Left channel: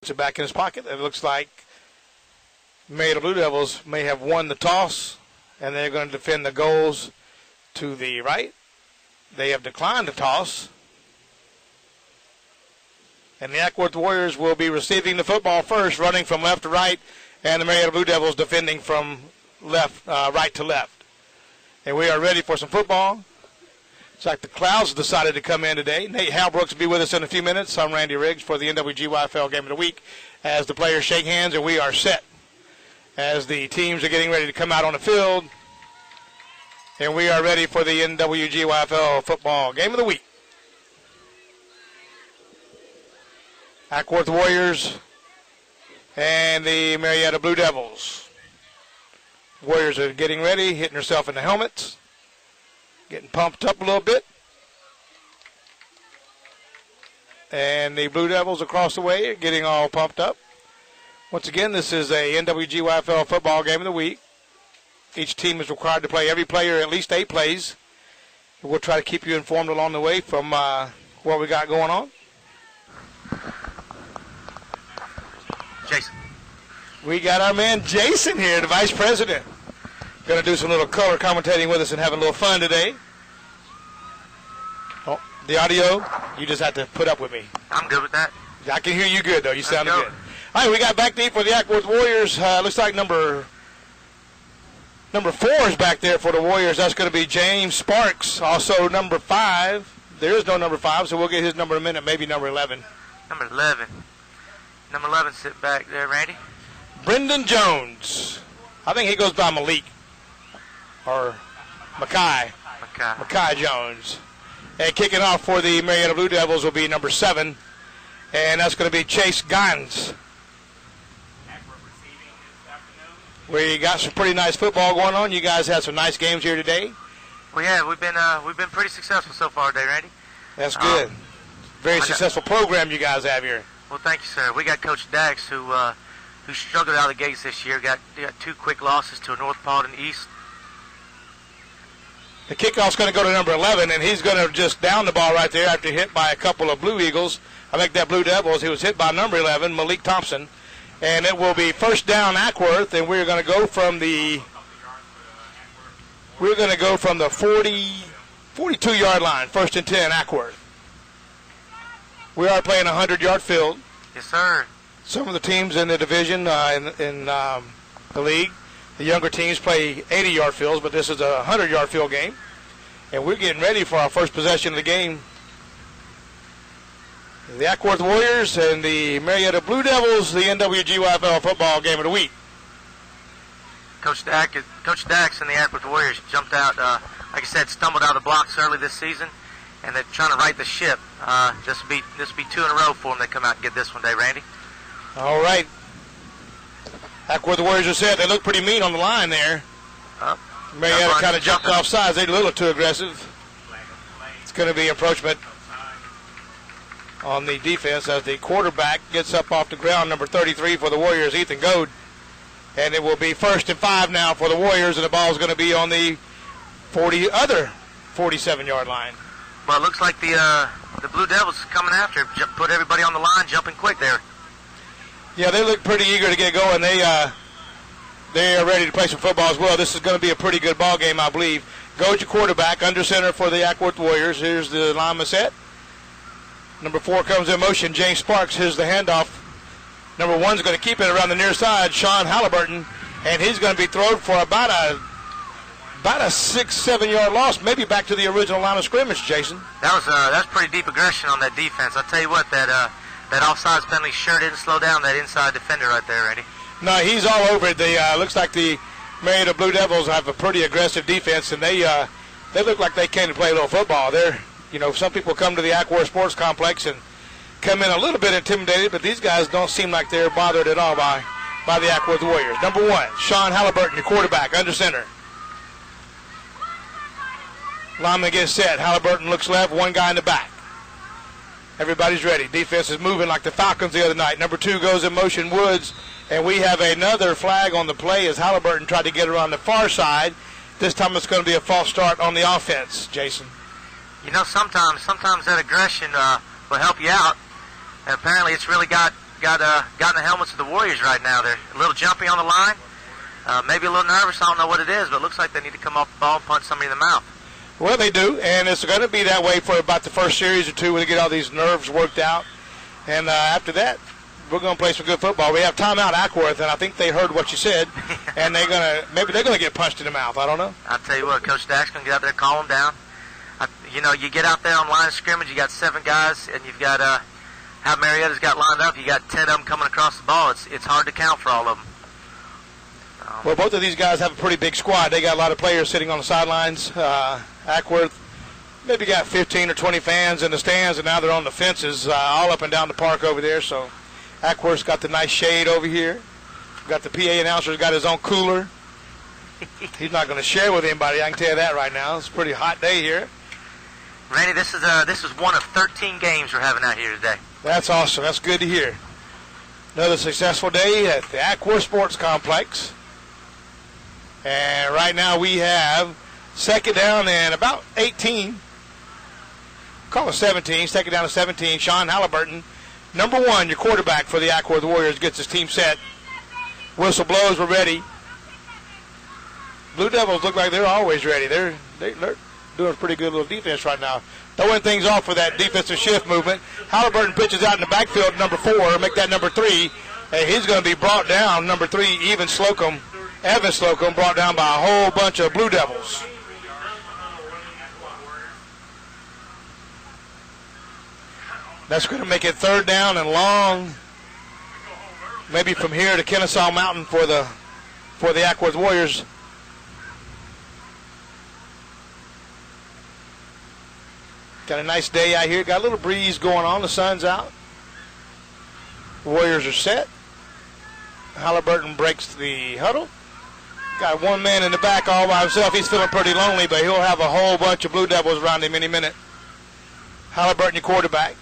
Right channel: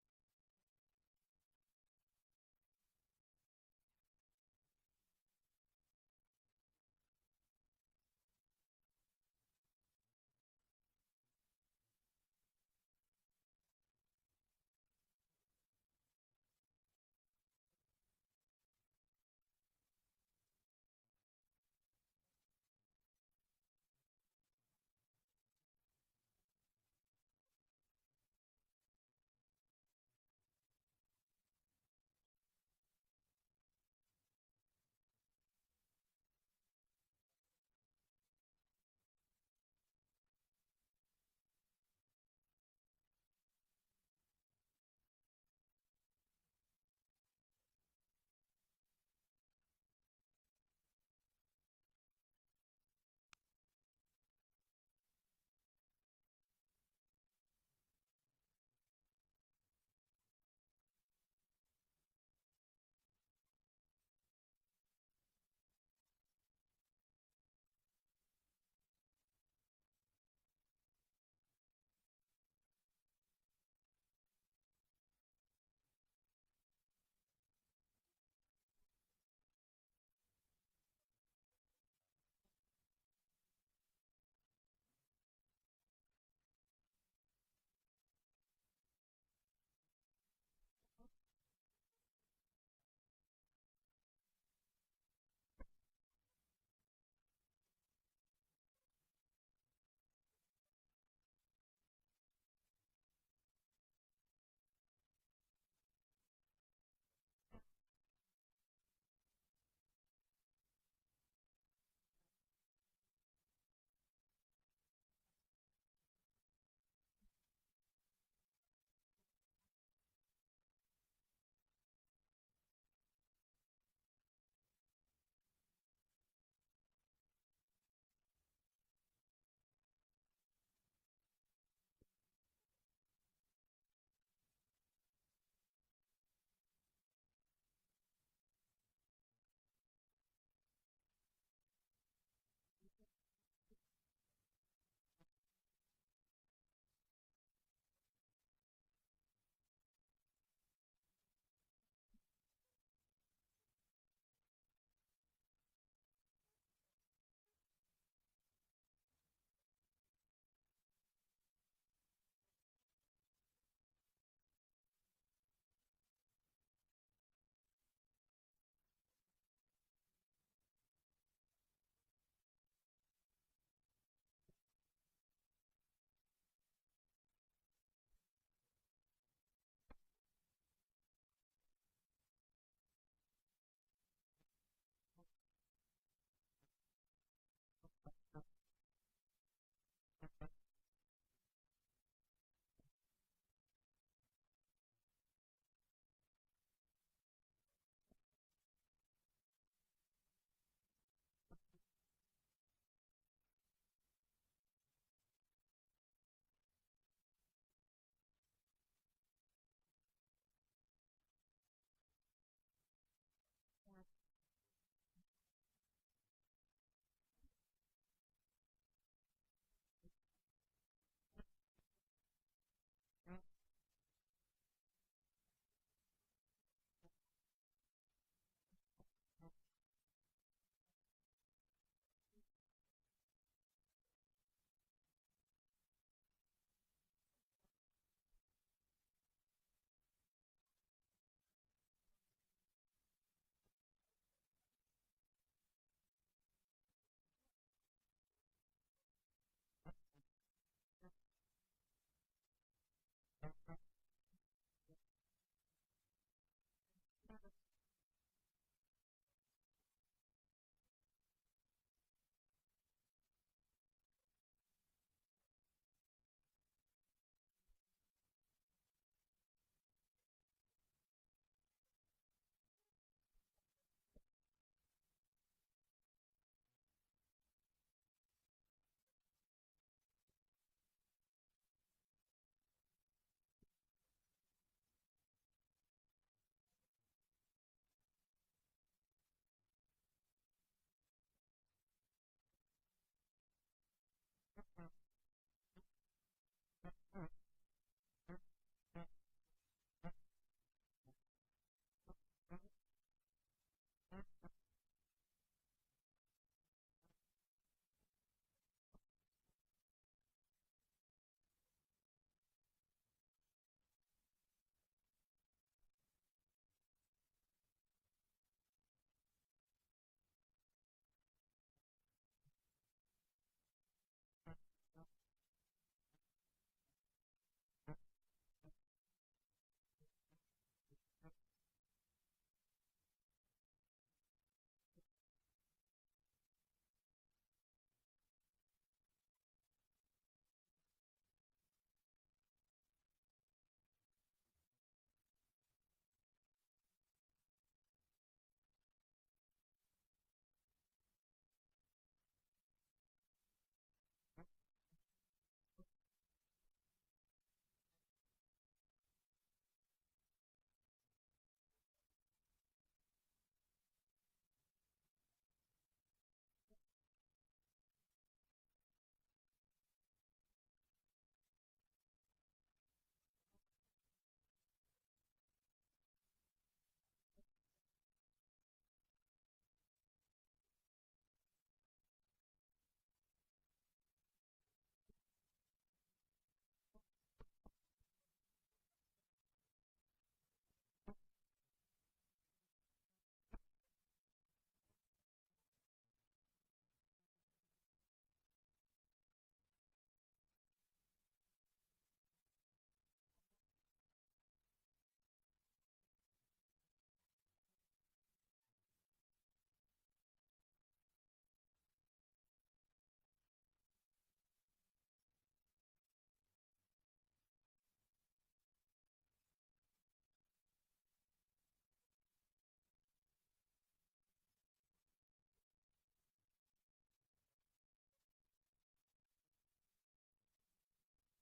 Puts it back in his pocket. It looks like Marietta Blue Devils may have won the toss, and they're going to defend the goals to the right. They have declined the toss. And the Acwworth Warriors will be receiving the football first, running from left to right, and the Marietta Blue Devils defending from right to left. And we are ready for some football. It's like the clouds decided to come in today. Nate Halbrooks will be with us in a few minutes. I'm Randy Riggs for the nwgyfl Game of the Week as the players shake hands, and we are set as the teams are getting ready to come out on the field. And we are ready for the nwgyfl football Game of the Week. Acwworth Warriors and the Marietta Blue Devils. Warriors are getting ready, hitting herself in the helmets, getting pumped up a little bit. And the Blue Devils across the way are getting all pumped up. Once again, this is a nwgyfl football Game of the Week. Each team is required to play every player at least 8 plays. We'll try to keep you informed along the way from what we got going on. Jason. We got our man Jason here, the Vice President. Going to do some little color commentating with us and have a little fun today. Oh, the audio, you just have to put up with me. I'm good with that. I can hear you good, though. You sound good. All right, we got back deep for the Acwworth Warriors. Looks like number 4 is back there for the Warriors. That's going to be James Sparks. Also number 5. There is no number 5, so we'll get his number in a minute, maybe number 11. Number 11. Number 11 sit back there, Randy. Brendan Jones. I think he goes by Malik. Or Mackay Jones. And kicking off for the Marietta Blue Devils will be number 7. And that's going to be Chase Gines. We got some pretty nice football going on. You guys had some nice games here today. We have. We've been pretty successful so far today, Randy. That's good. Very successful program you guys have here. Well, thank you, sir. We got Coach Dax, who struggled out of the gates this year. Got 2 quick losses to North Paulden East. The kickoff's going to go to number 11, and he's going to just down the ball right there after hit by a couple of Blue Eagles. I think that Blue Devils. He was hit by number 11, Malik Thompson. And it will be first down Acworth, and we're going to go from the 42-yard line, 1st and 10, Acworth. We are playing a 100-yard field. Yes, sir. Some of the teams in the division in the league, the younger teams play 80-yard fields, but this is a 100-yard field game. And we're getting ready for our first possession of the game. The Acwworth Warriors and the Marietta Blue Devils, the nwgyfl football Game of the Week. Coach Dax and the Acwworth Warriors jumped out, like I said, stumbled out of the blocks early this season, and they're trying to right the ship. This will be 2 in a row for them. They come out and get this one day, Randy. All right. Acwworth Warriors are set. They look pretty mean on the line there. Marietta kind of jumped off sides. They're a little too aggressive. It's going to be approachment on the defense as the quarterback gets up off the ground, number 33 for the Warriors, Ethan Goad. And it will be 1st and 5 now for the Warriors, and the ball is going to be on the 47-yard line. Well, it looks like the Blue Devils coming after. Put everybody on the line, jumping quick there. Yeah, they look pretty eager to get going. They are ready to play some football as well. This is going to be a pretty good ball game, I believe. Goad, your quarterback, under center for the Acwworth Warriors. Here's the lineman set. Number 4 comes in motion, James Sparks. Here's the handoff. Number 1's going to keep it around the near side, Sean Halliburton, and he's going to be thrown for about a 6-7 yard loss, maybe back to the original line of scrimmage, Jason. That's pretty deep aggression on that defense. I'll tell you what, that offsides penalty sure didn't slow down that inside defender right there, Randy. No, he's all over it. Looks like the Marietta Blue Devils have a pretty aggressive defense, and they look like they came to play a little football. Some people come to the Acworth Sports Complex and come in a little bit intimidated, but these guys don't seem like they're bothered at all by the Acwworth Warriors. Number 1, Sean Halliburton, your quarterback, under center. Lineman gets set. Halliburton looks left, 1 guy in the back. Everybody's ready. Defense is moving like the Falcons the other night. Number 2 goes in motion, Woods, and we have another flag on the play as Halliburton tried to get around the far side. This time it's going to be a false start on the offense, Jason. Sometimes that aggression will help you out. And apparently it's really got got in the helmets of the Warriors right now. They're a little jumpy on the line, maybe a little nervous. I don't know what it is, but it looks like they need to come off the ball and punch somebody in the mouth. Well, they do, and it's going to be that way for about the first series or two when they get all these nerves worked out. And after that, we're going to play some good football. We have timeout Acworth, and I think they heard what you said, and maybe they're going to get punched in the mouth. I don't know. I'll tell you what, Coach Dack's going to get out there, calm them down. You get out there on line of scrimmage, you got 7 guys, and you've got how Marietta's got lined up. You got 10 of them coming across the ball. It's hard to count for all of them. Well, both of these guys have a pretty big squad. They got a lot of players sitting on the sidelines. Acworth maybe got 15 or 20 fans in the stands, and now they're on the fences all up and down the park over there. So Acworth's got the nice shade over here. Got the PA announcer's got his own cooler. He's not going to share with anybody, I can tell you that right now. It's a pretty hot day here. Randy, this is one of 13 games we're having out here today. That's awesome. That's good to hear. Another successful day at the Acworth Sports Complex. And right now we have second down and about 18. Call it 17. Second down to 17. Sean Halliburton, number 1, your quarterback for the Acworth Warriors, gets his team set. Whistle blows. We're ready. Blue Devils look like they're always ready. They're doing a pretty good little defense right now. Throwing things off for that defensive shift movement. Halliburton pitches out in the backfield, number 4, make that number 3. And he's going to be brought down, number 3, Evan Slocum, brought down by a whole bunch of Blue Devils. That's going to make it third down and long. Maybe from here to Kennesaw Mountain for the Acworth Warriors. Got a nice day out here. Got a little breeze going on. The sun's out. Warriors are set. Halliburton breaks the huddle. Got one man in the back all by himself. He's feeling pretty lonely, but he'll have a whole bunch of Blue Devils around him any minute. Halliburton, your quarterback.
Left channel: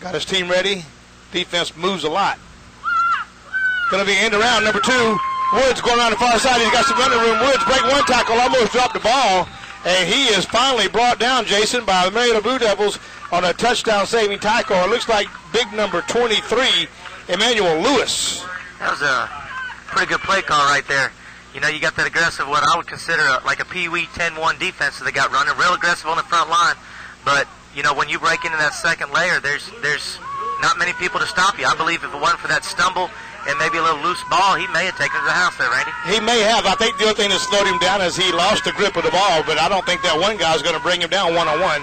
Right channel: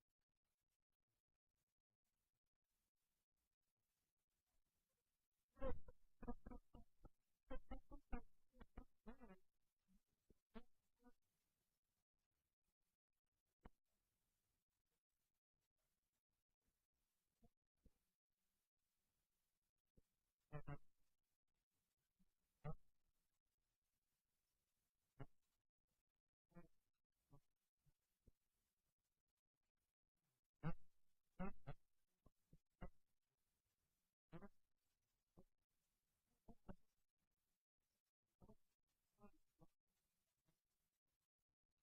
Got his team ready. Defense moves a lot. Going to be end around, number 2. Woods going around the far side. He's got some running room. Woods break one tackle, almost dropped the ball. And he is finally brought down, Jason, by the Marietta Blue Devils on a touchdown-saving tackle. It looks like big number 23, Emmanuel Lewis. That was a pretty good play call right there. You got that aggressive, what I would consider like a Pee-wee 10-1 defense that they got running, real aggressive on the front line. But, when you break into that second layer, there's not many people to stop you. I believe if it wasn't for that stumble and maybe a little loose ball, he may have taken it to the house there, Randy. He may have. I think the other thing that slowed him down is he lost the grip of the ball, but I don't think that one guy is going to bring him down one-on-one.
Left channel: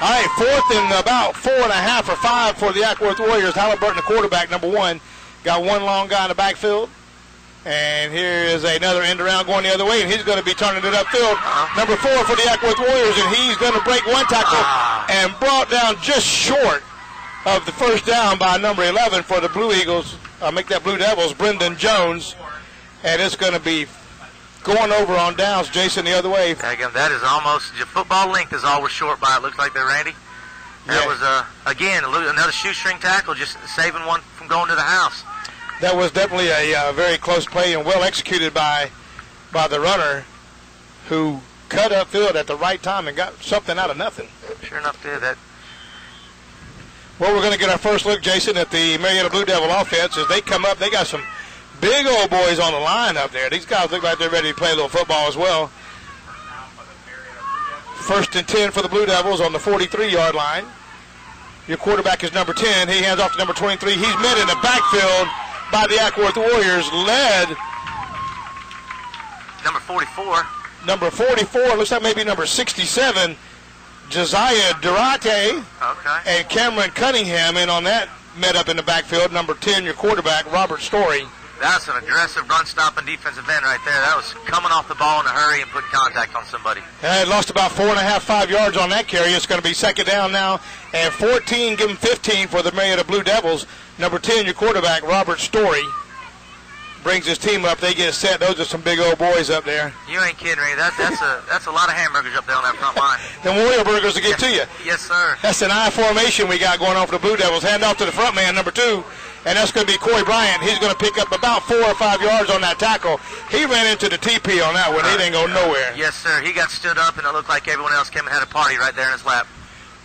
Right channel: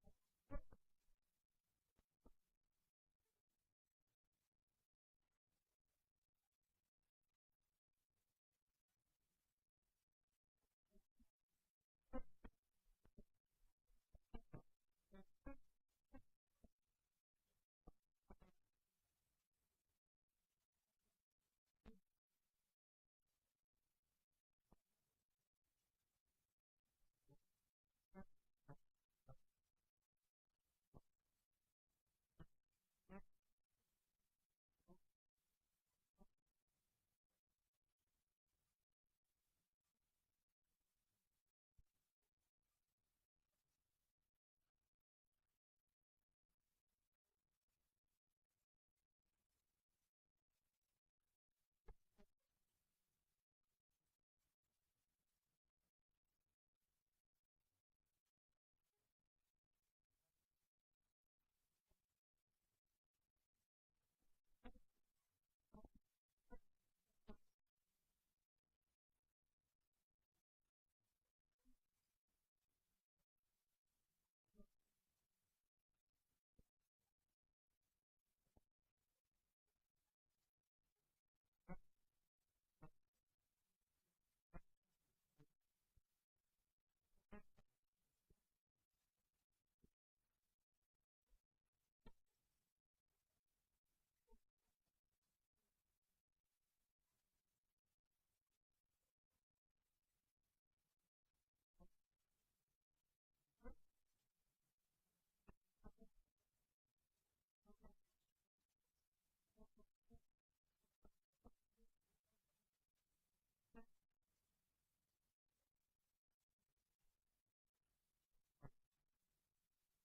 All right, fourth and about 4.5 or 5 for the Acworth Warriors. Halliburton, the quarterback, number 1. Got one long guy in the backfield. And here is another end around going the other way, and he's going to be turning it upfield. Number 4 for the Acworth Warriors, and he's going to break one tackle and brought down just short of the first down by number 11 for the Blue Eagles. Make that Blue Devils, Brendan Jones. And it's going to be going over on downs, Jason, the other way. Again, that is almost, your football length is all we're short by, it looks like there, Randy. That was, again, another shoestring tackle, just saving one from going to the house. That was definitely a very close play and well executed by the runner, who cut upfield at the right time and got something out of nothing. Sure enough did that. Well, we're going to get our first look, Jason, at the Marietta Blue Devil offense. As they come up, they got some big old boys on the line up there. These guys look like they're ready to play a little football as well. First and 10 for the Blue Devils on the 43-yard line. Your quarterback is number 10. He hands off to number 23. He's met in the backfield by the Acworth Warriors, led. Number 44. Number 44, looks like maybe number 67, Josiah Durate. Okay. And Cameron Cunningham in on that, met up in the backfield. Number 10, your quarterback, Robert Story. That's an aggressive run-stopping defensive end right there. That was coming off the ball in a hurry and putting contact on somebody. And lost about 4.5, 5 yards on that carry. It's going to be second down now. And 14, give him 15 for the Marietta Blue Devils. Number 10, your quarterback, Robert Story, brings his team up. They get set. Those are some big old boys up there. You ain't kidding, Ray. That's a lot of hamburgers up there on that front line. Them Warrior burgers to get to you. Yes, sir. That's an I formation we got going on for the Blue Devils. Hand off to the front man, number 2. And that's going to be Corey Bryant. He's going to pick up about 4 or 5 yards on that tackle. He ran into the TP on that one. He didn't go nowhere. Yes, sir. He got stood up, and it looked like everyone else came and had a party right there in his lap.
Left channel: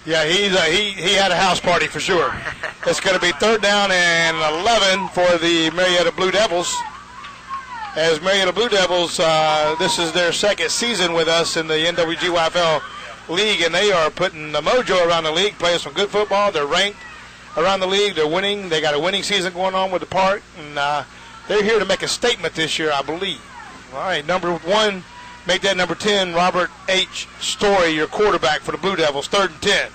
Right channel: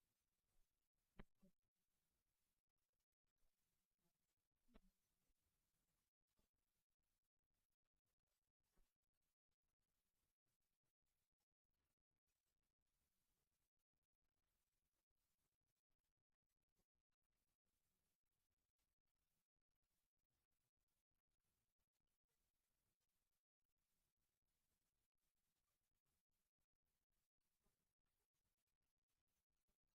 Yeah, he had a house party for sure. It's going to be 3rd down and 11 for the Marietta Blue Devils. As Marietta Blue Devils, this is their 2nd season with us in the nwgyfl league, and they are putting the mojo around the league, playing some good football. They're ranked around the league. They're winning. They got a winning season going on with the park, and they're here to make a statement this year, I believe. All right, number 1, make that number 10, Robert H. Story, your quarterback for the Blue Devils, 3rd and 10.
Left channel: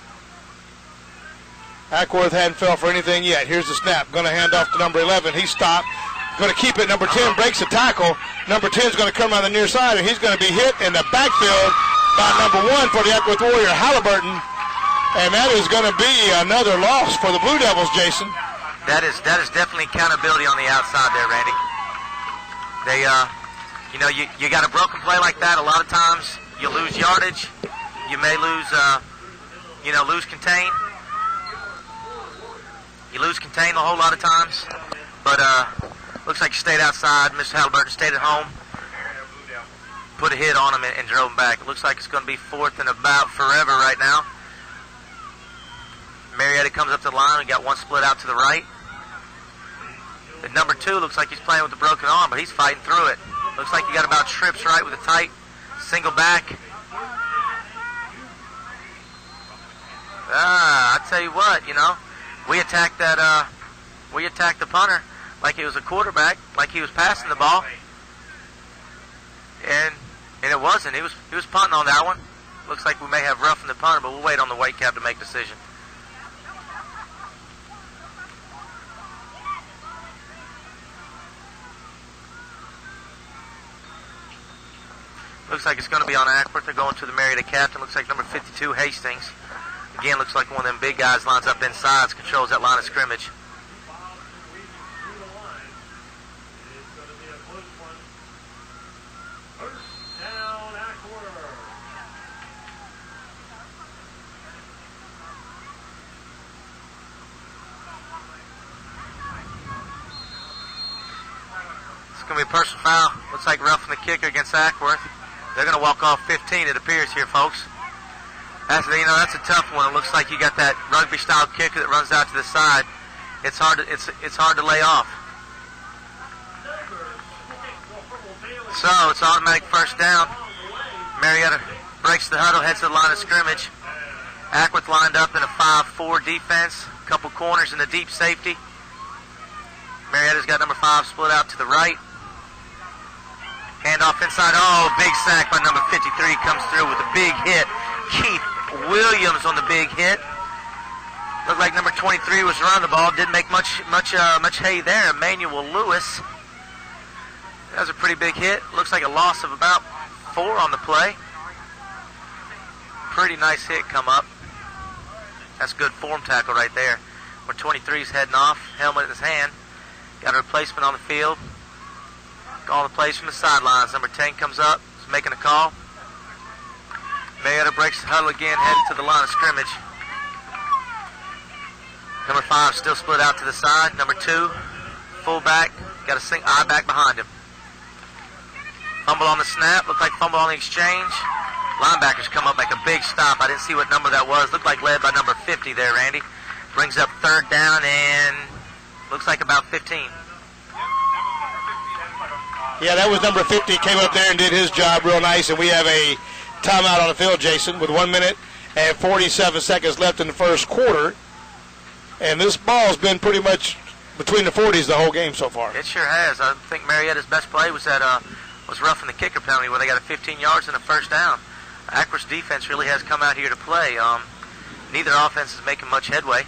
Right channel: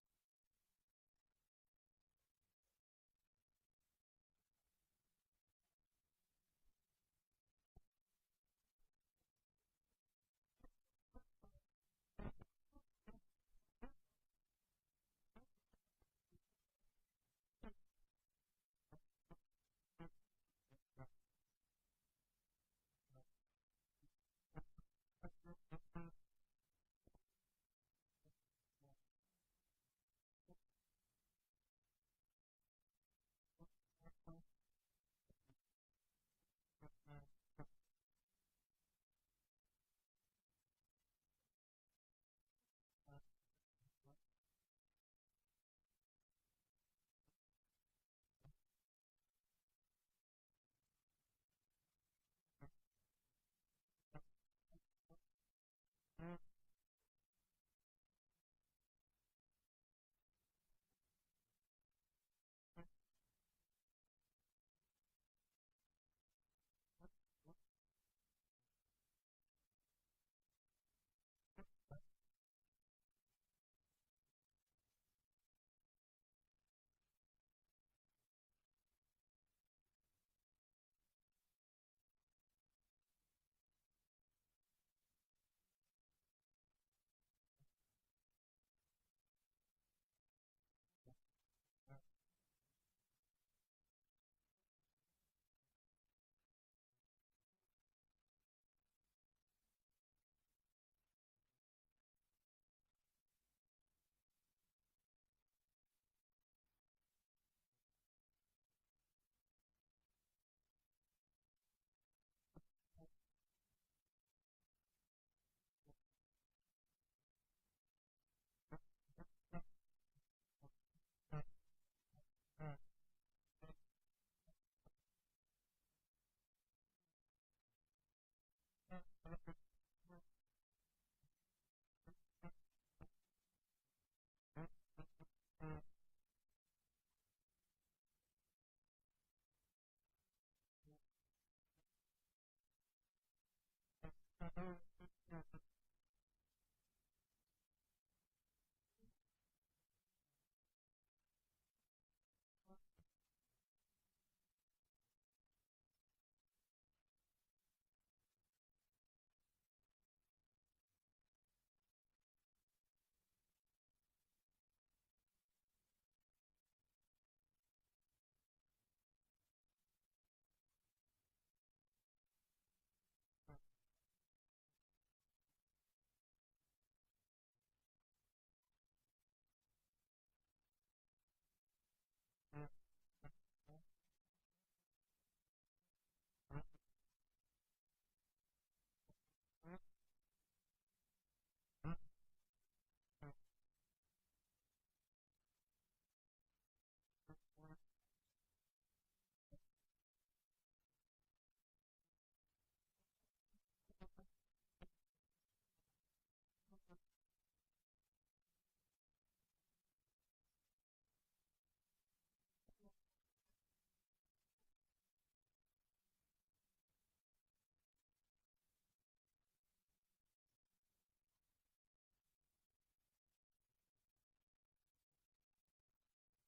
Acworth hadn't fell for anything yet. Here's the snap. Going to hand off to number 11. He stopped. Going to keep it. Number 10 breaks the tackle. Number 10 is going to come around the near side, and he's going to be hit in the backfield by number 1 for the Acwworth Warrior, Halliburton. And that is going to be another loss for the Blue Devils, Jason. That is definitely accountability on the outside there, Randy. They, you got a broken play like that. A lot of times you lose yardage. You may lose, lose contain. You lose contain a whole lot of times, but looks like you stayed outside. Mr. Halliburton stayed at home, put a hit on him and drove him back. It looks like it's going to be 4th and about forever right now. Marietta comes up to the line. We got 1 split out to the right. The number 2 looks like he's playing with a broken arm, but he's fighting through it. Looks like he got about trips right with a tight single back. I tell you what, we attacked that. We attacked the punter like he was a quarterback, like he was passing the ball, and it wasn't. He was punting on that one. Looks like we may have roughened the punter, but we'll wait on the white cap to make the decision. Looks like it's going to be on Acworth. They're going to the Marietta captain. Looks like number 52, Hastings. Again, looks like one of them big guys lines up inside, controls that line of scrimmage. It's going to be a personal foul. Looks like roughing the kicker against Acworth. They're going to walk off 15, it appears here, folks. That's a tough one. It looks like you got that rugby-style kicker that runs out to the side. It's hard to lay off. So it's automatic 1st down. Marietta breaks the huddle, heads to the line of scrimmage. Acworth lined up in a 5-4 defense. A couple corners in the deep safety. Marietta's got number 5 split out to the right. Handoff inside. Oh, big sack by number 53 comes through with a big hit. Keith Williams on the big hit. Looked like number 23 was running the ball. Didn't make much hay there. Emmanuel Lewis. That was a pretty big hit. Looks like a loss of about 4 on the play. Pretty nice hit come up. That's good form tackle right there. Where 23's heading off, helmet in his hand. Got a replacement on the field. Calling the plays from the sidelines. Number 10 comes up. He's making a call. Marietta breaks the huddle again, headed to the line of scrimmage. Number 5 still split out to the side. Number 2, fullback, got a eye back behind him. Fumble on the snap. Looked like fumble on the exchange. Linebackers come up, make a big stop. I didn't see what number that was. Looked like led by number 50 there, Randy. Brings up 3rd down and looks like about 15. Yeah, that was number 50. Came up there and did his job real nice, and we have a timeout on the field, Jason, with 1 minute and 47 seconds left in the first quarter. And this ball's been pretty much between the 40s the whole game so far. It sure has. I think Marietta's best play was that was roughing the kicker penalty where they got a 15 yards and a 1st down. Acworth's defense really has come out here to play. Neither offense is making much headway,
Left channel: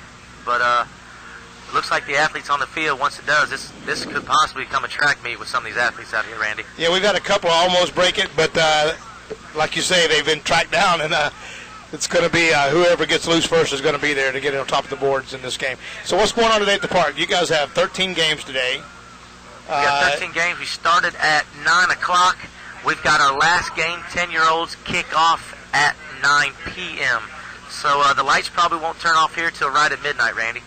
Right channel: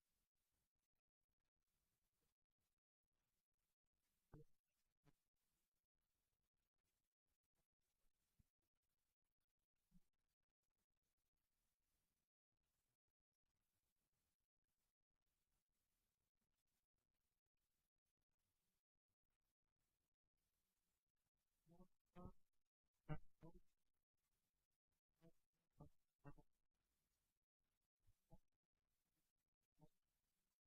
but it looks like the athletes on the field, once it does, this could possibly become a track meet with some of these athletes out here, Randy. Yeah, we've had a couple almost break it, but like you say, they've been tracked down, and it's going to be whoever gets loose first is going to be there to get it on top of the boards in this game. So what's going on today at the park? You guys have 13 games today. We got 13 games. We started at 9 o'clock. We've got our last game, 10-year-olds, kick off at 9 p.m. So the lights probably won't turn off here till right at midnight, Randy.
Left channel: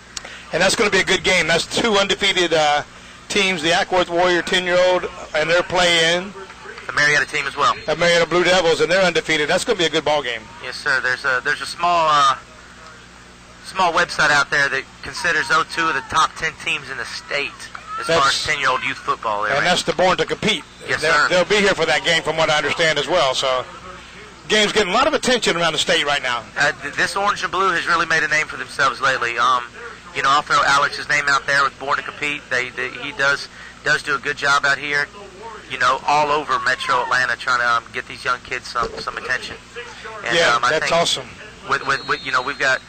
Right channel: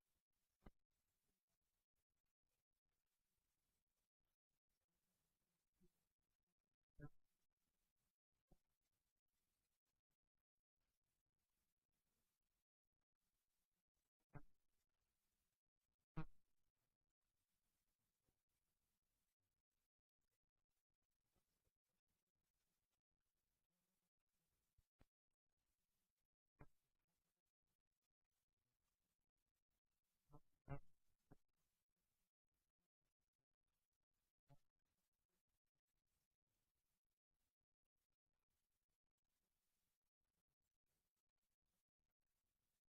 And that's going to be a good game. That's 2 undefeated teams, the Acwworth Warrior 10-year-old, and they're playing the Marietta team as well. The Marietta Blue Devils, and they're undefeated. That's going to be a good ball game. Yes, sir. There's a small small website out there that considers 02 of the top 10 teams in the state as far as 10-year-old youth football. And that's the Born to Compete. Yes, sir. They'll be here for that game, from what I understand as well. So, game's getting a lot of attention around the state right now. This orange and blue has really made a name for themselves lately. You know, I'll throw Alex's name out there with Born to Compete. He does do a good job out here. You know, all over Metro Atlanta, trying to get these young kids some attention. And, yeah, I that's think awesome. With you know, we've got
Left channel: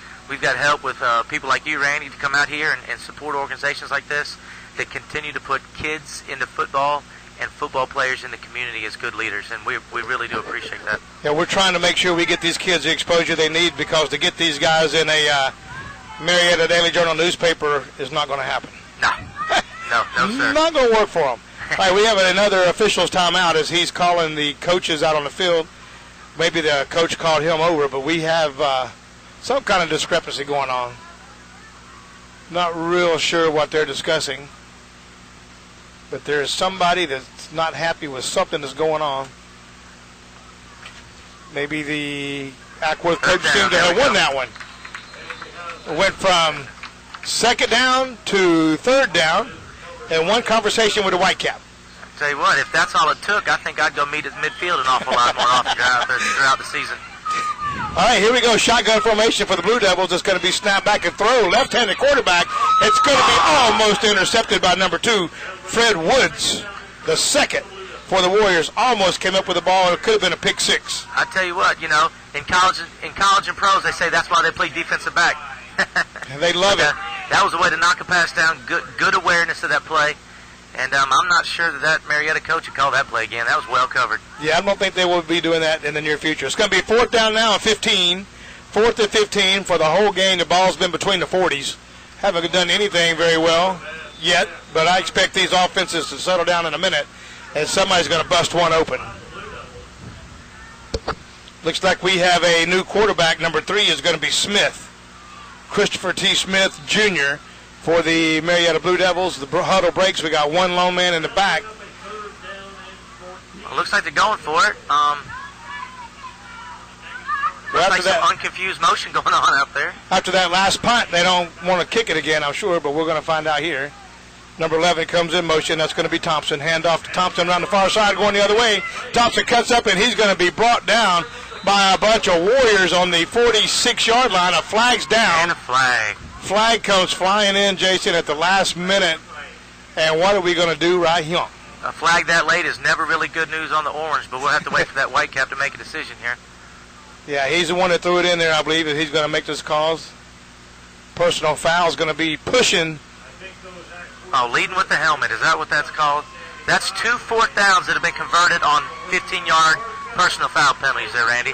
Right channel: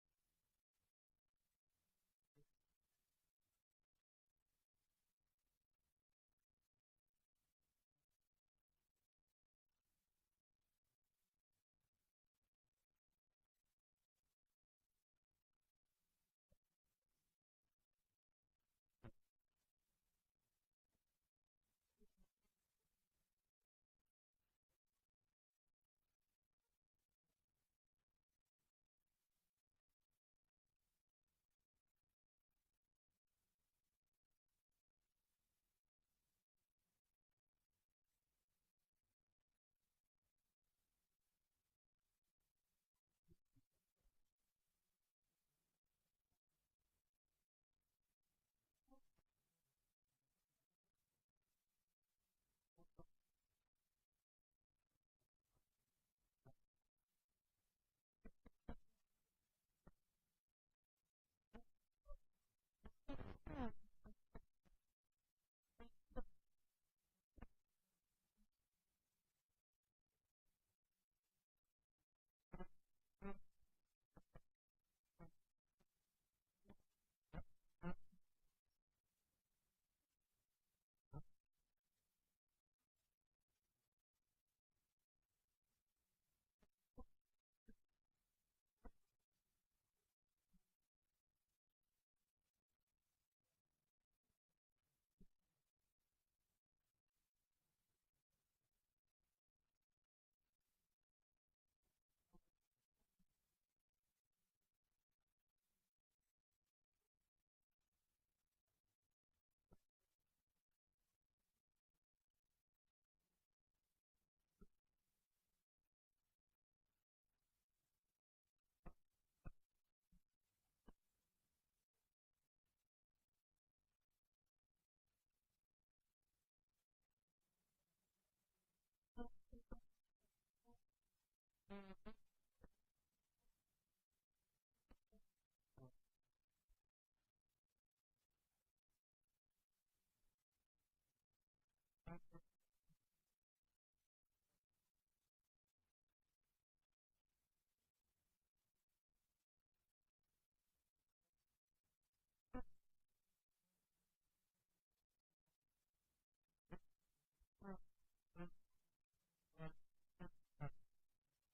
help with people like you, Randy, to come out here and support organizations like this that continue to put kids into football and football players in the community as good leaders, and we really do appreciate that. Yeah, we're trying to make sure we get these kids the exposure they need, because to get these guys in a Marietta Daily Journal newspaper is not going to happen. No, sir. Not going to work for them. All right, we have another official's timeout as he's calling the coaches out on the field. Maybe the coach called him over, but we have some kind of discrepancy going on. Not real sure what they're discussing, but there's somebody that's not happy with something that's going on. Maybe the Acworth coach seemed to have won that one. It went from second down to third down in one conversation with a Whitecap. Tell you what, if that's all it took, I think I'd go meet at midfield an awful lot more often throughout the season. All right, here we go. Shotgun formation for the Blue Devils. It's going to be snap back and throw. Left-handed quarterback. It's going to be almost intercepted by number 2, Fred Woods. The second for the Warriors. Almost came up with the ball. It could have been a pick six. I tell you what, you know, in college and pros, they say that's why they play defensive back. They love it. That was a way to knock a pass down. Good awareness of that play. And I'm not sure that Marietta coach would call that play again. That was well covered. Yeah, I don't think they will be doing that in the near future. It's going to be fourth down now and 15. 4th and 15 for the whole game. The ball's been between the 40s. Haven't done anything very well yet, but I expect these offenses to settle down in a minute, and somebody's going to bust one open. Looks like we have a new quarterback. Number 3 is going to be Smith. Christopher T. Smith, Jr., for the Marietta Blue Devils. The huddle breaks. We got one lone man in the back. It looks like they're going for it. Looks like some unconfused motion going on out there. After that last punt, they don't want to kick it again, I'm sure, but we're going to find out here. Number 11 comes in motion. That's going to be Thompson. Hand off to Thompson around the far side, going the other way. Thompson cuts up, and he's going to be brought down by a bunch of Warriors on the 46-yard line. A flag's down. And a flag. Flag comes flying in, Jason, at the last minute. And what are we going to do right here? A flag that late is never really good news on the orange, but we'll have to wait for that Whitecap to make a decision here. Yeah, he's the one that threw it in there, I believe, and he's going to make this calls. Personal foul is going to be pushing. Oh, leading with the helmet. Is that what that's called? That's 2 4th downs that have been converted on 15-yard personal foul penalties there, Randy.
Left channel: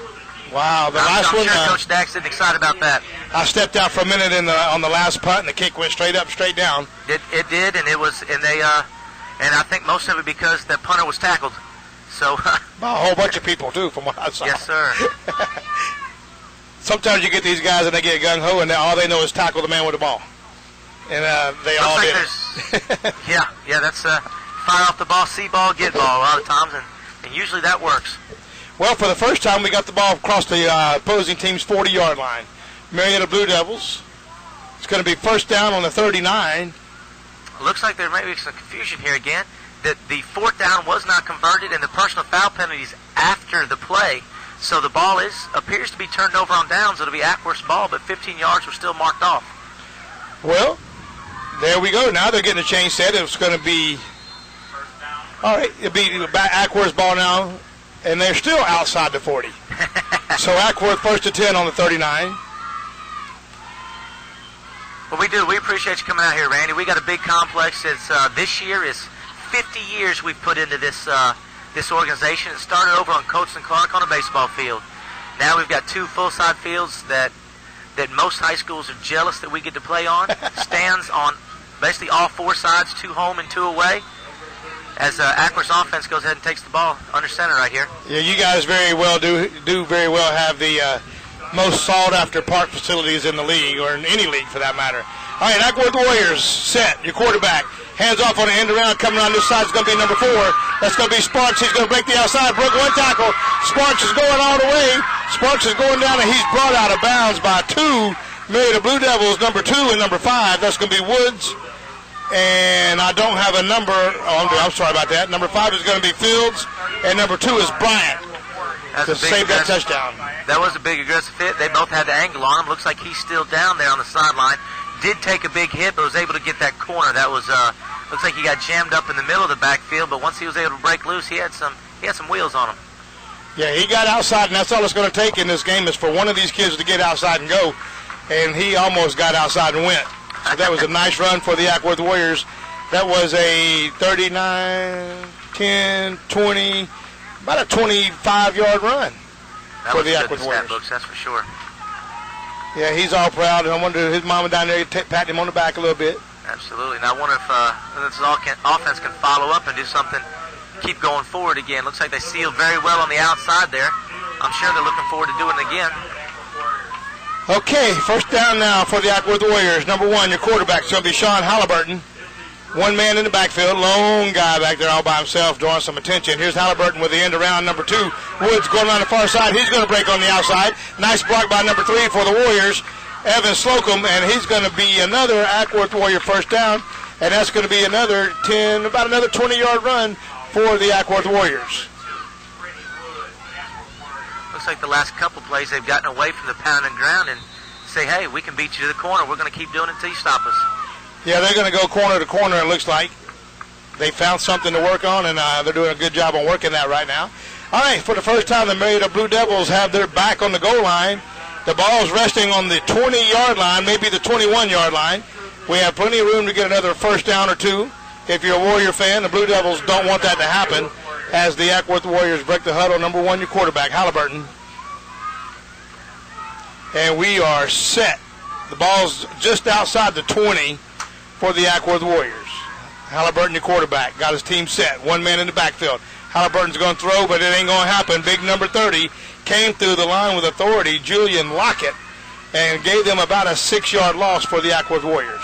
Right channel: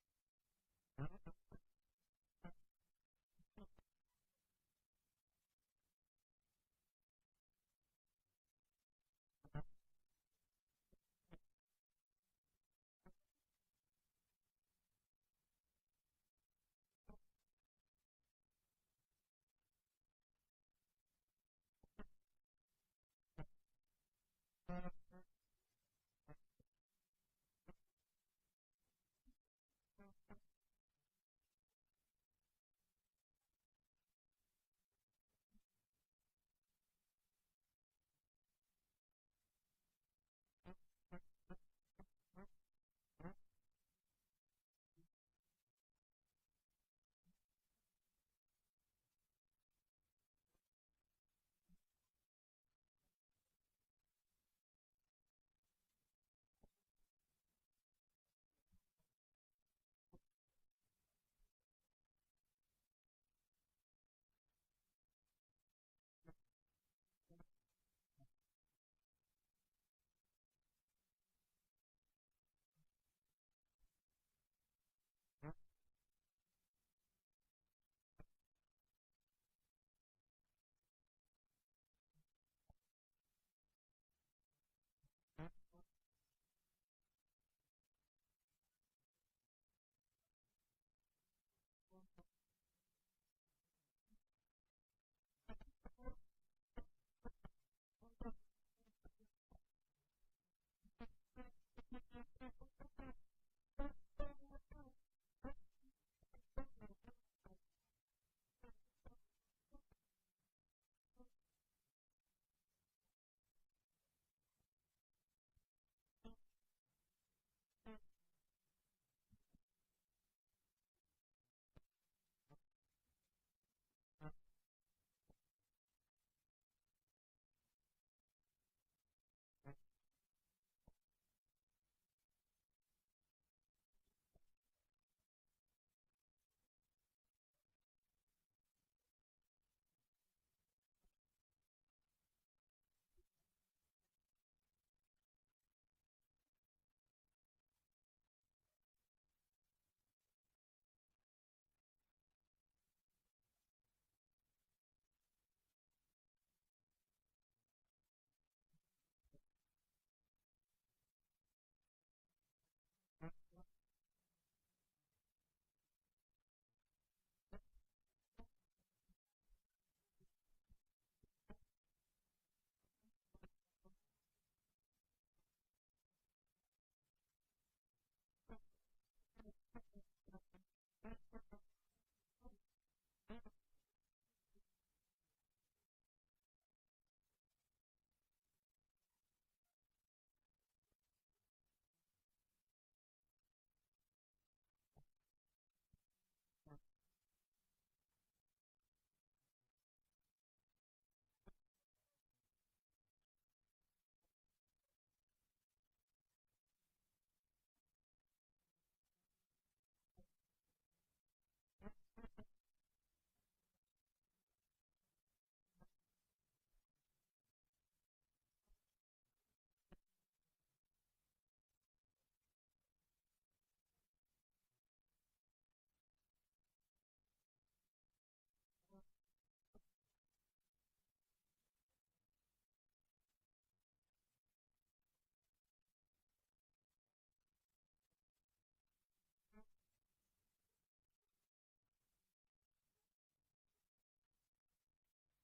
Wow, the last one. I'm sure Coach Dax is excited about that. I stepped out for a minute on the last punt, and the kick went straight up, straight down. It did, and and I think most of it because that punter was tackled. So by a whole bunch of people too, from what I saw. Yes, sir. Sometimes you get these guys and they get gung ho, and all they know is tackle the man with the ball, and they all did it. yeah, that's fire off the ball, see ball, get ball a lot of times, and usually that works. Well, for the first time, we got the ball across the opposing team's 40-yard line. Marietta Blue Devils. It's going to be first down on the 39. Looks like there might be some confusion here again. That the 4th down was not converted, and the personal foul penalties after the play. So the ball appears to be turned over on downs. It'll be Acworth's ball, but 15 yards were still marked off. Well, there we go. Now they're getting a change set. It's going to be, all right, it'll be Acworth's ball now. And they're still outside the 40. So Acworth first to 10 on the 39. Well, we appreciate you coming out here, Randy. We got a big complex. This year is 50 years we've put into this organization. It started over on Coates and Clark on a baseball field. Now we've got 2 full-side fields that most high schools are jealous that we get to play on. Stands on basically all 4 sides, 2 home and 2 away. As Acworth's offense goes ahead and takes the ball under center right here. Yeah, you guys very well do very well have the most sought-after park facilities in the league, or in any league for that matter. All right, Acworth Warriors set. Your quarterback hands off on the end around, coming around this side is going to be number 4. That's going to be Sparks. He's going to break the outside, broke one tackle. Sparks is going all the way. Sparks is going down, and he's brought out of bounds by 2 Marietta Blue Devils, number 2 and number 5. That's going to be Woods. And I don't have a number. I'm sorry about that. Number 5 is going to be Fields. And number 2 is Bryant to save that touchdown. That was a big aggressive hit. They both had the angle on him. Looks like he's still down there on the sideline. Did take a big hit, but was able to get that corner. That was looks like he got jammed up in the middle of the backfield, but once he was able to break loose, he had some wheels on him. Yeah, he got outside, and that's all it's going to take in this game is for one of these kids to get outside and go. And he almost got outside and went. So that was a nice run for the Acwworth Warriors. That was a 39, 10, 20, about a 25-yard run for the Acwworth Warriors. Books, that's for sure. Yeah, he's all proud, and I wonder if his mama down there patting him on the back a little bit. Absolutely. Now I wonder if this offense can follow up and do something, keep going forward again. Looks like they sealed very well on the outside there. I'm sure they're looking forward to doing it again. Okay, first down now for the Acwworth Warriors. Number 1, your quarterback's going to be Sean Halliburton. One man in the backfield, lone guy back there all by himself, drawing some attention. Here's Halliburton with the end around. Number 2, Woods going around the far side. He's going to break on the outside. Nice block by number 3 for the Warriors, Evan Slocum, and he's going to be another Acwworth Warrior first down, and that's going to be another 10, about another 20-yard run for the Acwworth Warriors. Looks like the last couple plays they've gotten away from the pound and ground and say, hey, we can beat you to the corner. We're going to keep doing it until you stop us. Yeah, they're going to go corner to corner, it looks like. They found something to work on, and they're doing a good job on working that right now. All right, for the first time, the Marietta Blue Devils have their back on the goal line. The ball's resting on the 20-yard line, maybe the 21-yard line. We have plenty of room to get another first down or two. If you're a Warrior fan, the Blue Devils don't want that to happen as the Acwworth Warriors break the huddle. Number 1, your quarterback, Halliburton. And we are set. The ball's just outside the 20 for the Acwworth Warriors. Halliburton, your quarterback, got his team set. One man in the backfield. Halliburton's going to throw, but it ain't going to happen. Big number 30 came through the line with authority, Julian Lockett, and gave them about a 6-yard loss for the Acwworth Warriors.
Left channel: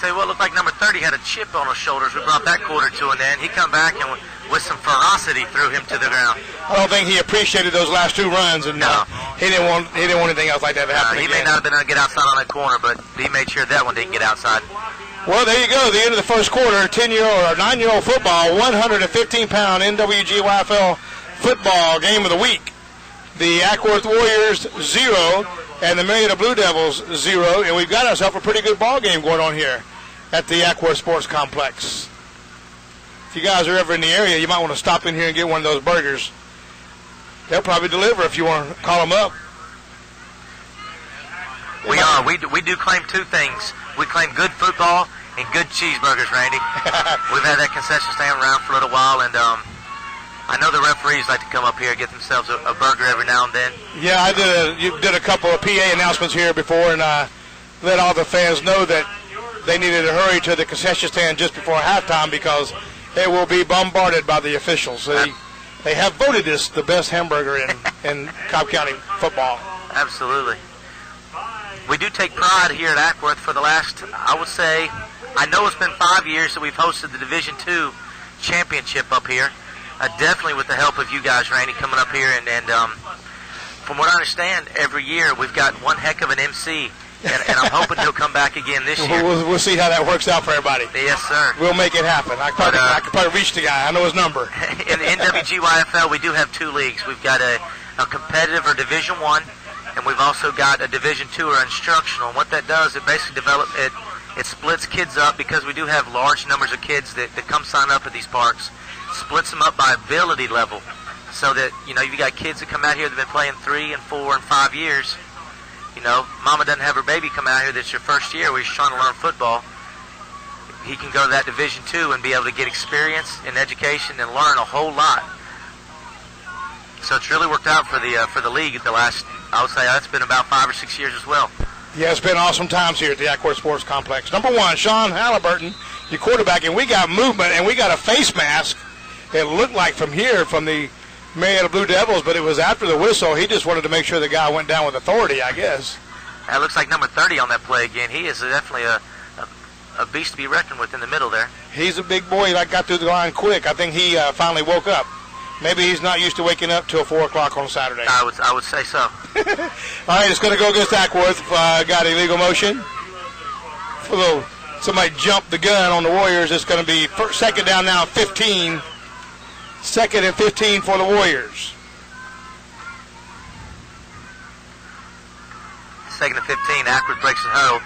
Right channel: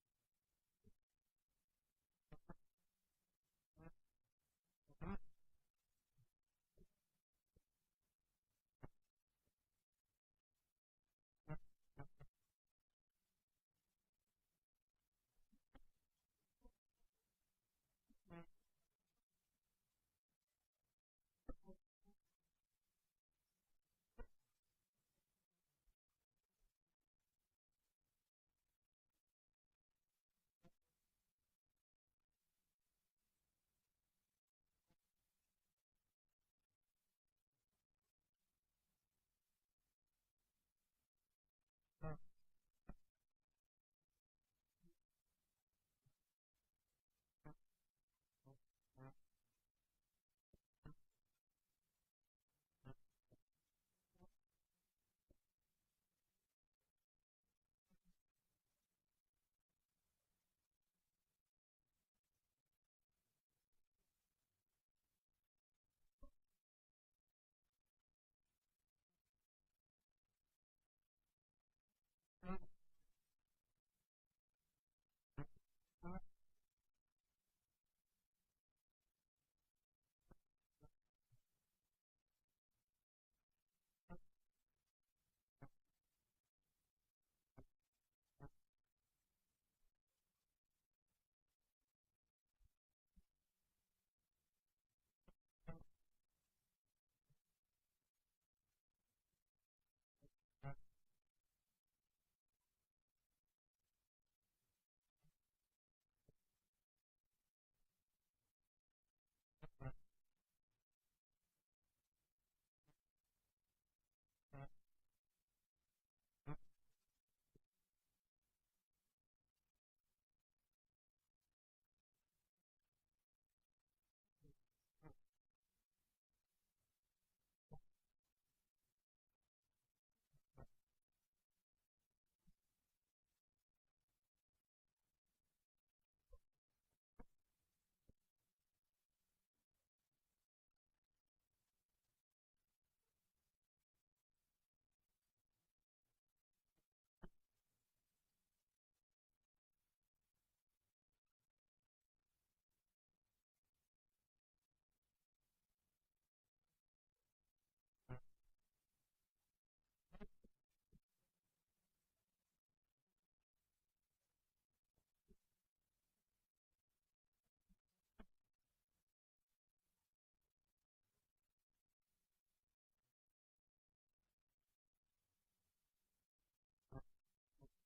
Tell you what, looked like number 30 had a chip on his shoulders. We brought that quarter to an end. He come back and with some ferocity threw him to the ground. I don't think he appreciated those last 2 runs, and no. He didn't want anything else like that to happen He again. may not have been able to get outside on that corner, but he made sure that one didn't get outside. Well, there you go. The end of the first quarter, 10-year-old or 9-year-old football, 115-pound nwgyfl football game of the week. The Acwworth Warriors 0 and the Marietta Blue Devils 0, and we've got ourselves a pretty good ball game going on here at the Acwworth Sports Complex. If you guys are ever in the area, you might want to stop in here and get one of those burgers. They'll probably deliver if you want to call them up. We do claim 2 things. We claim good football and good cheeseburgers, Randy. We've had that concession stand around for a little while, and I know the referees like to come up here and get themselves a burger every now and then. Yeah, you did a couple of PA announcements here before, and let all the fans know that they needed to hurry to the concession stand just before halftime because it will be bombarded by the officials. They have voted this the best hamburger in Cobb County football. Absolutely. We do take pride here at Acworth for the last, I would say, I know it's been 5 years that we've hosted the Division II championship up here. Definitely with the help of you guys, Randy, coming up here. And from what I understand, every year we've got one heck of an MC. And I'm hoping he'll come back again this year. We'll see how that works out for everybody. Yes, sir. We'll make it happen. I could probably reach the guy. I know his number. In the nwgyfl, we do have 2 leagues. We've got a competitive or Division I, and we've also got a Division II or instructional. And what that does, it basically it splits kids up because we do have large numbers of kids that come sign up at these parks. Splits them up by ability level, so that you've got kids that come out here that have been playing 3 and 4 and 5 years. Mama doesn't have her baby come out here that's your first year where he's trying to learn football. He can go to that Division II and be able to get experience in education and learn a whole lot. So it's really worked out for the league at the last, I would say that's been about 5 or 6 years as well. Yeah, it's been awesome times here at the Acwworth Sports Complex. Number 1, Sean Halliburton, your quarterback, and we got movement and we got a face mask. It looked like from here, from the Marietta Blue Devils, but it was after the whistle. He just wanted to make sure the guy went down with authority, I guess. That looks like number 30 on that play again. He is definitely a beast to be reckoned with in the middle there. He's a big boy that got through the line quick. I think he finally woke up. Maybe he's not used to waking up till 4 o'clock on Saturday. I would say so. All right, it's going to go against Acworth. Got illegal motion. Somebody jumped the gun on the Warriors. It's going to be second down now, 15. Second and 15 for the Warriors. Second and 15, Acworth breaks the huddle.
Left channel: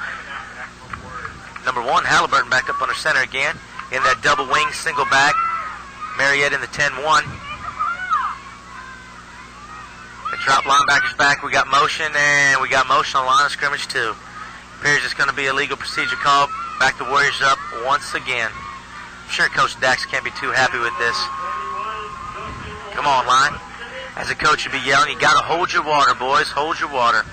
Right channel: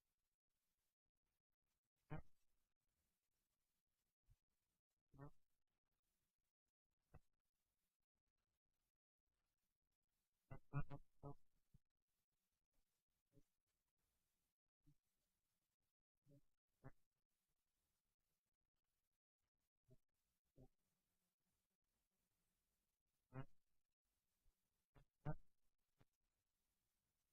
Number 1, Halliburton back up under center again. In that double wing, single back. Marietta in the 10-1. The drop linebackers back. We got motion, and we got motion on line of scrimmage too. Appears it's going to be a legal procedure call. Back the Warriors up once again. I'm sure Coach Dax can't be too happy with this. Come on, line. As a coach, you'd be yelling, you got to hold your water, boys. Hold your water.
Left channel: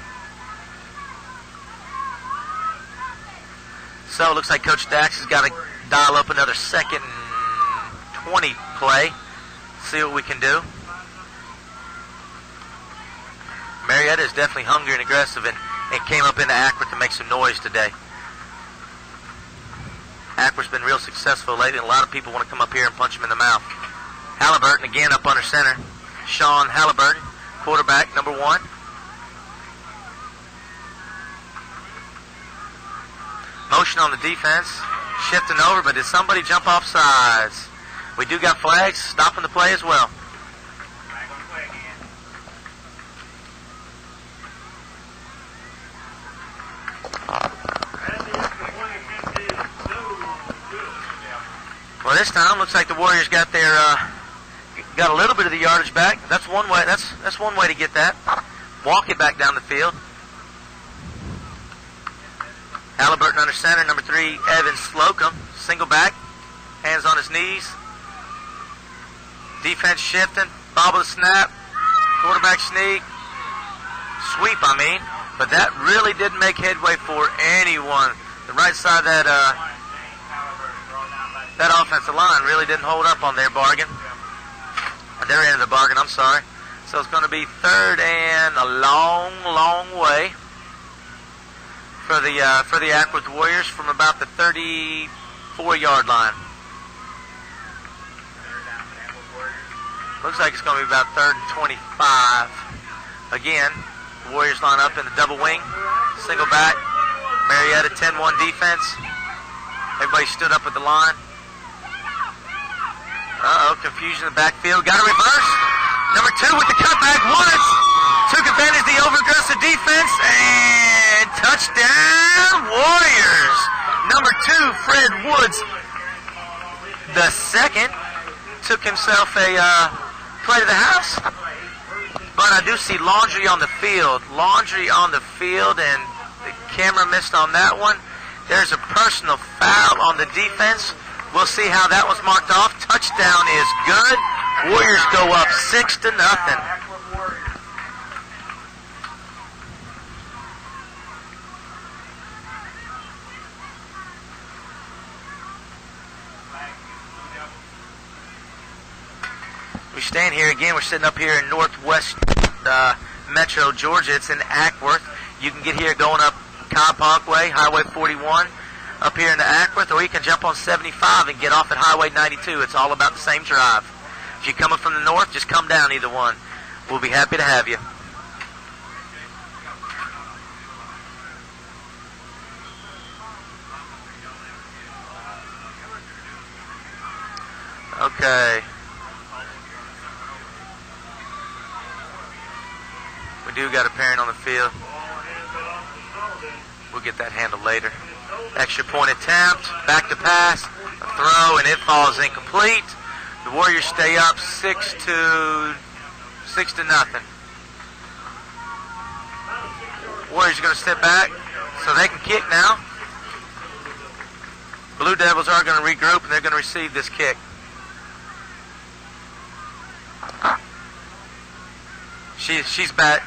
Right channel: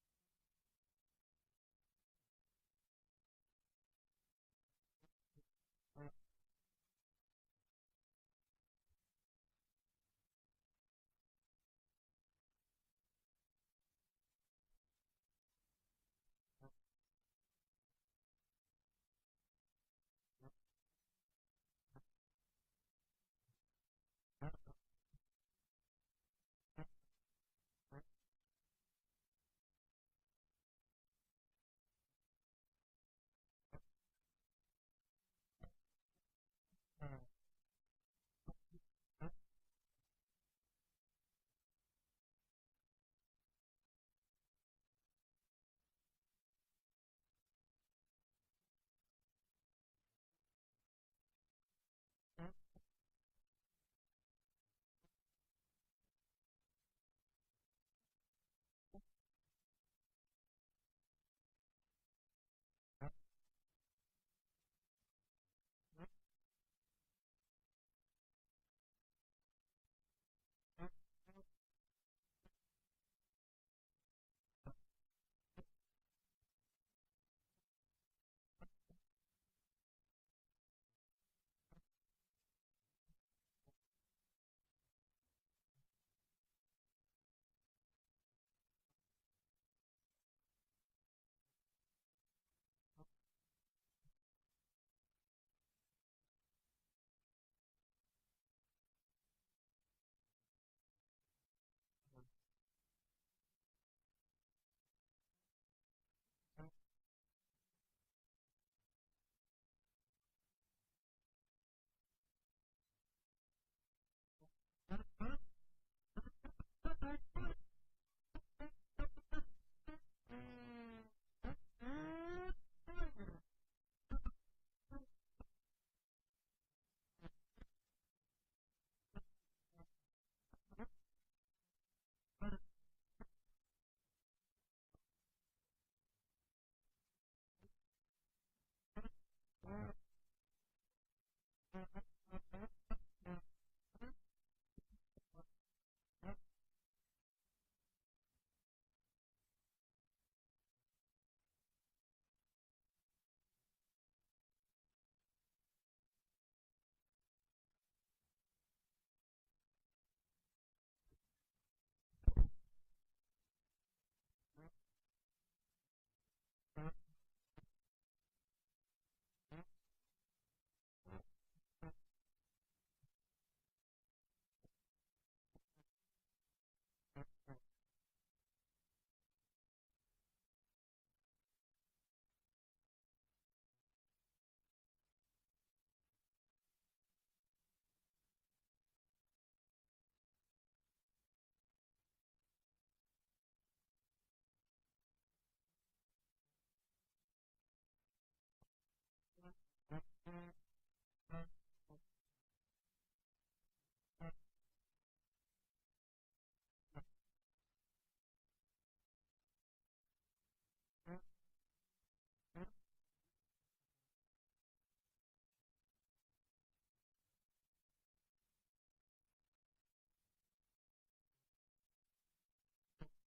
So it looks like Coach Dax has got to dial up another 2nd and 20 play. See what we can do. Marietta is definitely hungry and aggressive and came up into Acworth to make some noise today. Acworth's been real successful lately, and a lot of people want to come up here and punch him in the mouth. Halliburton again up under center. Sean Halliburton, quarterback, number 1. Motion on the defense, shifting over, but did somebody jump off sides? We do got flags stopping the play as well. Well, this time looks like the Warriors got a little bit of the yardage back. That's one way. That's one way to get that. Walk it back down the field. Halliburton under center, number 3, Evan Slocum, single back, hands on his knees. Defense shifting, bobble the snap, quarterback sneak, sweep, but that really didn't make headway for anyone. The right side of that offensive line really didn't hold up on their bargain. Their end of the bargain, I'm sorry. So it's going to be 3rd and a long, long way for the Acworth Warriors from about the 34-yard line. Looks like it's going to be about 3rd and 25. Again, the Warriors line up in the double wing, single back. Marietta 10-1 defense. Everybody stood up at the line. Confusion in the backfield. Got a reverse. Number 2 with the cutback once. Took advantage of the over-aggressive defense. And touchdown, Warriors. Number 2, Fred Woods, the 2nd, took himself a play to the house. But I do see laundry on the field. Laundry on the field, and the camera missed on that one. There's a personal foul on the defense. We'll see how that was marked off. Touchdown is good. Warriors go up 6-0. We stand here again. We're sitting up here in northwest Metro Georgia. It's in Acworth. You can get here going up Cobb Parkway, Highway 41. Up here into Acworth, or you can jump on 75 and get off at Highway 92. It's all about the same drive. If you're coming from the north, just come down either one. We'll be happy to have you. Okay. We do got a parent on the field. We'll get that handled later. Extra point attempt, back to pass, a throw, and it falls incomplete. The Warriors stay up 6-0. Warriors are going to step back so they can kick now. Blue Devils are going to regroup, and they're going to receive this kick. She's back.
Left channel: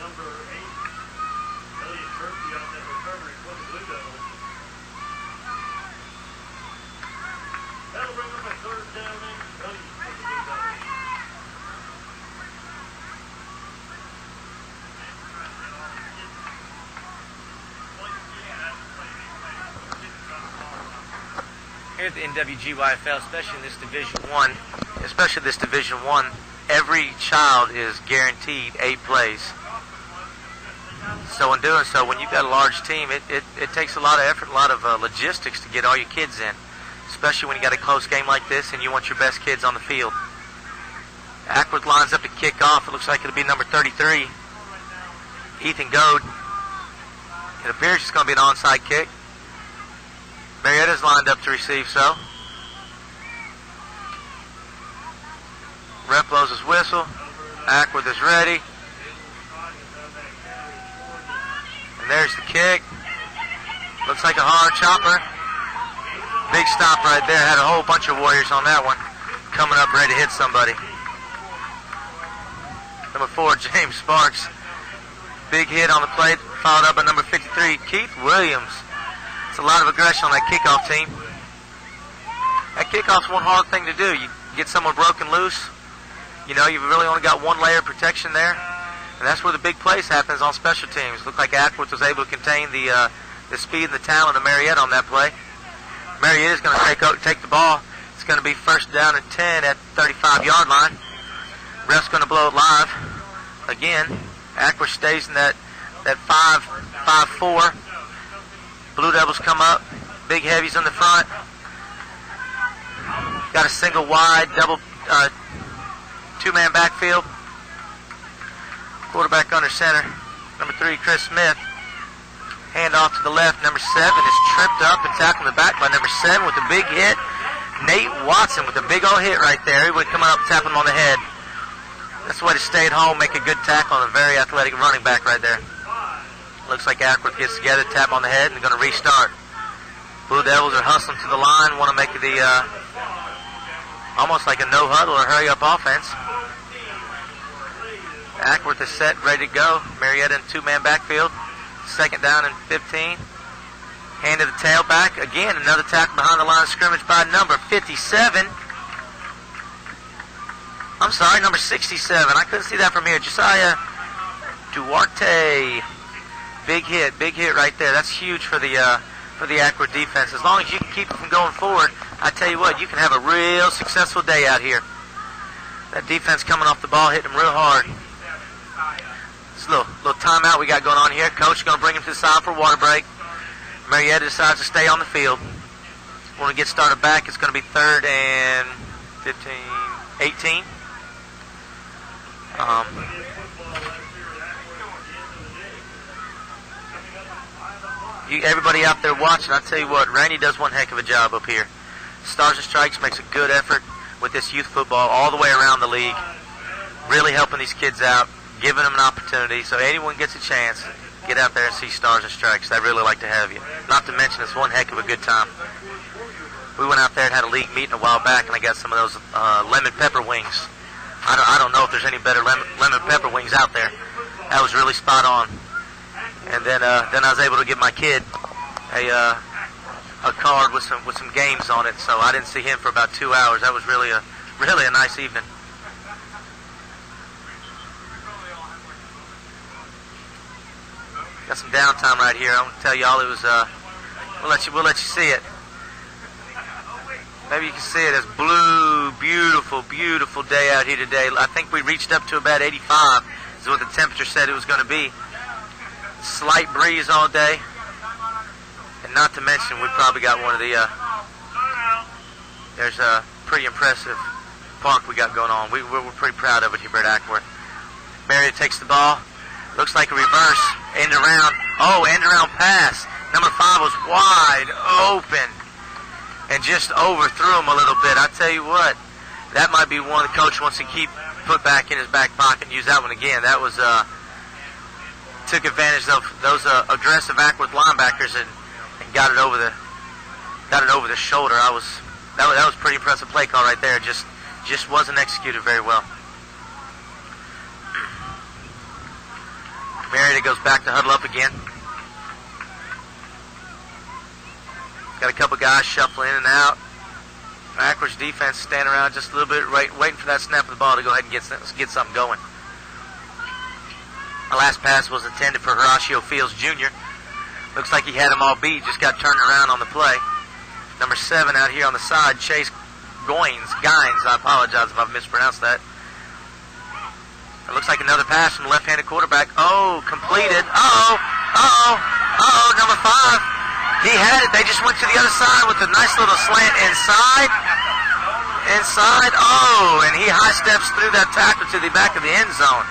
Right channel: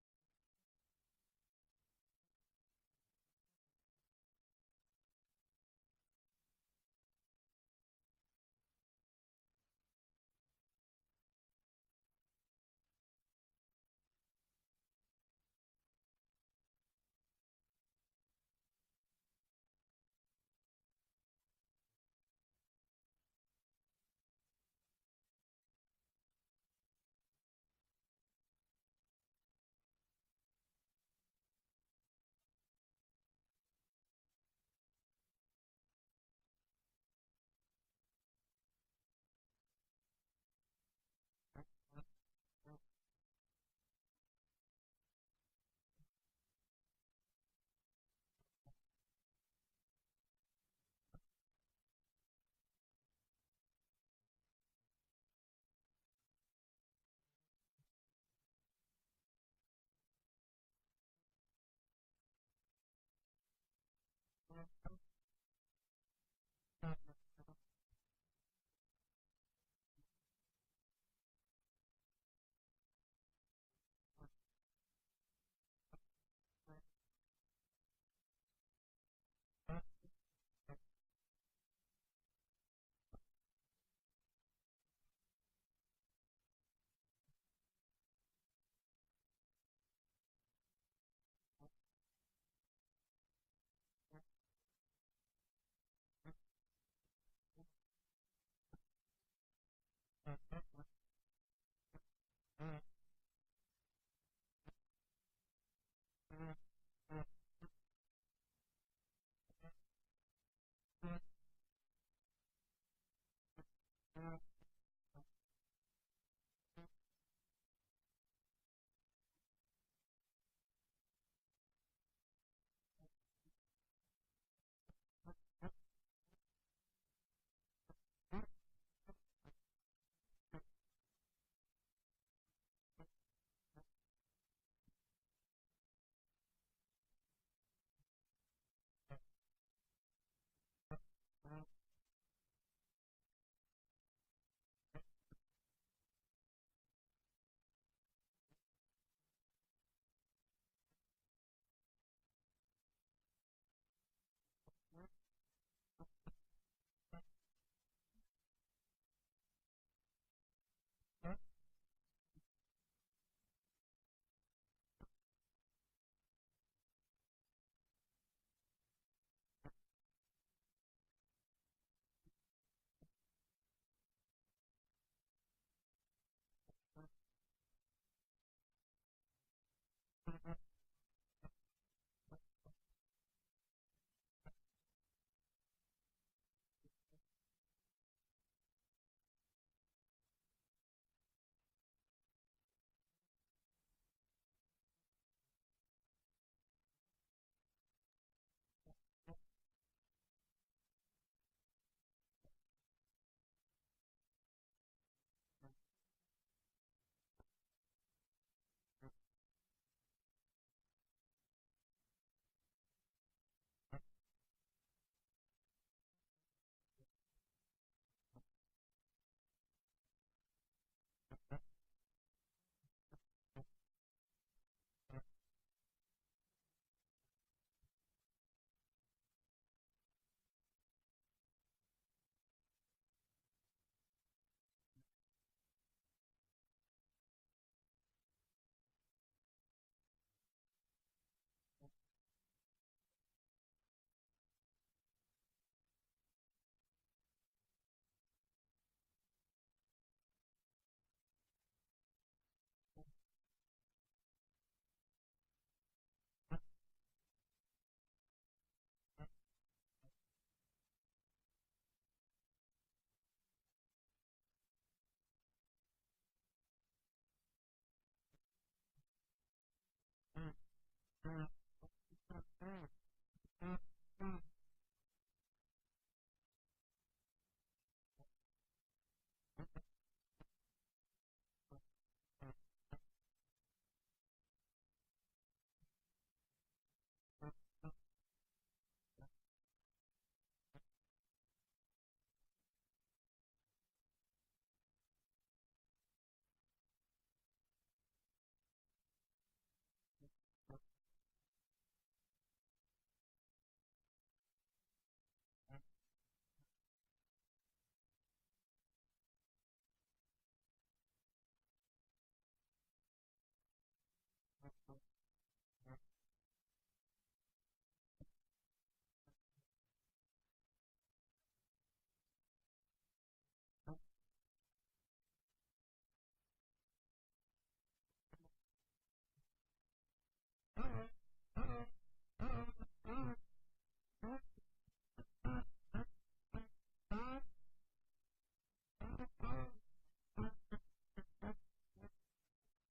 Number 8, Elliot Murphy on that recovery for the Blue Here at the nwgyfl, especially this Division One, every child is guaranteed 8 plays. So in doing so, when you've got a large team, it takes a lot of effort, a lot of logistics to get all your kids in, especially when you got a close game like this and you want your best kids on the field. Acworth lines up to kick off. It looks like it'll be number 33, Ethan Goad. It appears it's going to be an onside kick. Marietta's lined up to receive, so. Ref blows his whistle. Acworth is ready. And there's the kick. Looks like a hard chopper. Big stop right there. Had a whole bunch of Warriors on that one. Coming up ready to hit somebody. Number 4, James Sparks. Big hit on the plate. Followed up by number 53, Keith Williams. It's a lot of aggression on that kickoff team. That kickoff's one hard thing to do. You get someone broken loose. You know, you've really only got one layer of protection there. And that's where the big plays happens on special teams. Looked like Acworth was able to contain the speed and the talent of Marietta on that play. Marietta's going to take the ball. It's going to be first down and 10 at 35-yard line. Ref's going to blow it live. Again, Acworth stays in that 5-4. Blue Devils come up. Big heavies in the front. Got a single wide, double two-man backfield. Quarterback under center. Number 3, Chris Smith. Hand off to the left. Number 7 is tripped up and tackled in the back by number 7 with a big hit. Nate Watson with a big old hit right there. He would come up and tap him on the head. That's the way to stay at home, make a good tackle on a very athletic running back right there. Looks like Acworth gets together, tap on the head, and they're going to restart. Blue Devils are hustling to the line, want to make the almost like a no-huddle or hurry-up offense. Acworth is set, ready to go. Marietta in two-man backfield. Second down and 15. Hand to the tailback. Again, another tackle behind the line of scrimmage by number 57. I'm sorry, number 67. I couldn't see that from here. Josiah Duarte. Big hit right there. That's huge for the Acworth defense. As long as you can keep it from going forward, I tell you what, you can have a real successful day out here. That defense coming off the ball, hitting them real hard. It's a little timeout we got going on here. Coach is going to bring him to the side for a water break. Marietta decides to stay on the field. When we get started back, it's going to be 3rd and 18. Everybody out there watching, I tell you what, Randy does one heck of a job up here. Stars and Strikes makes a good effort with this youth football all the way around the league. Really helping these kids out, giving them an opportunity. So anyone gets a chance, get out there and see Stars and Strikes. They'd really like to have you. Not to mention, it's one heck of a good time. We went out there and had a league meeting a while back, and I got some of those lemon pepper wings. I don't know if there's any better lemon pepper wings out there. That was really spot on. And then I was able to give my kid a card with some games on it, so I didn't see him for about 2 hours. That was really a nice evening. Got some downtime right here. I'm gonna tell y'all it was. We'll let you see it. Maybe you can see it as blue, beautiful day out here today. I think we reached up to about 85 is what the temperature said it was going to be. Slight breeze all day. And not to mention, we probably got one of the, there's a pretty impressive park we got going on. We're pretty proud of it here at Acworth. Marietta takes the ball. Looks like a reverse. End around. Oh, end around pass. Number 5 was wide open. And just overthrew him a little bit. I tell you what, that might be one the coach wants to put back in his back pocket and use that one again. That was took advantage of those aggressive Acworth linebackers and got it over the shoulder. That was pretty impressive play call right there. Just wasn't executed very well. Marietta goes back to huddle up again. Got a couple guys shuffling in and out. Acworth's defense standing around just a little bit, waiting for that snap of the ball to go ahead and get something going. The last pass was intended for Horatio Fields Jr. Looks like he had him all beat, just got turned around on the play. Number 7 out here on the side, Chase Gines. I apologize if I've mispronounced that. It looks like another pass from the left-handed quarterback. Oh, completed. Number 5. He had it. They just went to the other side with a nice little slant inside. Oh, and he high steps through that tackle to the back of the end zone.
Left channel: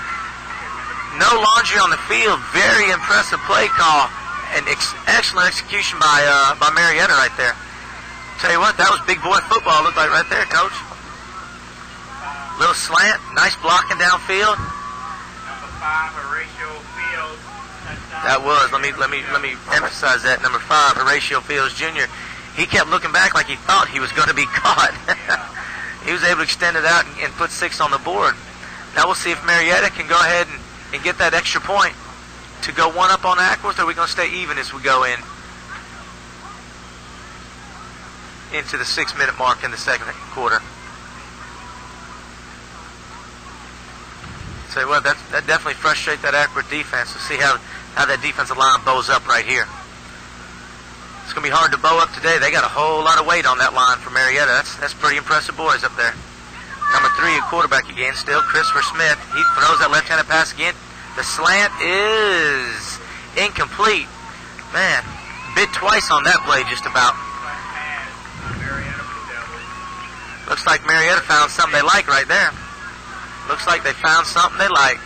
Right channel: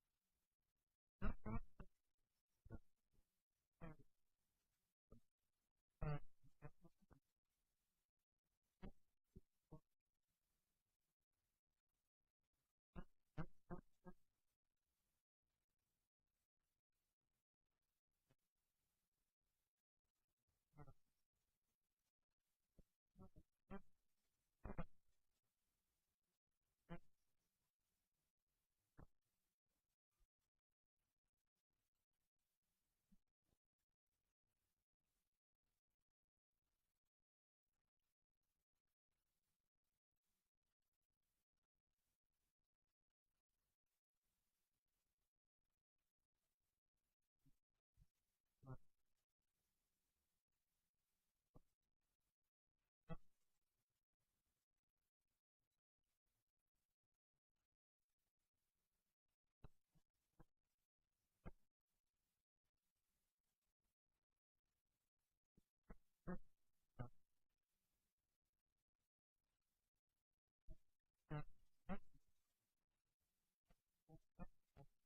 No laundry on the field. Very impressive play call and excellent execution by Marietta right there. Tell you what, that was big boy football. Looked like right there, Coach. Little slant, nice blocking downfield. Number 5, Horatio Fields. That was. Let me emphasize that. Number 5, Horatio Fields Jr. He kept looking back like he thought he was going to be caught. He was able to extend it out and put 6 on the board. Now we'll see if Marietta can go ahead and get that extra point to go 1 up on Acworth, or are we going to stay even as we go into the 6-minute mark in the second quarter. So what, that definitely frustrates that Acworth defense. We'll see how that defensive line bows up right here. It's going to be hard to bow up today. They got a whole lot of weight on that line for Marietta. That's pretty impressive boys up there. Number 3, a quarterback again still, Christopher Smith. He throws that left-handed pass again. The slant is incomplete. Man, bit twice on that play just about. Looks like Marietta found something they like right there. Looks like they found something they like.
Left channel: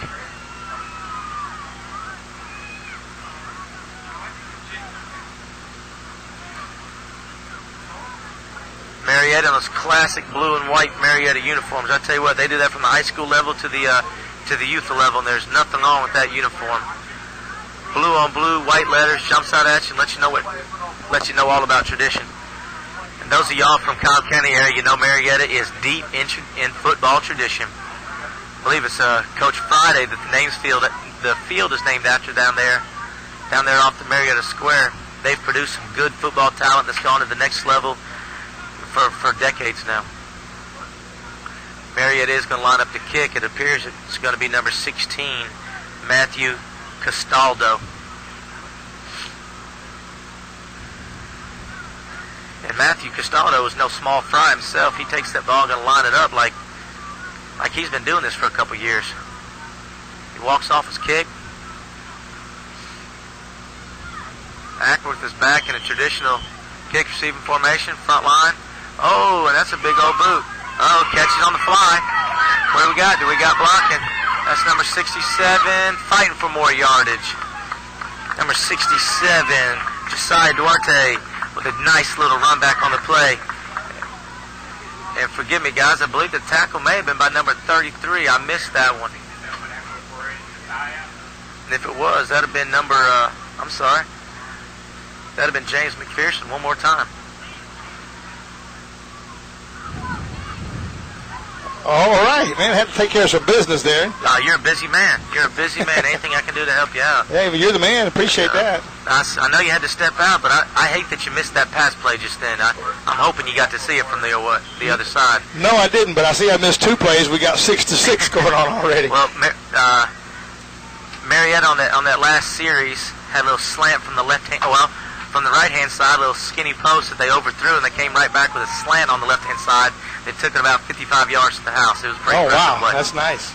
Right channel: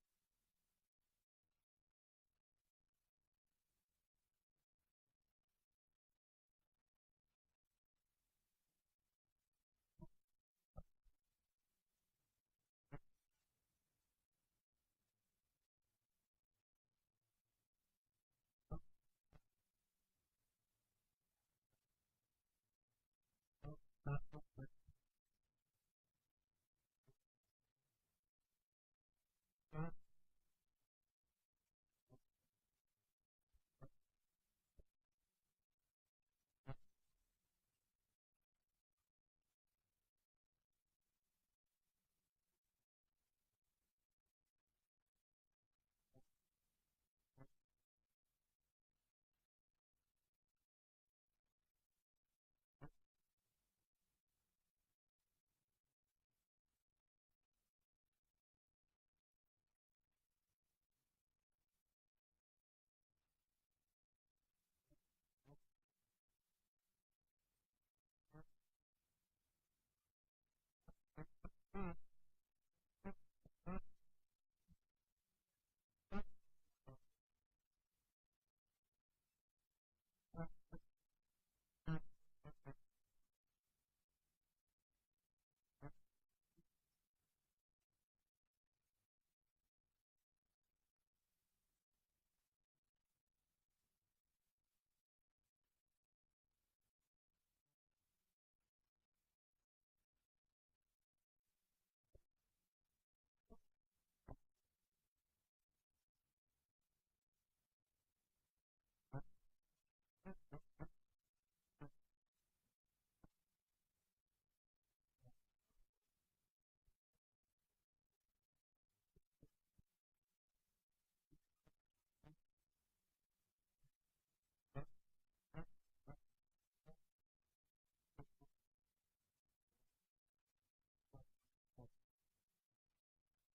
Marietta in those classic blue and white Marietta uniforms. I tell you what, they do that from the high school level to the youth level, and there's nothing wrong with that uniform. Blue on blue, white letters, jumps out at you and lets you know all about tradition. And those of y'all from Cobb County area, you know Marietta is deep in football tradition. I believe it's Coach Friday that the field is named after down there off the Marietta Square. They've produced some good football talent that's gone to the next level for decades now. Marietta is going to line up to kick. It appears it's going to be number 16, Matthew Castaldo. And Matthew Castaldo is no small fry himself. He takes that ball and going to line it up like he's been doing this for a couple years. He walks off his kick. Acworth is back in a traditional kick receiving formation, front line. Oh, and that's a big old boot. Oh, catches on the fly. What do we got? Blocking? That's number 67, fighting for more yardage. Number 67, Josiah Duarte, with a nice little run back on the play. And forgive me, guys, I believe the tackle may have been by number 33. I missed that one. And if it was, that would have been number, that'd have been James McPherson one more time. All right, man. I had to take care of some business there. You're a busy man. Anything I can do to help you out. Hey, but you're the man. Appreciate that. I know you had to step out, but I hate that you missed that pass play just then. I'm hoping you got to see it from the other side. No, I didn't, but I see I missed 2 plays. We got 6-6 going on already. Well, Marietta on that last series had a little slant from the from the right-hand side, a little skinny post that they overthrew, and they came right back with a slant on the left-hand side. They took it about 55 yards to the house. It was pretty impressive play. That's nice.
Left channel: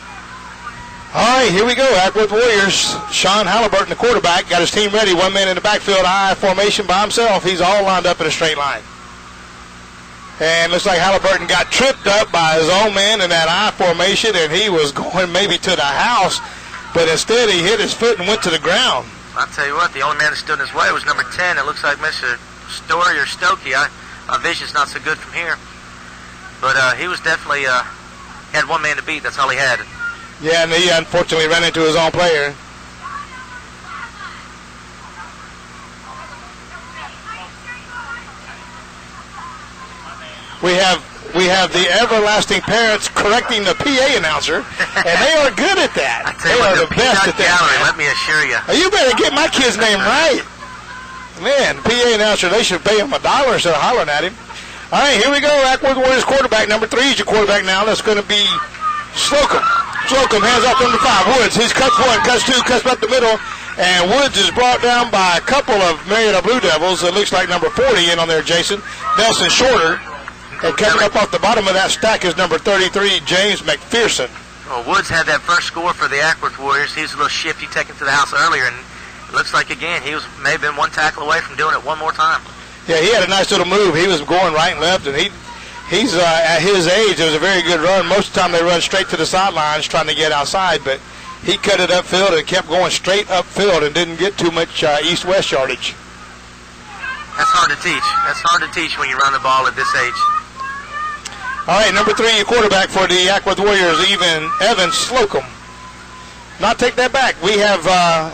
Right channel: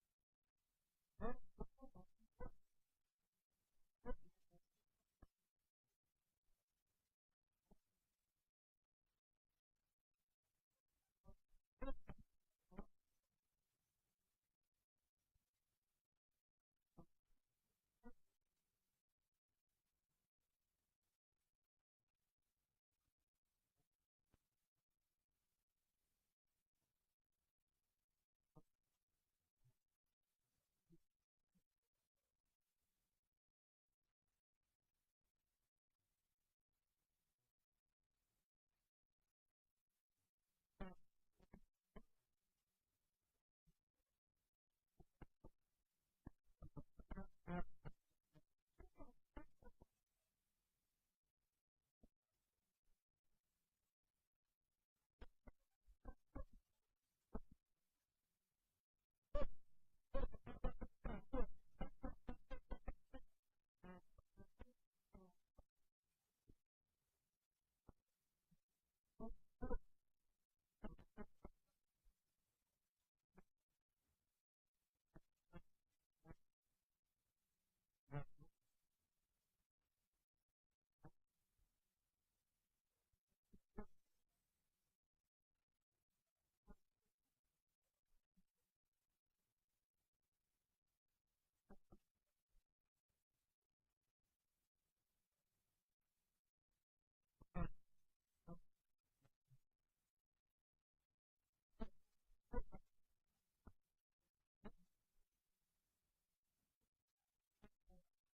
All right, here we go. Acworth Warriors. Sean Halliburton, the quarterback, got his team ready. 1 man in the backfield, I formation by himself. He's all lined up in a straight line. And looks like Halliburton got tripped up by his own man in that I formation, and he was going maybe to the house, but instead he hit his foot and went to the ground. I'll tell you what, the only man that stood in his way was number 10. It looks like Mr. Story or Stokey. My vision's not so good from here. But he was definitely, had 1 man to beat. That's all he had. Yeah, and he unfortunately ran into his own player. We have the everlasting parents correcting the PA announcer, and they are good at that. They are the best at that. Let me assure you. You better get my kid's name right. Man, the PA announcer, they should pay him $1 instead of hollering at him. All right, here we go. Acworth Warriors quarterback. Number 3 is your quarterback now. That's going to be Slocum. Slocum hands off number 5. Woods. He's cuts 1, cuts 2, cuts up the middle, And Woods is brought down by a couple of Marietta Blue Devils. It looks like number 40 in on there, Jason. Nelson Shorter. And coming up off the bottom of that stack is number 33, James McPherson. Well, Woods had that first score for the Acworth Warriors. He was a little shifty taken to the house earlier, and it looks like, again, he may have been one tackle away from doing it one more time. Yeah, he had a nice little move. He was going right and left, and he's at his age, it was a very good run. Most of the time they run straight to the sidelines trying to get outside, but he cut it upfield and kept going straight upfield and didn't get too much east-west yardage. That's hard to teach. That's hard to teach when you run the ball at this age. All right, number 3, your quarterback for the Acworth Warriors, Evan Slocum. Not take that back. We have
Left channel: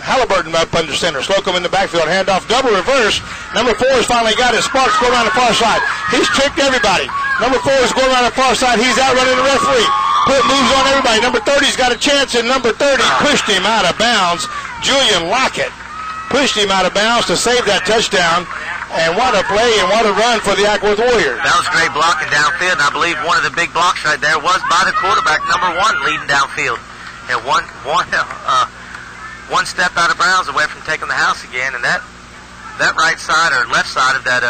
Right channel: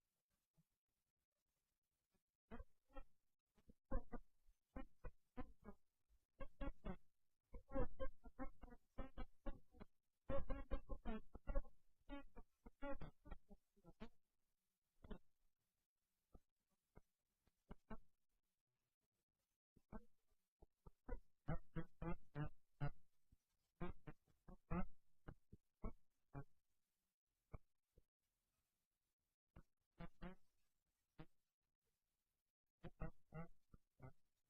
Halliburton up under center. Slocum in the backfield. Handoff, double reverse. Number 4 has finally got it. Sparks going around the far side. He's tricked everybody. Number 4 is going around the far side. He's outrunning the referee. Put moves on everybody. Number 30's got a chance, and number 30 pushed him out of bounds. Julian Lockett pushed him out of bounds to save that touchdown. And what a play and what a run for the Acworth Warriors. That was great blocking downfield, and I believe one of the big blocks right there was by the quarterback, number 1, leading downfield. And one step out of bounds away from taking the house again, and that right side or left side of that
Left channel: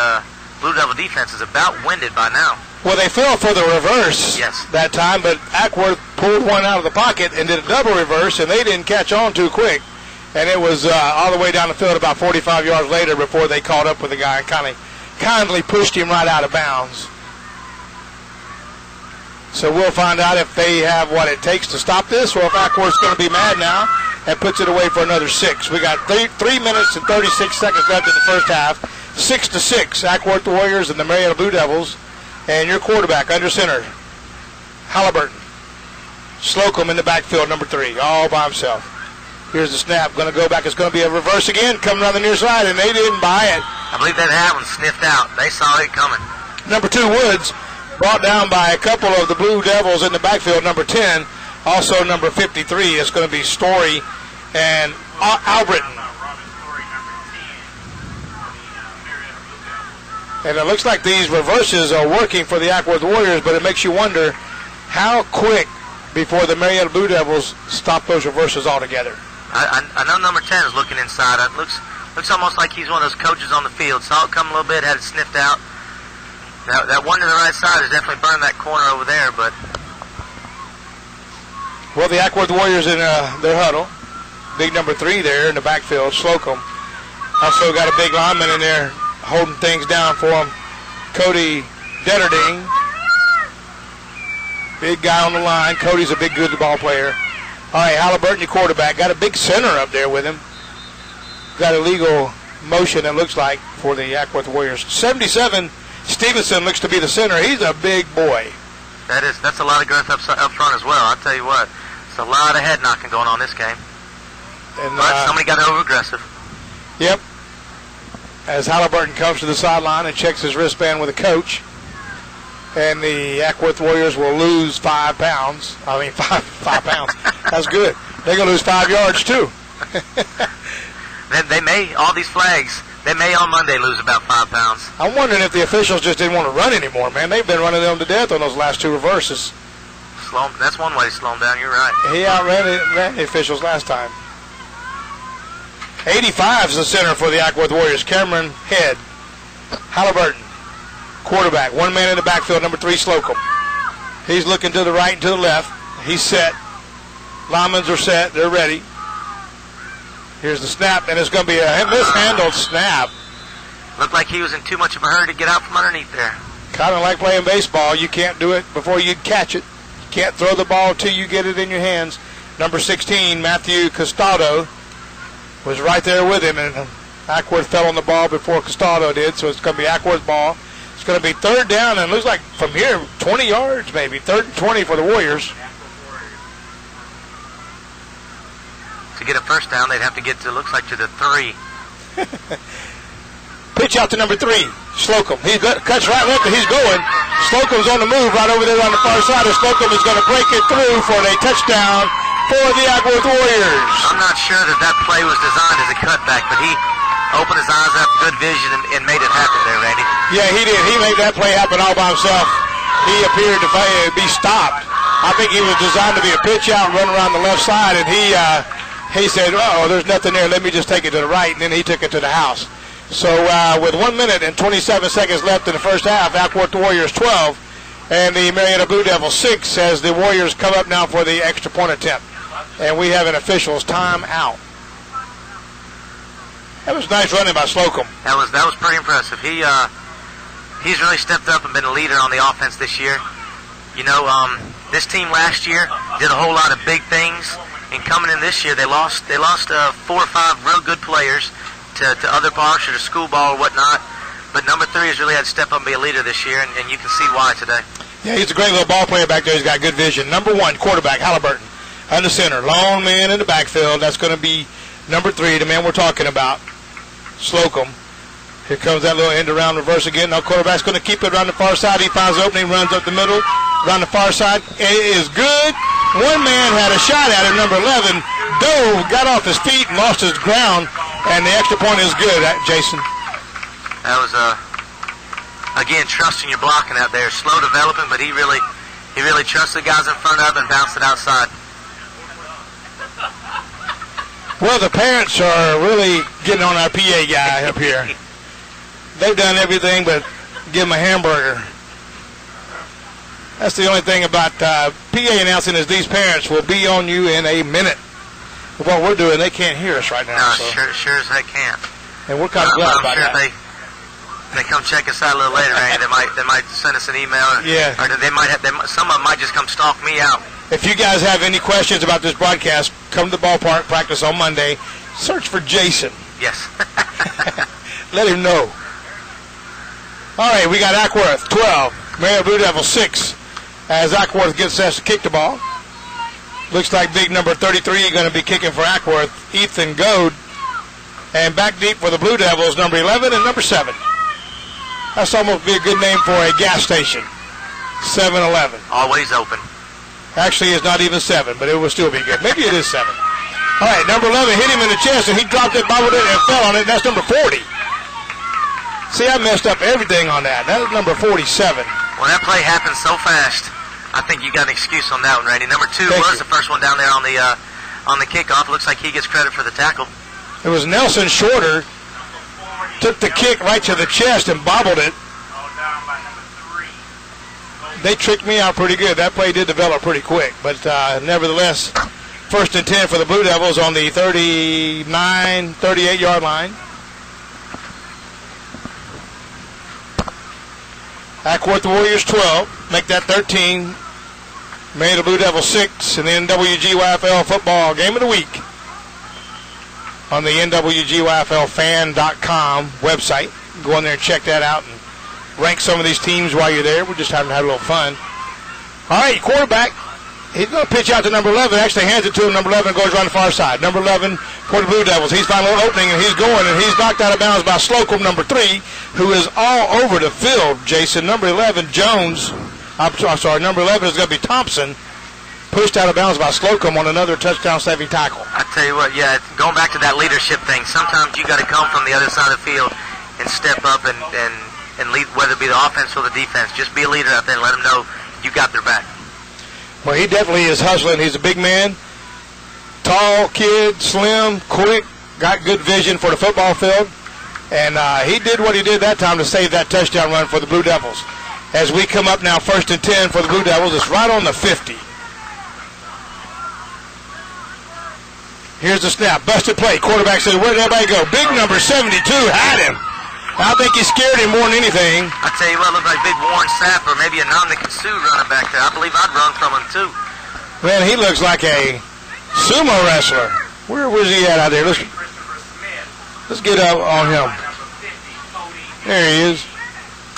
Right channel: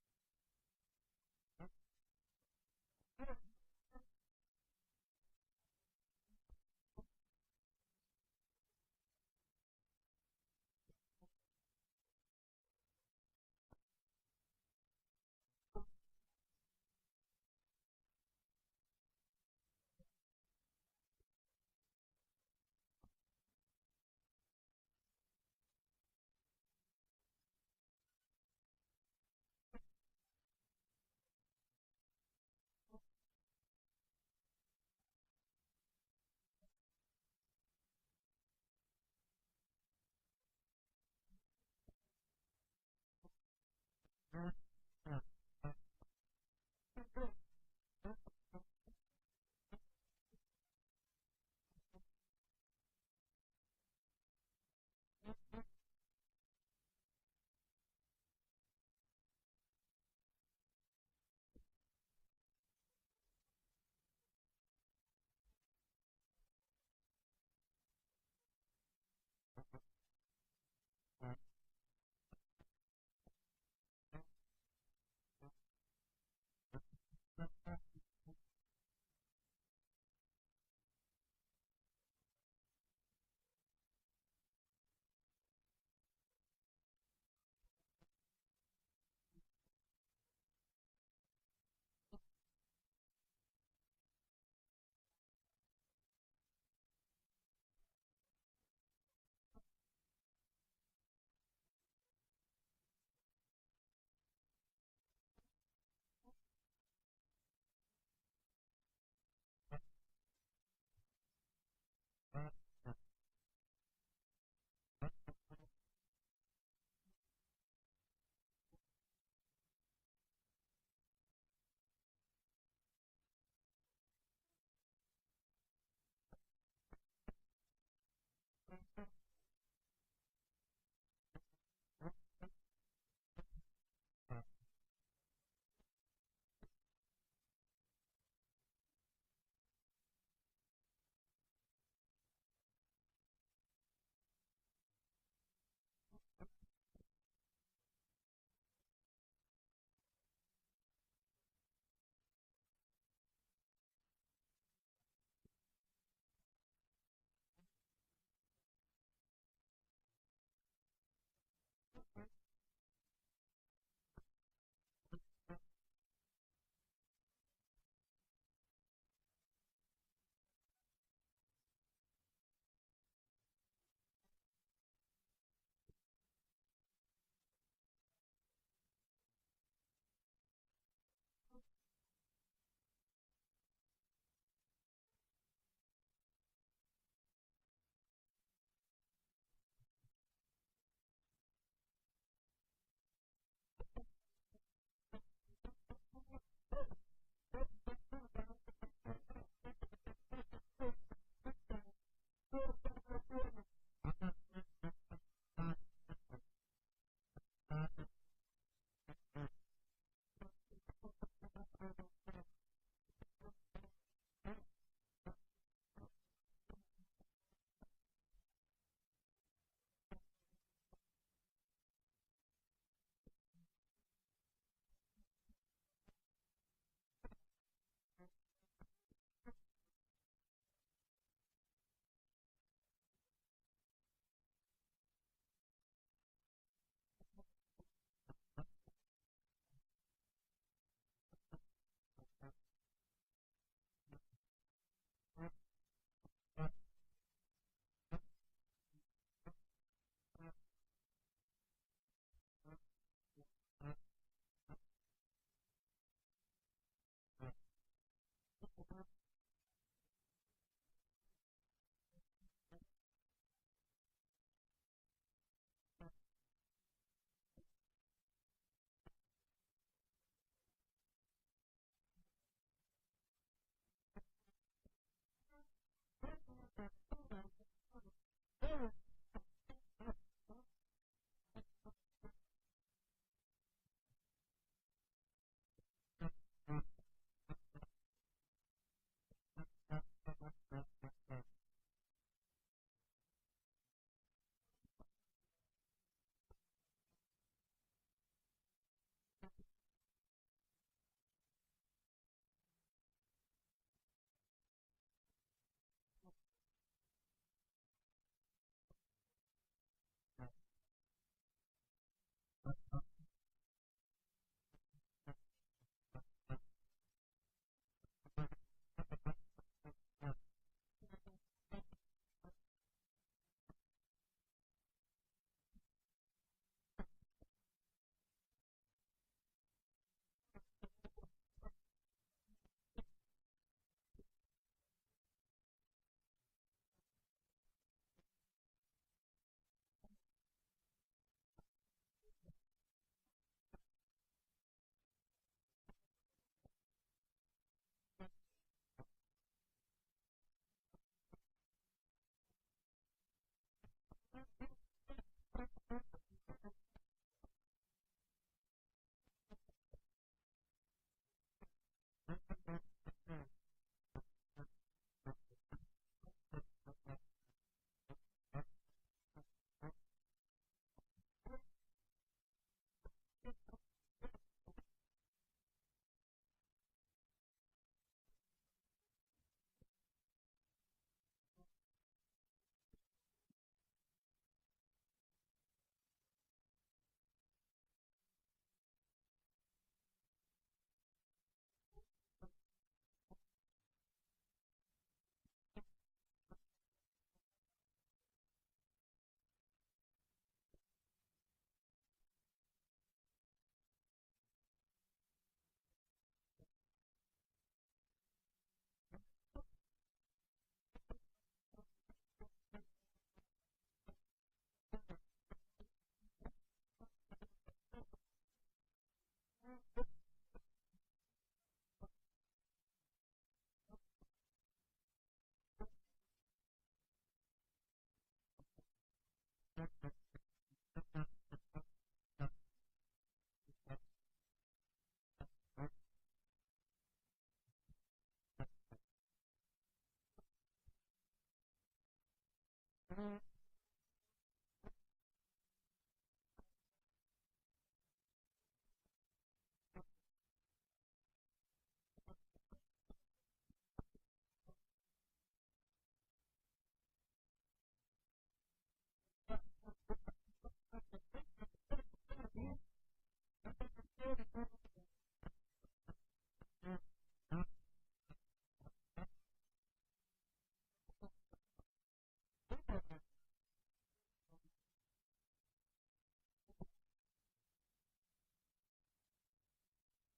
Blue Devil defense is about winded by now. Well, they fell for the reverse that time, but Acworth pulled one out of the pocket and did a double reverse, and they didn't catch on too quick. And it was all the way down the field about 45 yards later before they caught up with the guy and kindly pushed him right out of bounds. So we'll find out if they have what it takes to stop this, or if Acworth's going to be mad now and puts it away for another 6. We got 3 minutes and 36 seconds left in the first half. 6-6, Acworth Warriors and the Marietta Blue Devils. And your quarterback under center, Halliburton. Slocum in the backfield, number 3, all by himself. Here's the snap. Going to go back. It's going to be a reverse again, coming around the near side, and they didn't buy it. I believe that one sniffed out. They saw it coming. Number 2, Woods, brought down by a couple of the Blue Devils in the backfield. Number 10, also number 53. It's going to be Story and Albritton. And it looks like these reverses are working for the Acworth Warriors, but it makes you wonder how quick before the Marietta Blue Devils stop those reverses altogether. I know number 10 is looking inside. It looks almost like he's one of those coaches on the field. Saw it come a little bit, had it sniffed out. That one to the right side has definitely burned that corner over there. But well, the Acworth Warriors in their huddle. Big number 3 there in the backfield, Slocum. Also got a big lineman in there holding things down for him, Cody Detterding. Big guy on the line. Cody's a big, good ball player. All right, Halliburton, your quarterback. Got a big center up there with him. Got a legal motion, it looks like, for the Acworth Warriors. 77, Stevenson looks to be the center. He's a big boy. That's a lot of girth up front as well. I'll tell you what. It's a lot of head knocking going on this game. And, but somebody got over aggressive. Yep. As Halliburton comes to the sideline and checks his wristband with a coach. And the Acworth Warriors will lose 5 pounds. I mean, 5 pounds. That's good. They're going to lose 5 yards, too. They may, all these flags, they may on Monday lose about 5 pounds. I'm wondering if the officials just didn't want to run anymore, man. They've been running them to death on those last 2 reverses. That's one way to slow them down. You're right. He outran the officials last time. 85 is the center for the Acworth Warriors. Cameron Head. Halliburton. Quarterback, 1 man in the backfield, number 3, Slocum. He's looking to the right and to the left. He's set. Linemen are set. They're ready. Here's the snap, and it's going to be a mishandled snap. Looked like he was in too much of a hurry to get out from underneath there. Kind of like playing baseball. You can't do it before you catch it. You can't throw the ball till you get it in your hands. Number 16, Matthew Costado, was right there with him, and Acworth fell on the ball before Costado did, so it's going to be Acworth ball. It's going to be 3rd down, and it looks like from here, 20 yards maybe. 3rd and 20 for the Warriors. To get a first down, they'd have to get to, looks like, to the 3. Pitch out to number 3, Slocum. He cuts right left, and he's going. Slocum's on the move right over there on the far side, and Slocum is going to break it through for a touchdown for the Acworth Warriors. I'm not sure that play was designed as a cutback, but he opened his eyes up, good vision, and made it happen there, Randy. Yeah, he did. He made that play happen all by himself. He appeared to be stopped. I think he was designed to be a pitch out and run around the left side, and he he said, oh, there's nothing there. Let me just take it to the right, and then he took it to the house. So with 1 minute and 27 seconds left in the first half, Acworth Warriors 12 and the Marietta Blue Devils 6 as the Warriors come up now for the extra point attempt. And we have an official's timeout. That was nice running by Slocum. That was pretty impressive. He's really stepped up and been a leader on the offense this year. You know, this team last year did a whole lot of big things, and coming in this year, they lost 4 or 5 real good players to other parts or to school ball or whatnot. But number 3 has really had to step up and be a leader this year, and you can see why today. Yeah, he's a great little ball player back there. He's got good vision. Number 1, quarterback, Halliburton. Under center, lone man in the backfield. That's going to be number 3, the man we're talking about, Slocum. Here comes that little end around reverse again. Now quarterback's going to keep it around the far side. He finds the opening, runs up the middle, around the far side. It is good. One man had a shot at it, number 11. Dove, got off his feet and lost his ground, and the extra point is good, Jason. That was, again, trusting your blocking out there. Slow developing, but he really trusts the guys in front of him and bounced it outside. Well, the parents are really getting on our PA guy up here. They've done everything but give him a hamburger. That's the only thing about PA announcing is these parents will be on you in a minute. What we're doing, they can't hear us right now. No, so. sure as they can't. And we're kind of glad about that. If they come check us out a little later, Randy, they might send us an email. Yeah. Or some of them might just come stalk me out. If you guys have any questions about this broadcast, come to the ballpark, practice on Monday. Search for Jason. Yes. Let him know. All right, we got Acworth 12, Marietta Blue Devils 6. As Acworth gets us to kick the ball. Looks like big number 33 going to be kicking for Acworth, Ethan Goad. And back deep for the Blue Devils, number 11 and number 7. That's almost be a good name for a gas station. 7-Eleven. Always open. Actually, it's not even 7, but it will still be good. Maybe it is 7. All right, number 11 hit him in the chest, and he dropped it, bobbled it, and fell on it. That's number 40. See, I messed up everything on that. That was number 47. Well, that play happened so fast. I think you got an excuse on that one, Randy. Number 2 was the first one down there on the kickoff. Looks like he gets credit for the tackle. It was Nelson Shorter. Took the kick right to the chest and bobbled it. They tricked me out pretty good. That play did develop pretty quick. But nevertheless, 1st and 10 for the Blue Devils on the 38-yard line. Acworth Warriors 12. Make that 13. Marietta Blue Devils 6. And the nwgyfl football game of the week on the nwgyflfan.com website. Go in there and check that out and rank some of these teams while you're there. We're just having a little fun. All right, quarterback. He's going to pitch out to number 11. Actually hands it to him. Number 11 goes around the far side. Number 11 for the Blue Devils. He's found a little opening, and he's going, and he's knocked out of bounds by Slocum, number 3, who is all over the field, Jason. Number 11, Jones. I'm sorry, number 11 is going to be Thompson. Pushed out of bounds by Slocum on another touchdown-saving tackle. I tell you what, yeah, going back to that leadership thing, sometimes you got to come from the other side of the field and step up and lead, whether it be the offense or the defense. Just be a leader out there and let them know you got their back. Well, he definitely is hustling. He's a big man, tall kid, slim, quick, got good vision for the football field. And he did what he did that time to save that touchdown run for the Blue Devils. As we come up now, 1st and 10 for the Blue Devils. It's right on the 50. Here's the snap. Busted play. Quarterback said, where'd everybody go? Big number 72 had him. I think he scared him more than anything. I tell you what, looked like big Warren Sapp or maybe a Namdekatsu running back there. I believe I'd run from him too. Man, he looks like a sumo wrestler. Where was he at out there? Let's get up on him. There he is.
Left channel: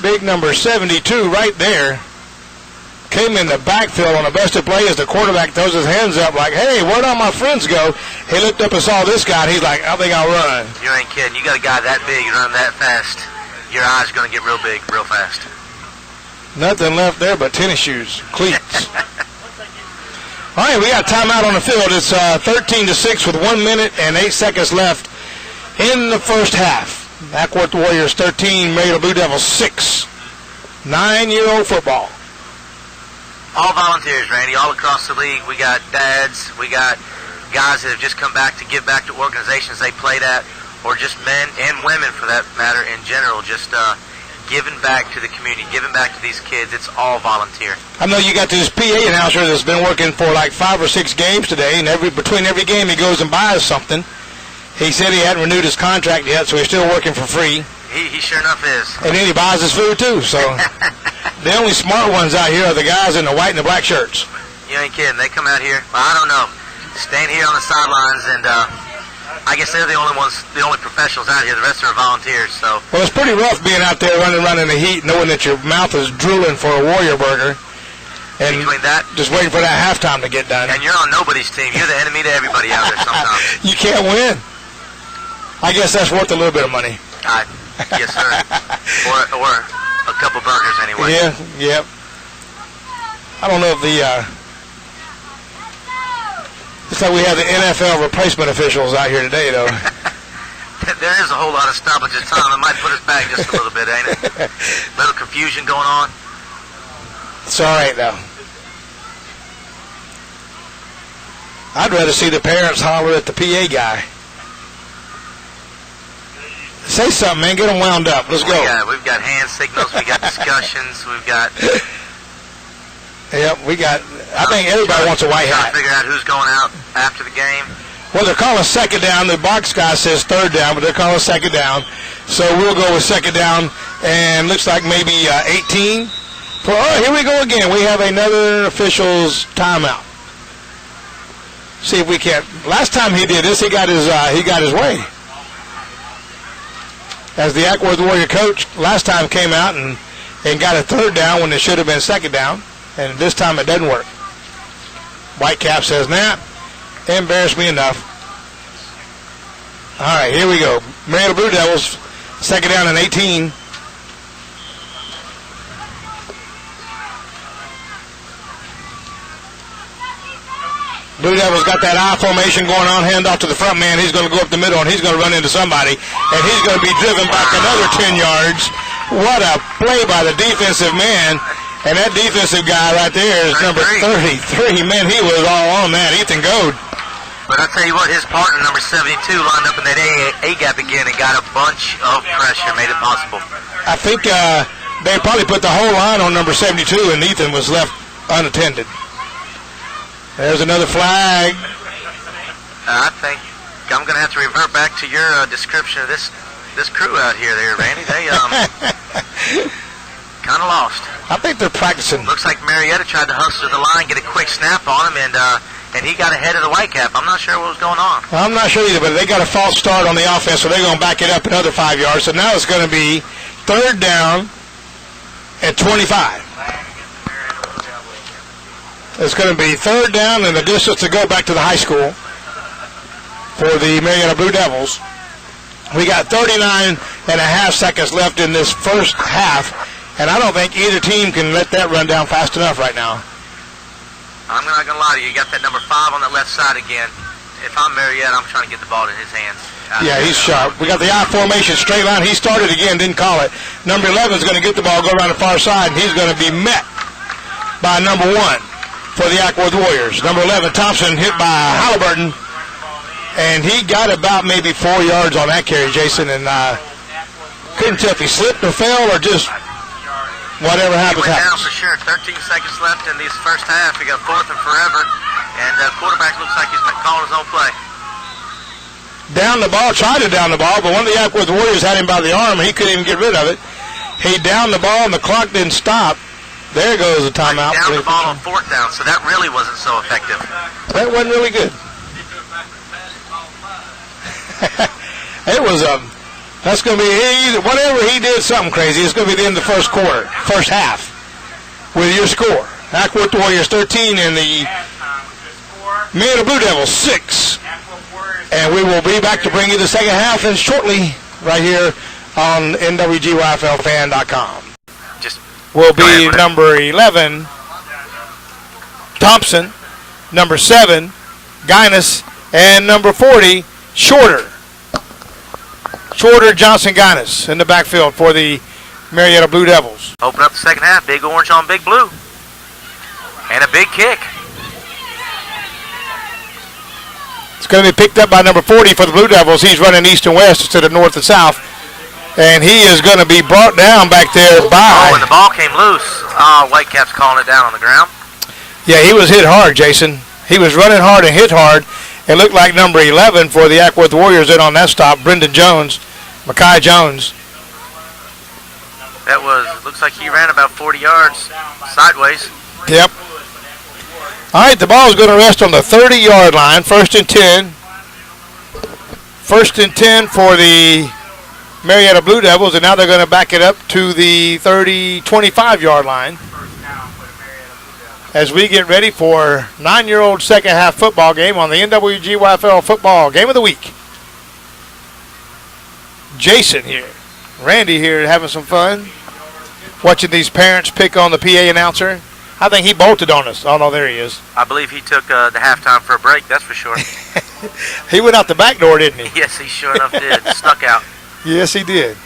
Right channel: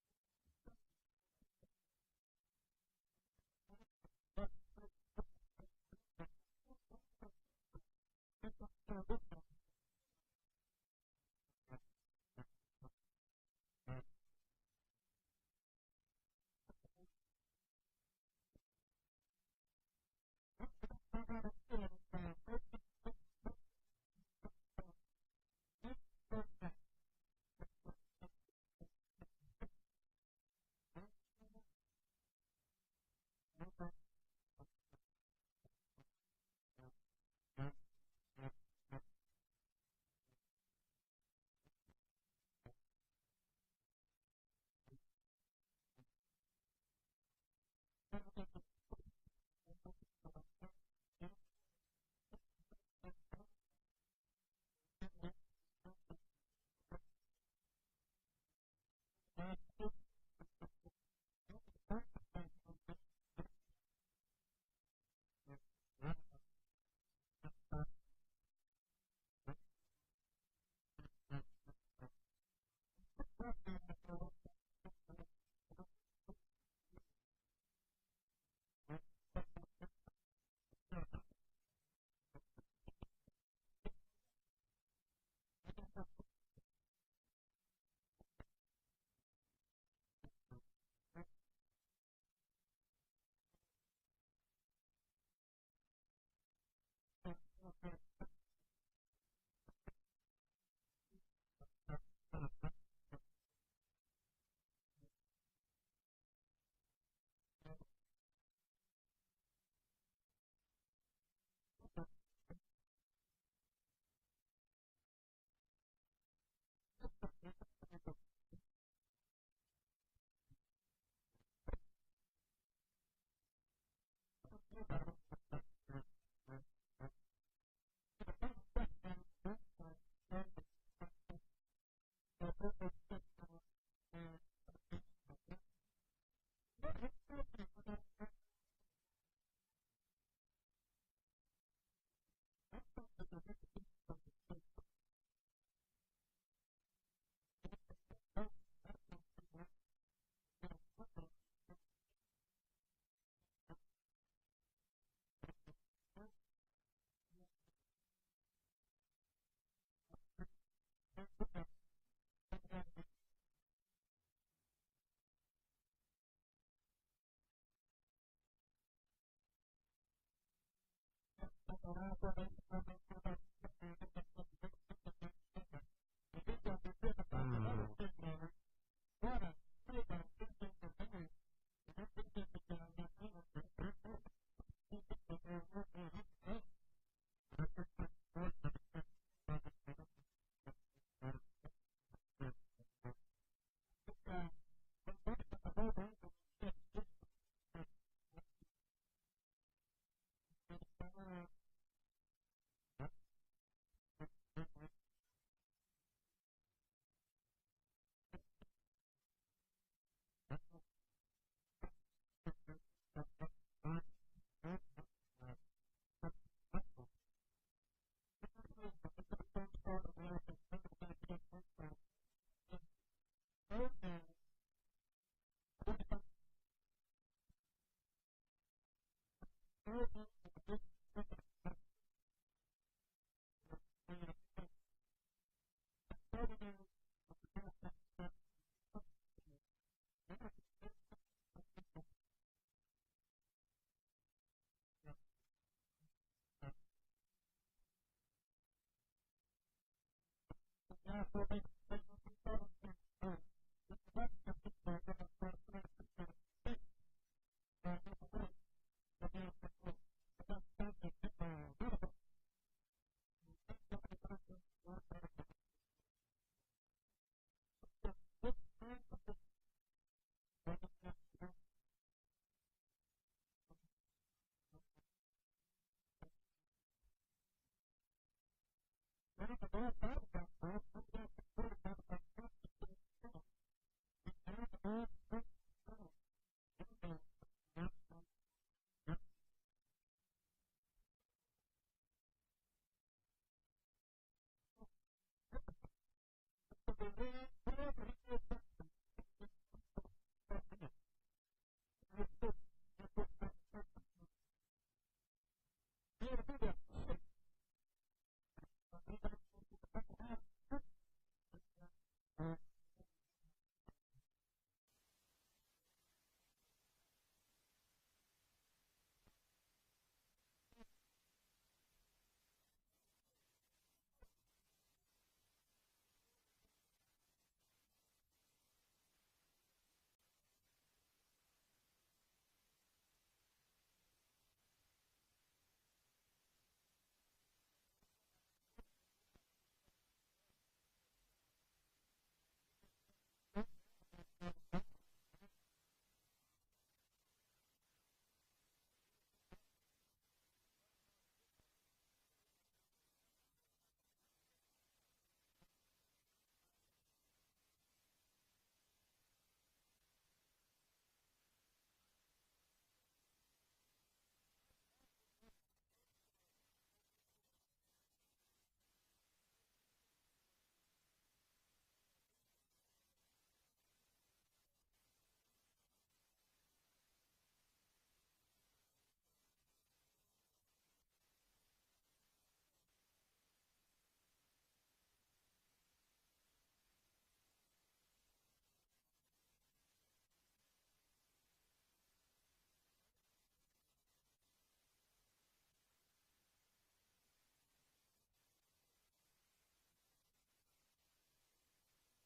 Big number 72 right there. Came in the backfield on a busted play as the quarterback throws his hands up like, hey, where'd all my friends go? He looked up and saw this guy, and he's like, I think I'll run. You ain't kidding. You got a guy that big, you run that fast, your eyes are going to get real big real fast. Nothing left there but tennis shoes, cleats. All right, we got timeout on the field. It's 13-6 with 1 minute and 8 seconds left in the first half. Acworth Warriors 13, Marietta Blue Devils 6. 9-year-old football. All volunteers, Randy, all across the league. We got dads, we got guys that have just come back to give back to organizations they played at, or just men and women for that matter in general, just giving back to the community, giving back to these kids. It's all volunteer. I know you got this PA announcer that's been working for like 5 or 6 games today, and between every game he goes and buys something. He said he hadn't renewed his contract yet, so he's still working for free. He sure enough is. And then he buys his food too, so the only smart ones out here are the guys in the white and the black shirts. You ain't kidding. They come out here, well, I don't know, staying here on the sidelines, and I guess they're the only professionals out here. The rest are volunteers. So. Well, it's pretty rough being out there running around in the heat, knowing that your mouth is drooling for a Warrior burger, and between that, just waiting for that halftime to get done. And you're on nobody's team. You're the enemy to everybody out there sometimes. You can't win. I guess that's worth a little bit of money. Yes, sir. or a couple burgers anyway. Yeah, yep. I don't know if it's like we have the NFL replacement officials out here today, though. There is a whole lot of stoppage of time. It might put us back just a little bit, ain't it? Little confusion going on. It's all right, though. I'd rather see the parents holler at the PA guy. Say something, man. Get them wound up. Let's go. We've got hand signals. We got discussions. We've got... Yep, I think everybody wants a white hat. Trying to figure out who's going out after the game. Well, they're calling second down. The box guy says third down, but they're calling second down. So we'll go with second down, and looks like maybe 18. Oh, here we go again. We have another official's timeout. See if we can't. Last time he did this, he got his way. As the Acwworth Warrior coach, last time came out and got a third down when it should have been second down. And this time it doesn't work. Whitecap says, nah, embarrassed me enough. All right, here we go. Marietta Blue Devils, second down and 18. Blue Devils got that I formation going on, hand off to the front man. He's going to go up the middle, and he's going to run into somebody. And he's going to be driven back another 10 yards. What a play by the defensive man. And that defensive guy right there is number 33. Man, he was all on that. Ethan Goad. But I'll tell you what, his partner, number 72, lined up in that A-gap again and got a bunch of pressure, made it possible. I think they probably put the whole line on number 72, and Ethan was left unattended. There's another flag. I think I'm going to have to revert back to your description of this crew out here there, Randy. They kind of lost. I think they're practicing. Looks like Marietta tried to hustle to the line, get a quick snap on him, and he got ahead of the Whitecap. I'm not sure what was going on. I'm not sure either, but they got a false start on the offense, so they're going to back it up another 5 yards. So now it's going to be third down at 25. It's going to be third down and the distance to go back to the high school for the Marietta Blue Devils. We got 39 and a half seconds left in this first half. And I don't think either team can let that run down fast enough right now. I'm not going to lie to you. You got that number 5 on that left side again. If I'm Marietta, I'm trying to get the ball in his hands. Yeah, he's sharp. We got the I formation, straight line. He started again, didn't call it. Number 11 is going to get the ball, go around the far side, and he's going to be met by number 1 for the Acwworth Warriors. Number 11, Thompson, hit by Halliburton, and he got about maybe 4 yards on that carry, Jason, and couldn't tell if he slipped or fell or just... whatever happens, he went happens. Down for sure. 13 seconds left in this first half. We got fourth and forever. And quarterback looks like he's calling his own play. Down the ball, tried to down the ball, but one of the Acwworth Warriors had him by the arm, and he couldn't even get rid of it. He downed the ball, and the clock didn't stop. There goes the timeout. He downed the ball on fourth down, so that really wasn't so effective. That wasn't really good. It was that's going to be, whatever he did something crazy, it's going to be the end of the first quarter, first half, with your score. Acwworth Warriors 13 and the Marietta Blue Devils 6. And we will be back to bring you the second half and shortly right here on nwgyflfan.com. Will be number 11, Thompson, number 7, Guinness, and number 40, Shorter, Johnson, Guinness in the backfield for the Marietta Blue Devils. Open up the second half, big orange on big blue. And a big kick. It's going to be picked up by number 40 for the Blue Devils. He's running east and west instead of north and south. And he is going to be brought down back there by... Oh, when the ball came loose, Whitecaps calling it down on the ground. Yeah, he was hit hard, Jason. He was running hard and hit hard. It looked like number 11 for the Acworth Warriors in on that stop, Brendan Jones, Makai Jones. That was, looks like he ran about 40 yards sideways. Yep. All right, the ball is going to rest on the 30-yard line, 1st and 10. 1st and 10 for the Marietta Blue Devils, and now they're going to back it up to the 25-yard line as we get ready for 9-year-old second-half football game on the nwgyfl football game of the week. Jason here, Randy here having some fun, watching these parents pick on the PA announcer. I think he bolted on us. Oh, no, there he is. I believe he took the halftime for a break, that's for sure. He went out the back door, didn't he? Yes, he sure enough did. Snuck out. Yes, he did.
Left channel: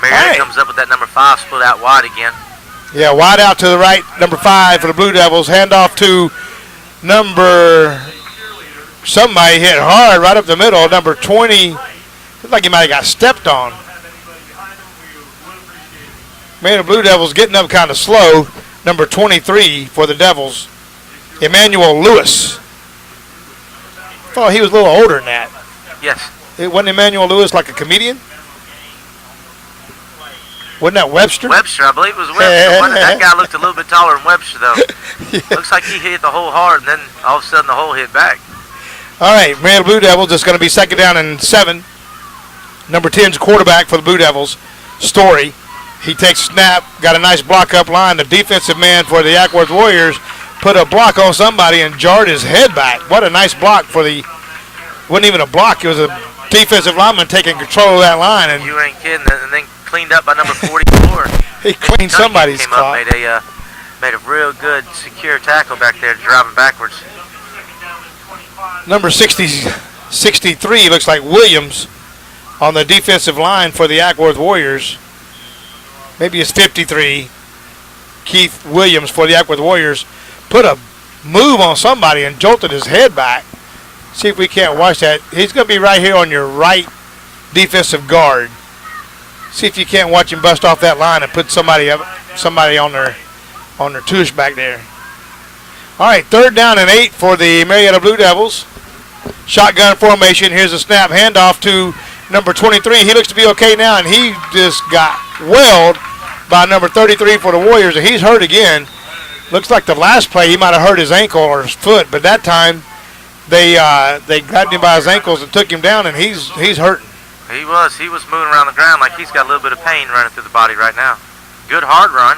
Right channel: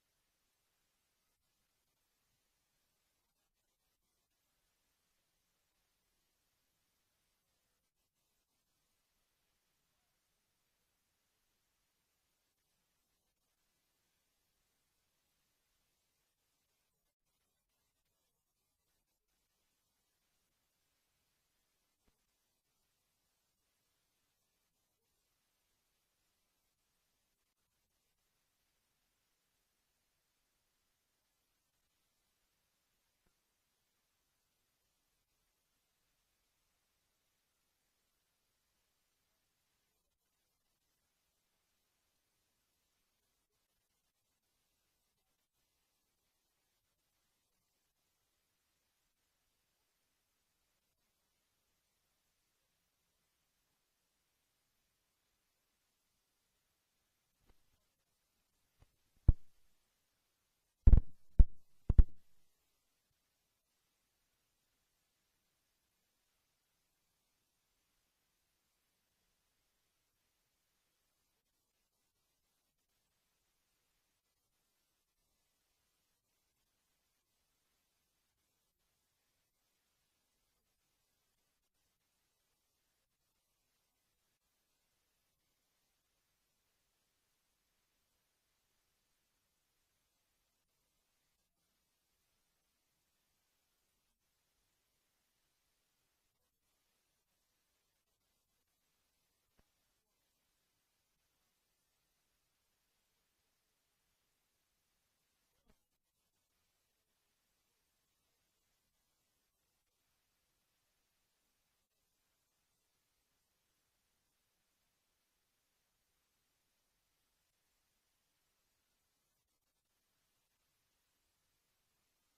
Marietta comes up with that number 5, split out wide again. Yeah, wide out to the right, number 5 for the Blue Devils. Handoff to number, somebody hit hard right up the middle, number 20. Looks like he might have got stepped on. Man, the Blue Devils getting up kind of slow. Number 23 for the Devils, Emmanuel Lewis. Thought he was a little older than that. Yes. It wasn't Emmanuel Lewis like a comedian? Wasn't that Webster? Webster, I believe it was Webster. That guy looked a little bit taller than Webster, though. Yeah. Looks like he hit the hole hard, and then all of a sudden the hole hit back. All right, Marietta Blue Devils, it's going to be 2nd down and 7. Number 10's quarterback for the Blue Devils, Story. He takes snap, got a nice block up line. The defensive man for the Acworth Warriors put a block on somebody and jarred his head back. What a nice block for the, wasn't even a block, it was a defensive lineman taking control of that line. And you ain't kidding, and then cleaned up by number 44. He cleaned somebody's spot. Made a real good, secure tackle back there, driving backwards. Number 63 looks like Williams on the defensive line for the Acworth Warriors. Maybe it's 53. Keith Williams for the Acworth Warriors put a move on somebody and jolted his head back. See if we can't watch that. He's going to be right here on your right defensive guard. See if you can't watch him bust off that line and put somebody on their tush back there. All right, 3rd down and 8 for the Marietta Blue Devils. Shotgun formation. Here's a snap handoff to number 23. He looks to be okay now, and he just got welled by number 33 for the Warriors, and he's hurt again. Looks like the last play he might have hurt his ankle or his foot, but that time they grabbed him by his ankles and took him down, and he's hurting. He was moving around the ground like he's got a little bit of pain running through the body right now. Good hard run.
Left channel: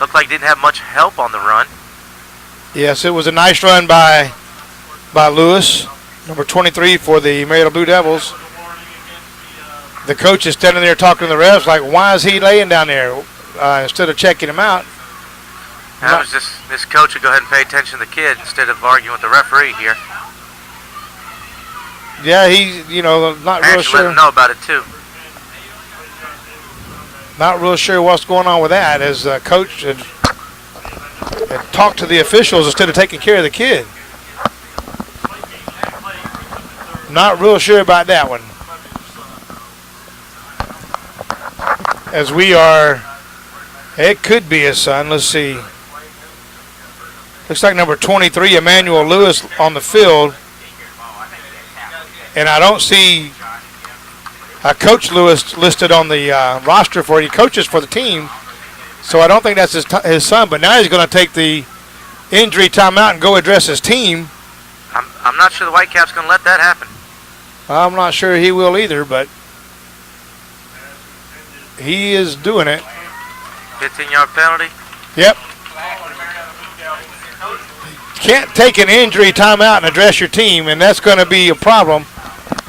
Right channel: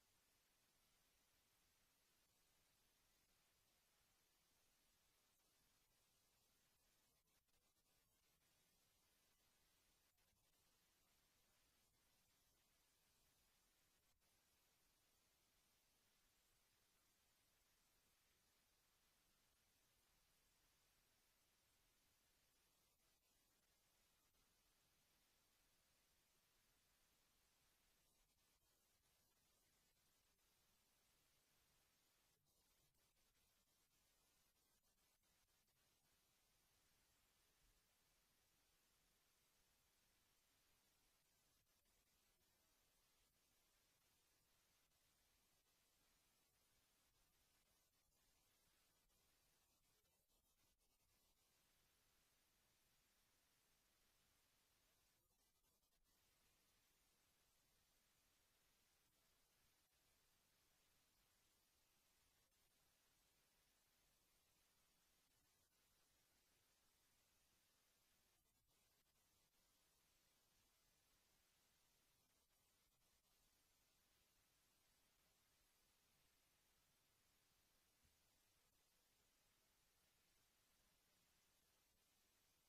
Looked like he didn't have much help on the run. Yes, it was a nice run by Lewis, number 23 for the Marietta Blue Devils. The coach is standing there talking to the refs like, why is he laying down there instead of checking him out? That was just this coach would go ahead and pay attention to the kid instead of arguing with the referee here. Yeah, he's, not real sure. Let him know about it, too. Not real sure what's going on with that, as coach had talked to the officials instead of taking care of the kid. Not real sure about that one. As we are, it could be his son. Let's see. Looks like number 23, Emmanuel Lewis, on the field. And I don't see Coach Lewis listed on the roster for he coaches for the team. So I don't think that's his son. But now he's going to take the injury timeout and go address his team. I'm not sure the Whitecaps going to let that happen. I'm not sure he will either, but he is doing it. 15-yard penalty? Yep. Can't take an injury timeout and address your team, and that's going to be a problem.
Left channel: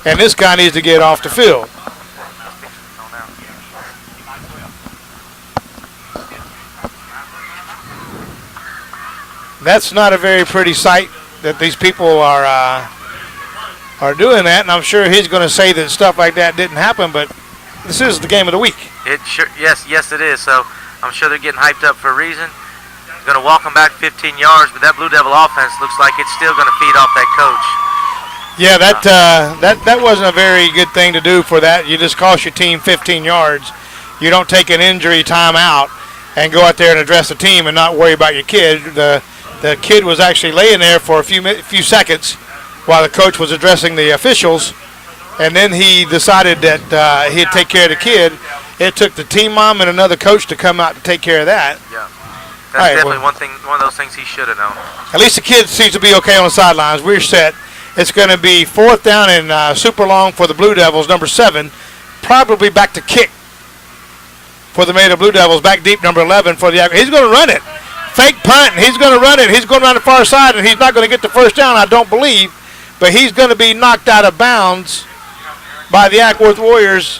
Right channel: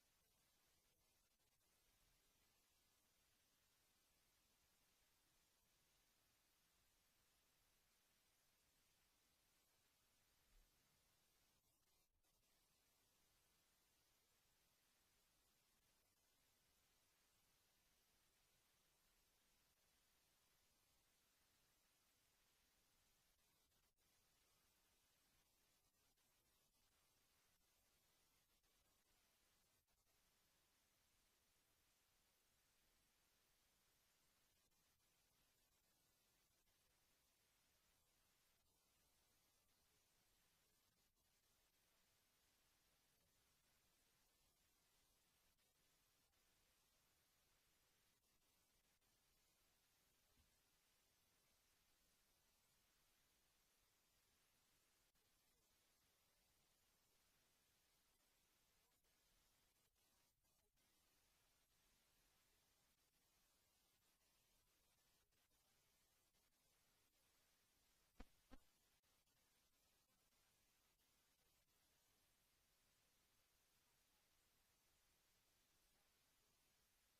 And this guy needs to get off the field. That's not a very pretty sight that these people are doing that, and I'm sure he's going to say that stuff like that didn't happen, but this is the game of the week. Yes, it is. So I'm sure they're getting hyped up for a reason. Going to walk them back 15 yards, but that Blue Devil offense looks like it's still going to feed off that coach. Yeah, that wasn't a very good thing to do for that. You just cost your team 15 yards. You don't take an injury time out and go out there and address the team and not worry about your kid. The kid was actually laying there for a few seconds while the coach was addressing the officials, and then he decided that he'd take care of the kid. It took the team mom and another coach to come out to take care of that. Yeah, that's definitely one of those things he should have known. At least the kid seems to be okay on the sidelines. We're set. It's going to be 4th down and super long for the Blue Devils, number 7. Probably back to kick for the Marietta Blue Devils. Back deep, number 11 for the. He's going to run it. Fake punt. He's going to run it. He's going around the far side, and he's not going to get the first down, I don't believe. But he's going to be knocked out of bounds by the Acworth Warriors.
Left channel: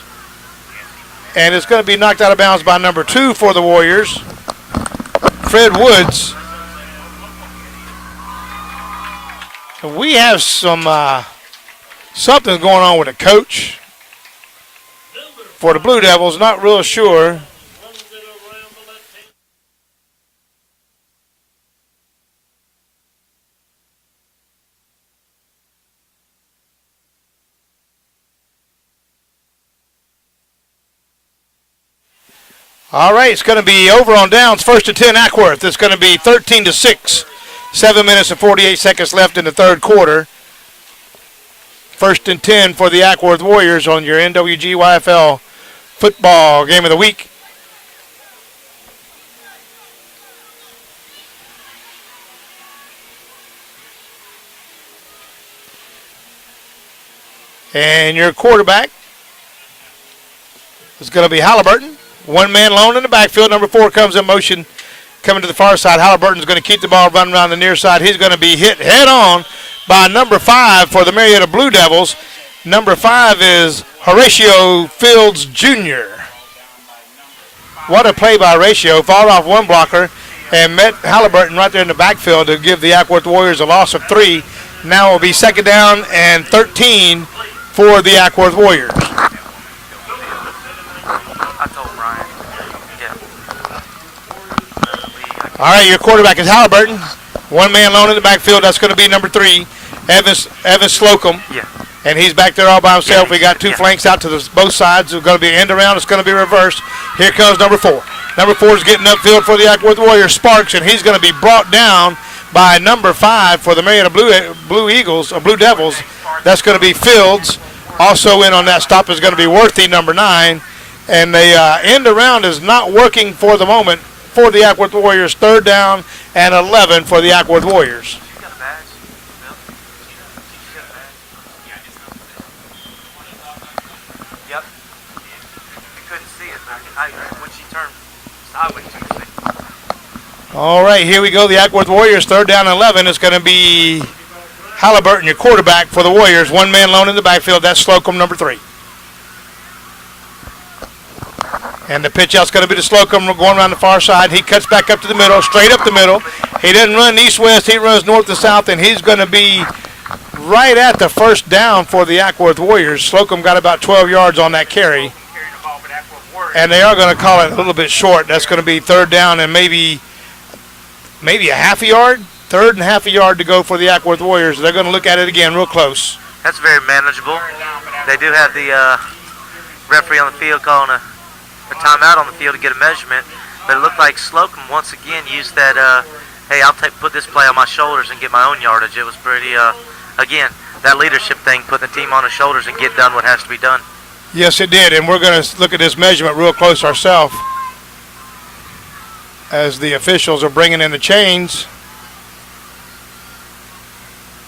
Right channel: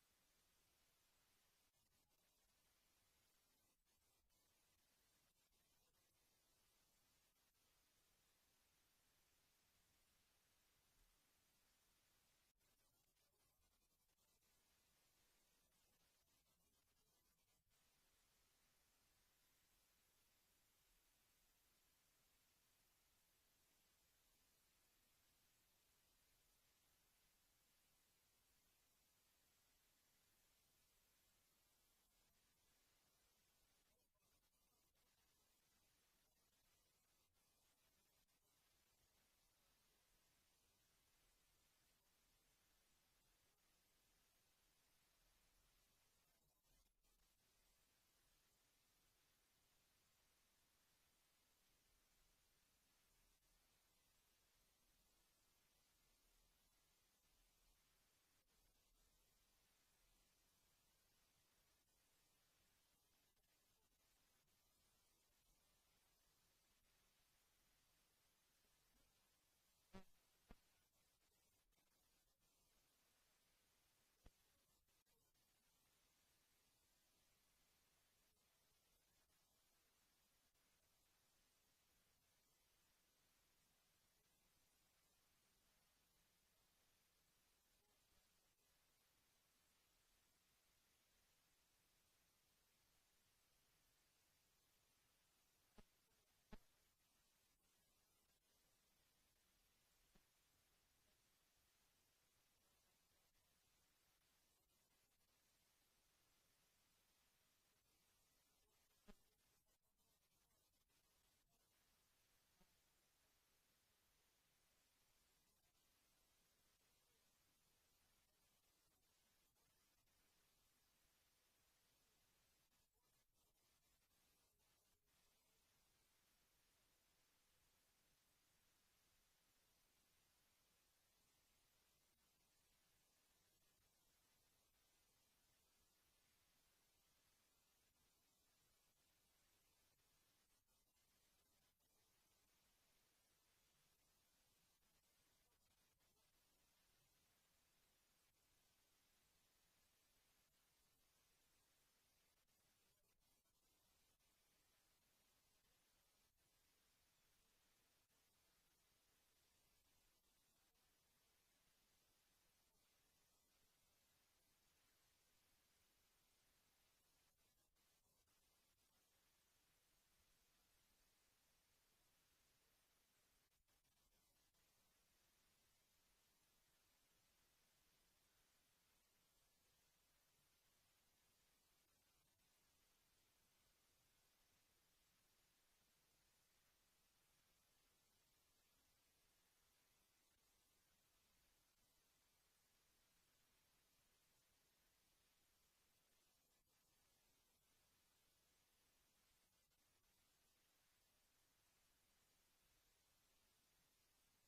And it's going to be knocked out of bounds by number 2 for the Warriors, Fred Woods. We have some something's going on with the coach for the Blue Devils. Not real sure. All right, it's going to be over on downs. 1st and 10, Acworth. It's going to be 13-6. 7 minutes and 48 seconds left in the third quarter. 1st and 10 for the Acworth Warriors on your nwgyfl football game of the week. And your quarterback is going to be Halliburton. One man lone in the backfield. Number 4 comes in motion, coming to the far side. Halliburton's going to keep the ball running around the near side. He's going to be hit head on by number 5 for the Marietta Blue Devils. Number 5 is Horatio Fields Jr. What a play by Horatio. Fouled off one blocker and met Halliburton right there in the backfield to give the Acworth Warriors a loss of 3. Now it will be 2nd down and 13 for the Acworth Warriors. All right, your quarterback is Halliburton. One man lone in the backfield. That's going to be number 3, Evan Slocum. Yeah. And he's back there all by himself. Yeah, we got 2 flanks out to both sides. It's going to be end around. It's going to be reversed. Here comes number 4. Number 4 is getting upfield for the Acworth Warriors, Sparks, and he's going to be brought down by number 5 for the Marietta Blue Devils. That's going to be Fields. Also in on that stop is going to be Worthy, number 9. And the end around is not working for the moment for the Acworth Warriors. 3rd down and 11 for the Acworth Warriors. Yep. You couldn't see it when she turned sideways. All right, here we go. The Acworth Warriors, 3rd down and 11. It's going to be Halliburton, your quarterback for the Warriors. One man lone in the backfield. That's Slocum, number 3. And the pitch out's going to be to Slocum going around the far side. He cuts back up to the middle, straight up the middle. He doesn't run east-west. He runs north to south, and he's going to be right at the 1st down for the Acworth Warriors. Slocum got about 12 yards on that carry. And they are going to call it a little bit short. That's going to be 3rd down and maybe a half a yard. 3rd and half a yard to go for the Acworth Warriors. They're going to look at it again real close. That's very manageable. They do have the referee on the field calling a timeout on the field to get a measurement, but it looked like Slocum once again used that, hey, I'll put this play on my shoulders and get my own yardage. It was pretty, again, that leadership thing, putting the team on his shoulders and get done what has to be done. Yes, it did, and we're going to look at this measurement real close ourselves as the officials are bringing in the chains.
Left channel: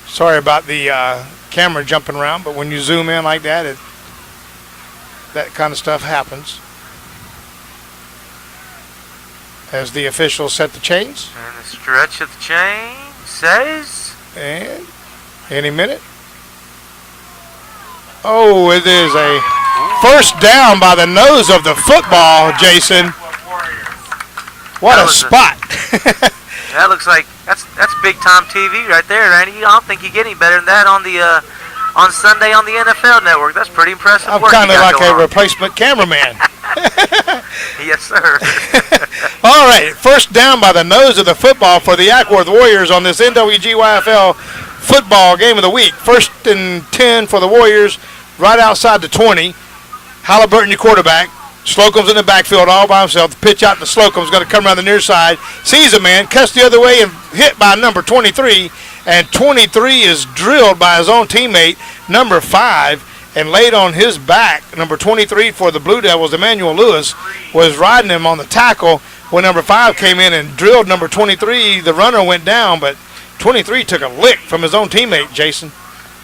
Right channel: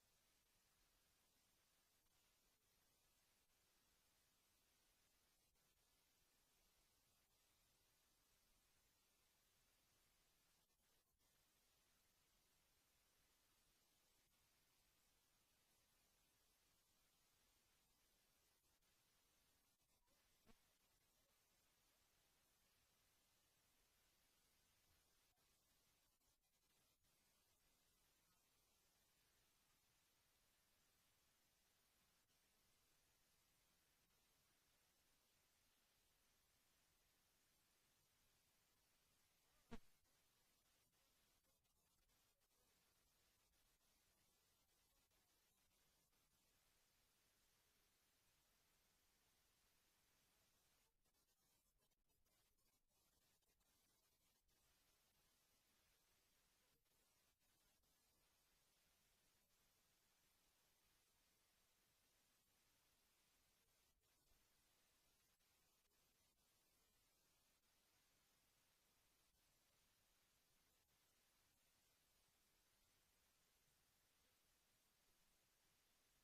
Sorry about the camera jumping around, but when you zoom in like that, that kind of stuff happens. As the officials set the chains. And the stretch of the chain says. And any minute. Oh, it is a 1st down by the nose of the football, Jason. What a spot. That looks like that's big time TV right there, Randy. I don't think you get any better than that on the on Sunday on the NFL Network. That's pretty impressive. I'm kind of like a replacement cameraman. Yes, sir. All right, 1st down by the nose of the football for the Acworth Warriors on this nwgyfl football game of the week. 1st and 10 for the Warriors, right outside the 20. Halliburton, your quarterback. Slocum's in the backfield all by himself. The pitch out to Slocum's going to come around the near side. Sees a man, cuts the other way, and hit by number 23. And 23 is drilled by his own teammate, number 5, and laid on his back. Number 23 for the Blue Devils, Emmanuel Lewis, was riding him on the tackle when number 5 came in and drilled number 23. The runner went down, but 23 took a lick from his own teammate, Jason.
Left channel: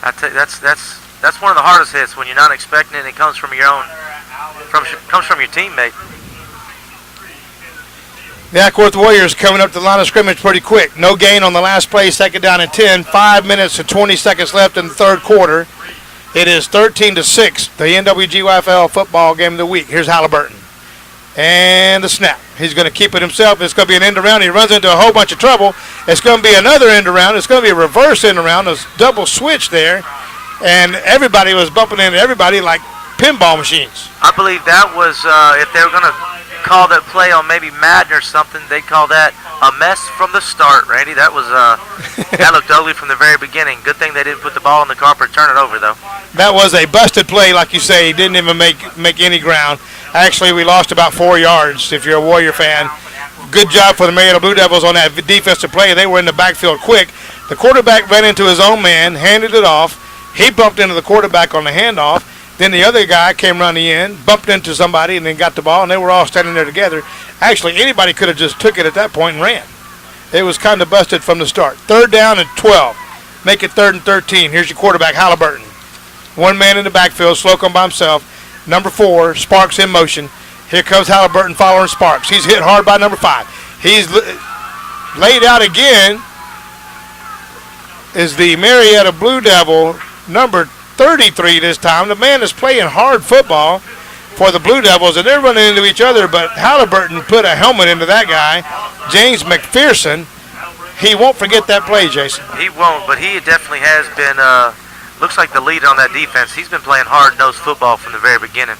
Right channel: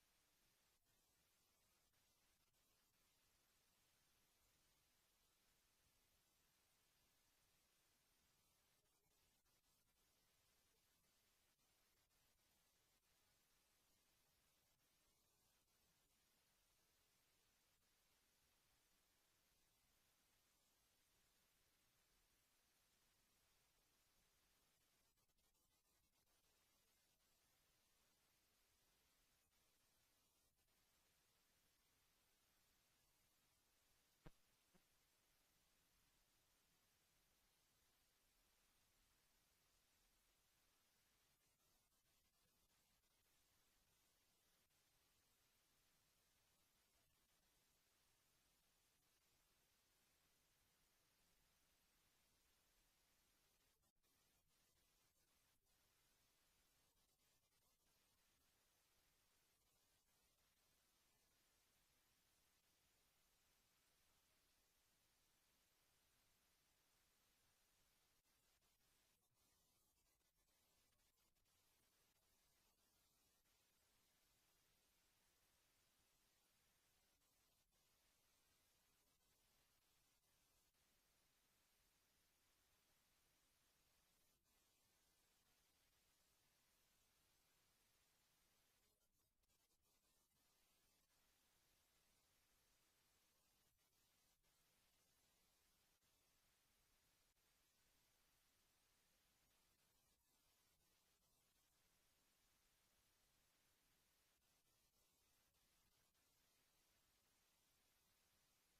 I tell you, that's one of the hardest hits when you're not expecting it and it comes from your own. Comes from your teammate. The Acworth Warriors coming up to the line of scrimmage pretty quick. No gain on the last play, 2nd down and 10. 5 minutes and 20 seconds left in the 3rd quarter. It is 13-6, the NWGYFL football game of the week. Here's Halliburton. And the snap. He's going to keep it himself. It's going to be an end around. He runs into a whole bunch of trouble. It's going to be another end around. It's going to be a reverse end around. A double switch there. And everybody was bumping into everybody like pinball machines. I believe that was, if they were going to call that play on maybe Madden or something, they'd call that a mess from the start, Randy. That was, that looked ugly from the very beginning. Good thing they didn't put the ball on the carpet, turn it over, though. That was a busted play, like you say. He didn't even make any ground. Actually, we lost about 4 yards, if you're a Warrior fan. Good job for the Marietta Blue Devils on that defensive play. They were in the backfield quick. The quarterback ran into his own man, handed it off. He bumped into the quarterback on the handoff. Then the other guy came running in, bumped into somebody, and then got the ball, and they were all standing there together. Actually, anybody could have just took it at that point and ran. It was kind of busted from the start. 3rd down and 12. Make it 3rd and 13. Here's your quarterback, Halliburton. One man in the backfield, Slocum by himself. Number 4, Sparks in motion. Here comes Halliburton following Sparks. He's hit hard by number 5. He's laid out again. Is the Marietta Blue Devil, number 33 this time. The man is playing hard football for the Blue Devils, and they're running into each other, but Halliburton put a helmet into that guy, James McPherson. He won't forget that play, Jason. He won't, but he definitely has been, looks like the leader on that defense. He's been playing hard-nosed football from the very beginning.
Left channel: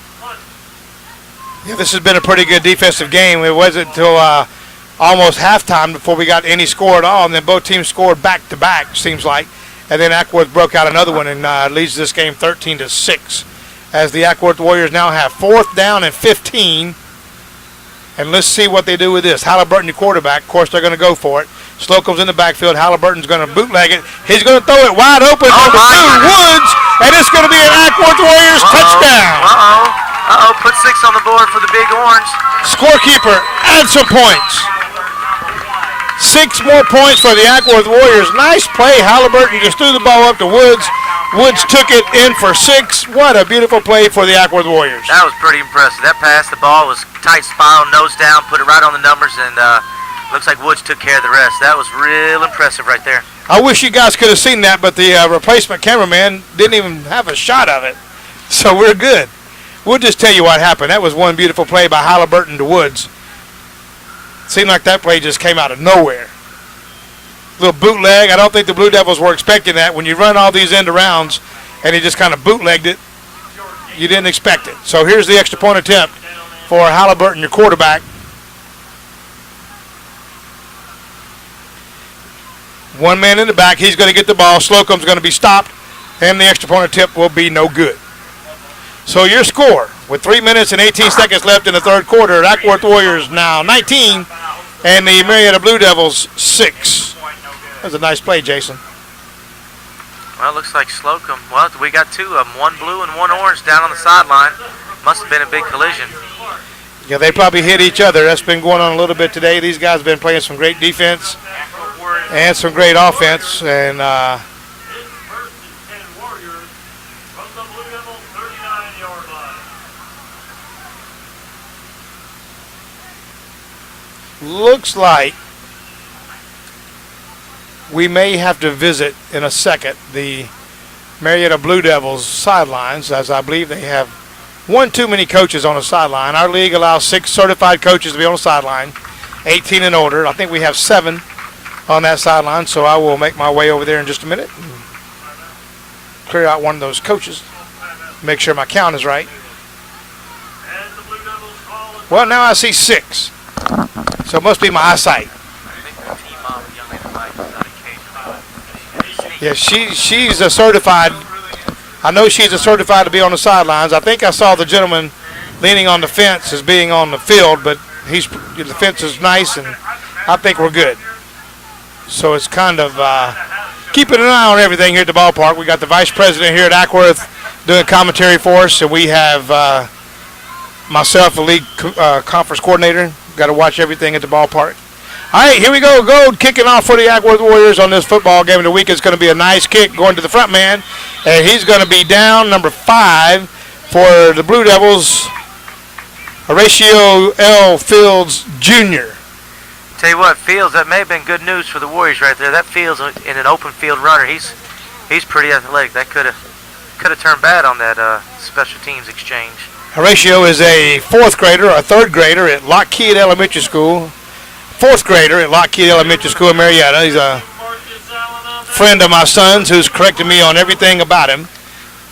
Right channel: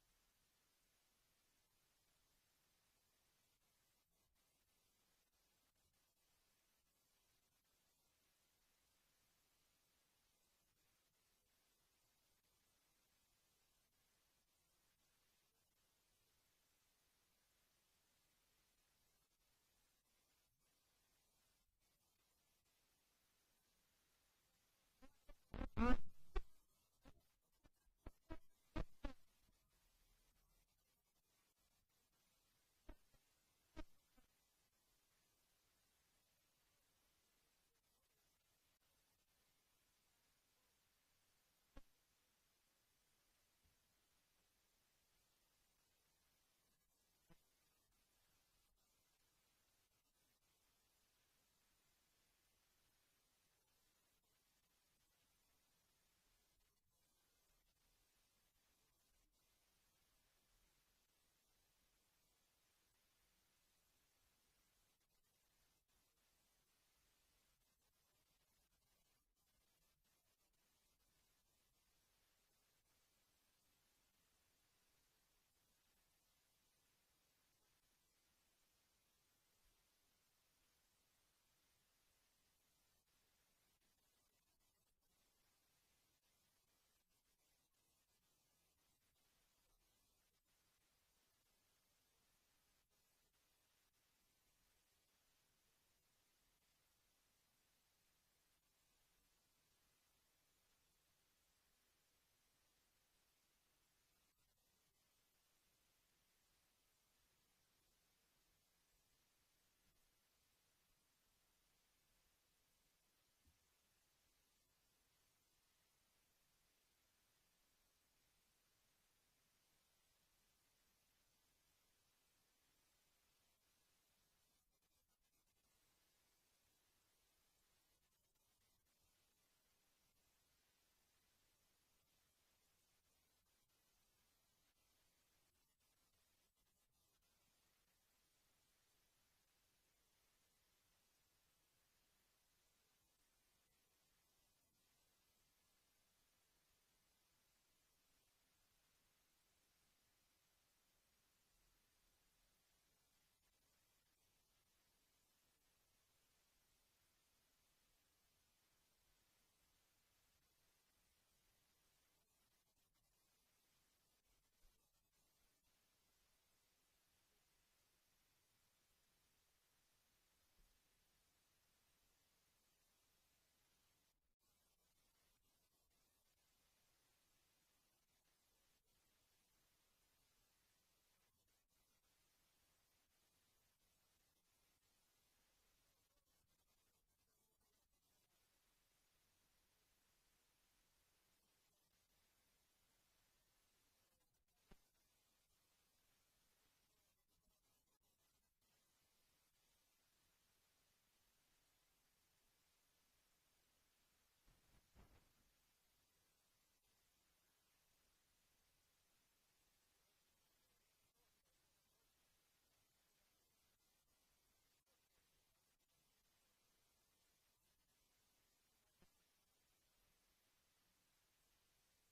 Yeah, this has been a pretty good defensive game. It wasn't until almost halftime before we got any score at all, and then both teams scored back-to-back, seems like. And then Acworth broke out another one and leads this game 13-6. As the Acworth Warriors now have 4th down and 15. And let's see what they do with this. Halliburton, the quarterback. Of course, they're going to go for it. Slocum's in the backfield. Halliburton's going to bootleg it. He's going to throw it wide open. Number 2, Woods. And it's going to be an Acworth Warriors touchdown. Put 6 on the board for the Big Orange. Scorekeeper, add some points. 6 more points for the Acworth Warriors. Nice play. Halliburton just threw the ball up to Woods. Woods took it in for 6. What a beautiful play for the Acworth Warriors. That was pretty impressive. That pass, the ball was tight spiral, nose down, put it right on the numbers, and looks like Woods took care of the rest. That was real impressive right there. I wish you guys could have seen that, but the replacement cameraman didn't even have a shot of it. So we're good. We'll just tell you what happened. That was one beautiful play by Halliburton to Woods. Seemed like that play just came out of nowhere. Little bootleg. I don't think the Blue Devils were expecting that. When you run all these end arounds and he just kind of bootlegged it, you didn't expect it. So here's the extra point attempt for Halliburton, your quarterback. One man in the back. He's going to get the ball. Slocum's going to be stopped, and the extra point attempt will be no good. So your score, with 3 minutes and 18 seconds left in the 3rd quarter, Acworth Warriors now 19, and the Marietta Blue Devils 6. That was a nice play, Jason. Well, it looks like Slocum. Well, we got 2 of them, one blue and one orange down on the sideline. Must have been a big collision. Yeah, they probably hit each other. That's been going on a little bit today. These guys have been playing some great defense and some great offense, and looks like we may have to visit in a second the Marietta Blue Devils sidelines, as I believe they have one too many coaches on the sideline. Our league allows 6 certified coaches to be on the sideline, 18 and older. I think we have 7 on that sideline, so I will make my way over there in just a minute and clear out one of those coaches, make sure my count is right. Well, now I see 6. So it must be my eyesight. Yeah, she's a certified. I know she's a certified to be on the sidelines. I think I saw the gentleman leaning on the fence as being on the field, but the fence is nice, and I think we're good. So it's kind of keeping an eye on everything here at the ballpark. We got the vice president here at Acworth doing commentary for us, and we have myself, the league conference coordinator. Got to watch everything at the ballpark. All right, here we go. Gold kicking off for the Acwworth Warriors on this football game of the week. It's going to be a nice kick going to the front man, and he's going to be down, number 5 for the Blue Devils, Horatio L. Fields Jr. Tell you what, Fields, that may have been good news for the Warriors right there. That Fields in an open field runner, he's pretty athletic. That could have turned bad on that special teams exchange. Horatio is a 4th grader, a 3rd grader at Lockheed Elementary School. 4th grader at Lockheed Elementary School in Marietta. He's a friend of my son's who's corrected me on everything about him,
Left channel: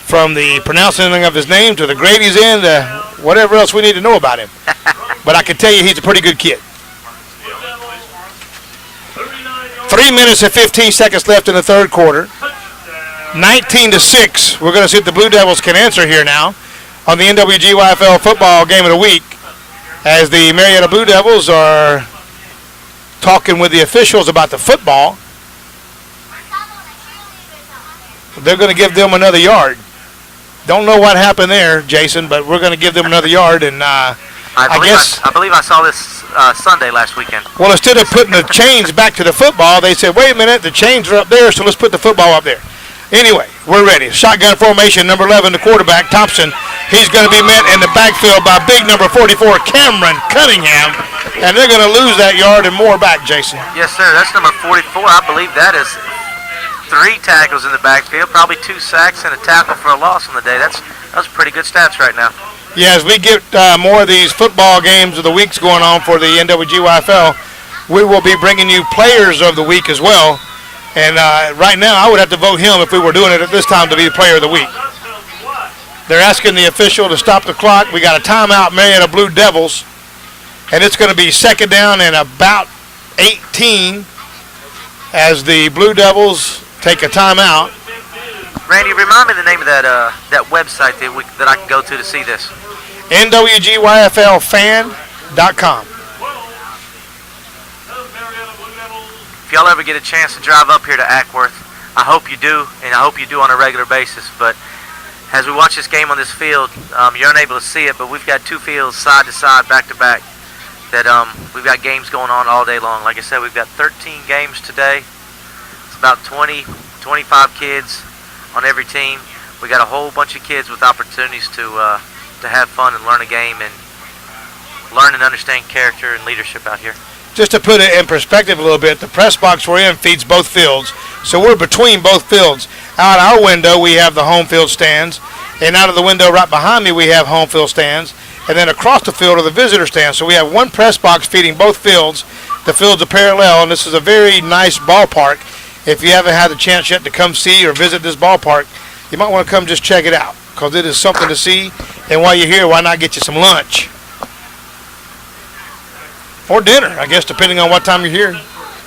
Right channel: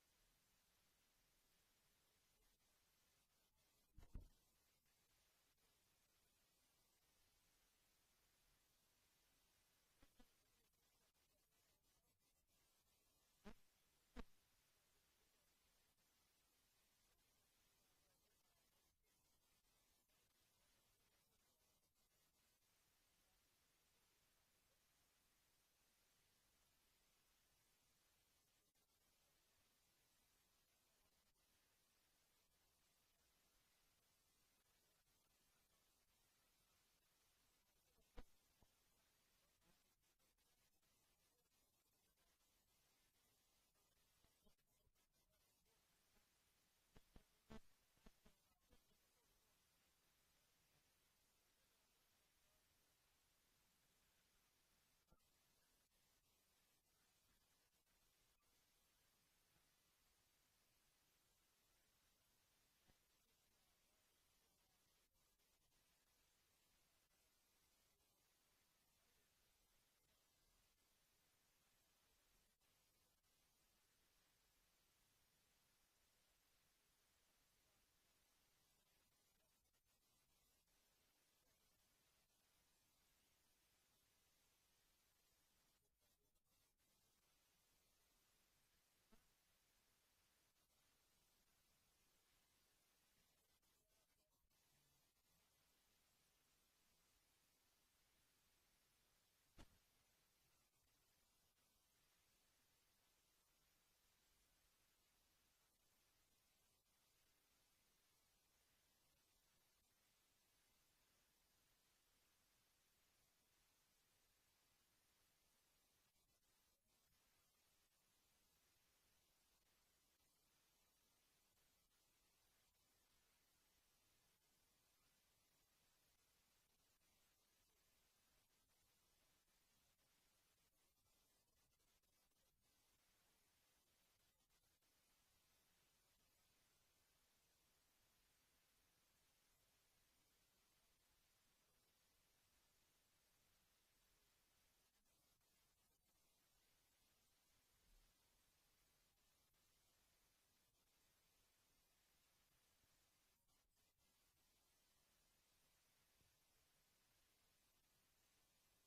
from the pronouncing of his name to the grade he's in to whatever else we need to know about him. But I can tell you he's a pretty good kid. 3 minutes and 15 seconds left in the 3rd quarter. 19-6. We're going to see if the Blue Devils can answer here now on the NWGYFL football game of the week, as the Marietta Blue Devils are talking with the officials about the football. They're going to give them another yard. Don't know what happened there, Jason, but we're going to give them another yard, and I believe I saw this Sunday last weekend. Well, instead of putting the chains back to the football, they said, wait a minute, the chains are up there, so let's put the football up there. Anyway, we're ready. Shotgun formation, number 11, the quarterback, Thompson. He's going to be met in the backfield by big number 44, Cameron Cunningham, and they're going to lose that yard and more back, Jason. Yes, sir. That's number 44. I believe that is 3 tackles in the backfield, probably 2 sacks and a tackle for a loss on the day. That's pretty good stats right now. Yeah, as we get more of these football games of the weeks going on for the NWGYFL, we will be bringing you players of the week as well. And right now, I would have to vote him if we were doing it at this time to be the player of the week. They're asking the official to stop the clock. We got a timeout, Marietta Blue Devils, and it's going to be 2nd down and about 18 as the Blue Devils take a timeout. Randy, remind me the name of that website that I can go to see this. nwgyflfan.com. If y'all ever get a chance to drive up here to Acworth, I hope you do, and I hope you do on a regular basis. But as we watch this game on this field, you're unable to see it, but we've got 2 fields side to side, back to back, that we've got games going on all day long. Like I said, we've got 13 games today. It's about 20, 25 kids on every team. We got a whole bunch of kids with opportunities to have fun and learn a game and learn and understand character and leadership out here. Just to put it in perspective a little bit, the press box we're in feeds both fields, so we're between both fields. Out our window, we have the home field stands, and out of the window right behind me, we have home field stands, and then across the field are the visitor stands. So we have one press box feeding both fields. The fields are parallel, and this is a very nice ballpark. If you haven't had the chance yet to come see or visit this ballpark, you might want to come just check it out, because it is something to see. And while you're here, why not get you some lunch? Or dinner, I guess, depending on what time you're here.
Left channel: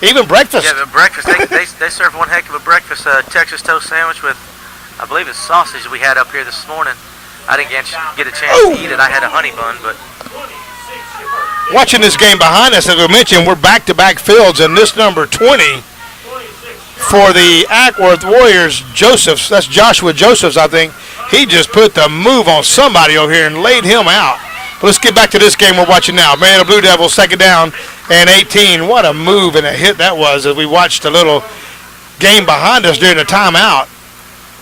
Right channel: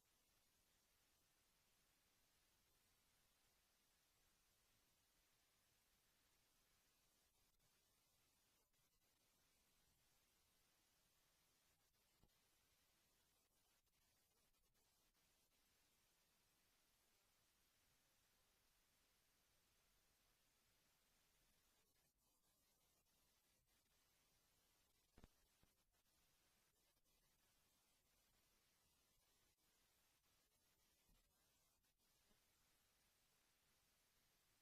Even breakfast. Yeah, but breakfast. They serve one heck of a breakfast. Texas toast sandwich with, I believe it's sausage we had up here this morning. I didn't get a chance to eat it. I had a honey bun, but. Watching this game behind us, as we mentioned, we're back-to-back fields, and this number 20 for the Acwworth Warriors, Josephs, that's Joshua Josephs, I think. He just put the move on somebody over here and laid him out. But let's get back to this game we're watching now. Marietta Blue Devils, 2nd down and 18. What a move and a hit that was as we watched a little game behind us during the timeout.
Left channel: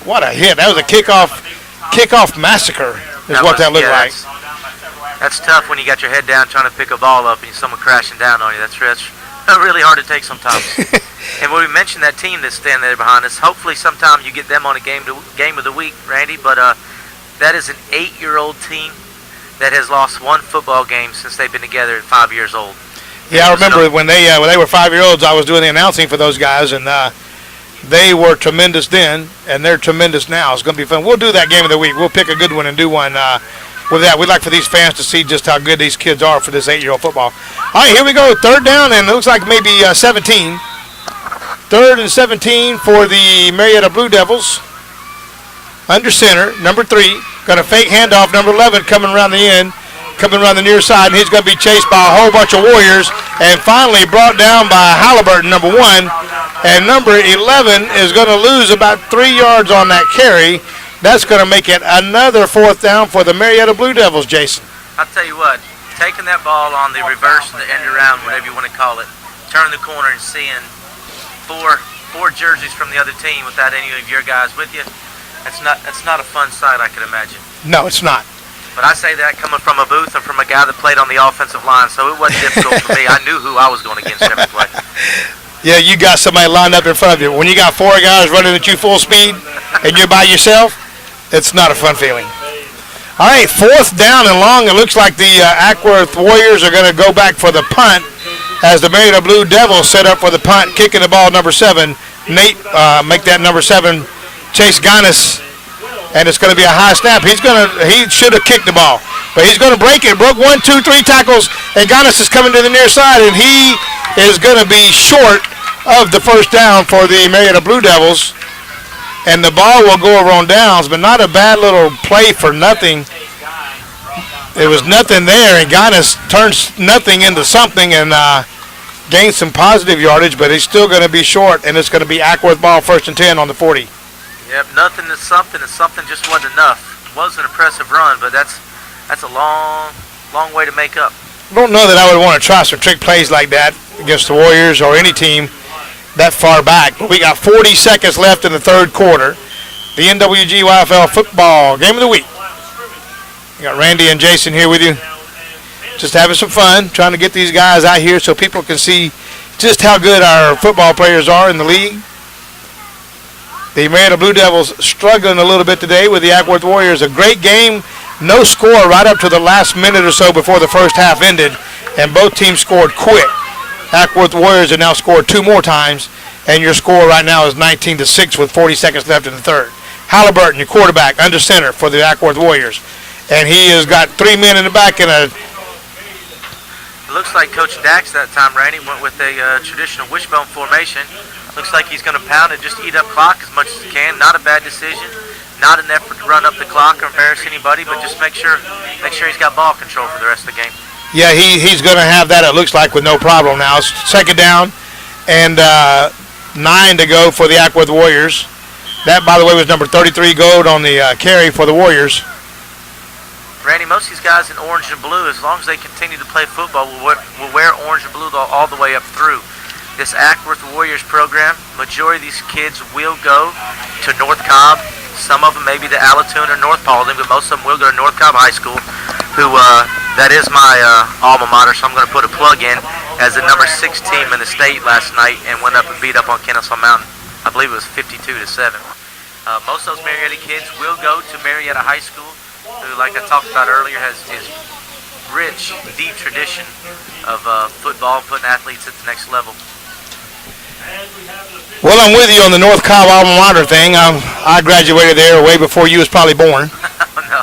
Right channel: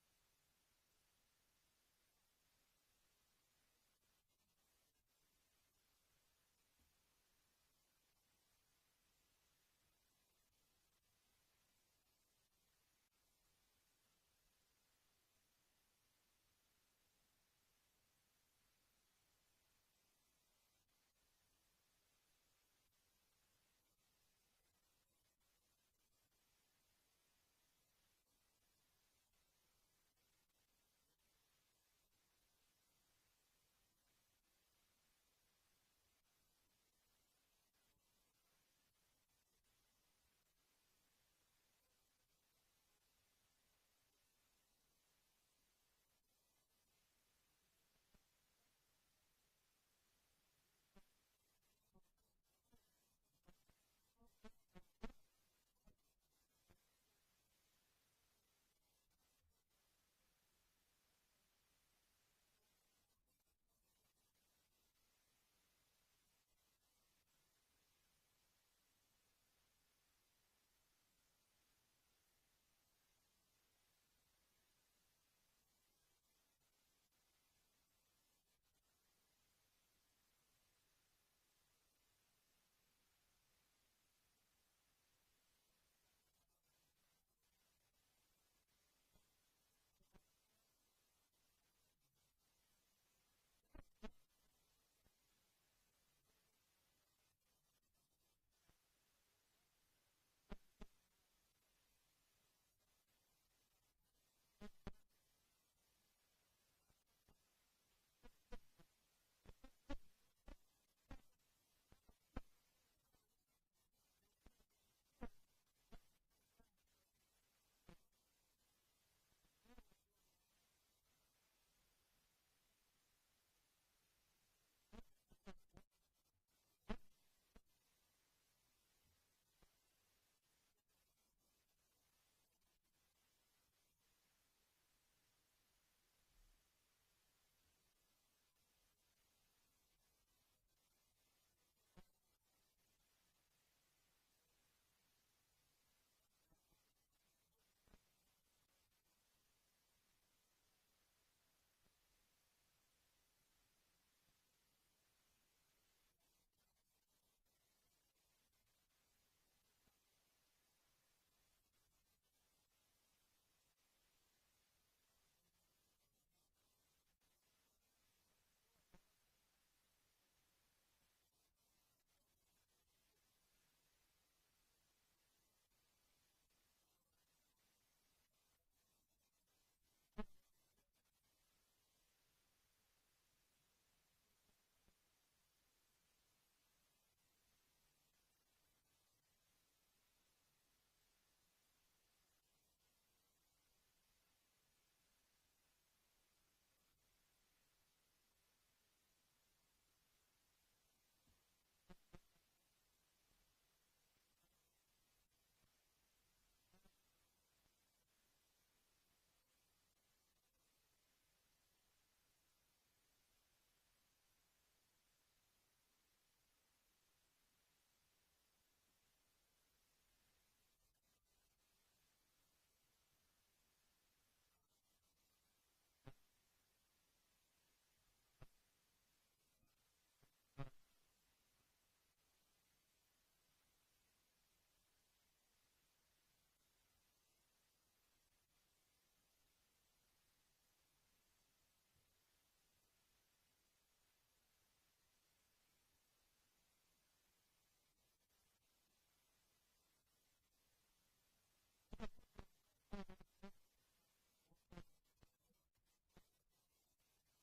What a hit. That was a kickoff massacre is what that looked like. That's tough when you got your head down trying to pick a ball up and someone crashing down on you. That's really hard to take sometimes. And when we mentioned that team that's standing there behind us, hopefully sometime you get them on a game of the week, Randy. But that is an 8-year-old team that has lost 1 football game since they've been together at 5 years old. Yeah, I remember when they were 5-year-olds, I was doing the announcing for those guys, and they were tremendous then, and they're tremendous now. It's going to be fun. We'll do that game of the week. We'll pick a good one and do one with that. We'd like for these fans to see just how good these kids are for this 8-year-old football. All right, here we go. 3rd down, and it looks like maybe 17. 3rd and 17 for the Marietta Blue Devils. Under center, number 3. Got a fake handoff, number 11 coming around the end, coming around the near side, and he's going to be chased by a whole bunch of Warriors and finally brought down by Halliburton, number 1. And number 11 is going to lose about 3 yards on that carry. That's going to make it another 4th down for the Marietta Blue Devils, Jason. I'll tell you what, taking that ball on the reverse, the end around, whatever you want to call it, turning the corner and seeing four jerseys from the other team without any of your guys with you, that's not a fun sight, I could imagine. No, it's not. But I say that coming from a booth and from a guy that played on the offensive line, so it wasn't difficult for me. I knew who I was going against every play. Yeah, you got somebody lined up in front of you. When you got 4 guys running at you full speed and you're by yourself, it's not a fun feeling. All right, 4th down and long. It looks like the Acworth Warriors are going to go back for the punt as the Marietta Blue Devils set up for the punt, kicking the ball, number 7. Nate, make that number 7, Chase Ganis, and it's going to be a high snap. He should have kicked the ball, but he's going to break it. Broke 1, 2, 3 tackles, and Ganis is coming to the near side, and he is going to be short of the 1st down for the Marietta Blue Devils. And the ball will go over on downs, but not a bad little play for nothing. There was nothing there, and Ganis turns nothing into something and gains some positive yardage, but he's still going to be short, and it's going to be Acworth ball, 1st and 10 on the 40. Yep, nothing is something, and something just wasn't enough. It was an impressive run, but that's a long way to make up. I don't know that I would want to try some trick plays like that against the Warriors or any team that far back. But we got 40 seconds left in the 3rd quarter. The nwgyfl football game of the week. We got Randy and Jason here with you. Just having some fun, trying to get these guys out here so people can see just how good our football players are in the league. The Marietta Blue Devils struggling a little bit today with the Acworth Warriors. A great game, no score right up to the last minute or so before the first half ended, and both teams scored quick. Acworth Warriors have now scored 2 more times, and your score right now is 19-6 with 40 seconds left in the 3rd. Halliburton, your quarterback, under center for the Acworth Warriors, and he has got 3 men in the back and a... It looks like Coach Dax that time, Randy, went with a traditional wishbone formation. Looks like he's going to pound and just eat up clock as much as he can. Not a bad decision. Not an effort to run up the clock or embarrass anybody, but just make sure he's got ball control for the rest of the game. Yeah, he's going to have that, it looks like, with no problem now. It's 2nd down and 9 to go for the Acworth Warriors. That, by the way, was number 33 Gold on the carry for the Warriors. Randy, most of these guys in orange and blue, as long as they continue to play football, will wear orange and blue all the way up through. This Acworth Warriors program, majority of these kids will go to North Cobb. Some of them maybe to Allatoona or North Paulding, but most of them will go to North Cobb High School, who that is my alma mater, so I'm going to put a plug in as the number 6 team in the state last night and went up and beat up on Kennesaw Mountain. I believe it was 52-7. Most of those Marietta kids will go to Marietta High School, who, like I talked about earlier, has rich, deep tradition of football, putting athletes at the next level. Well, I'm with you on the North Cobb alma mater thing. I graduated there way before you was probably born. Oh, no.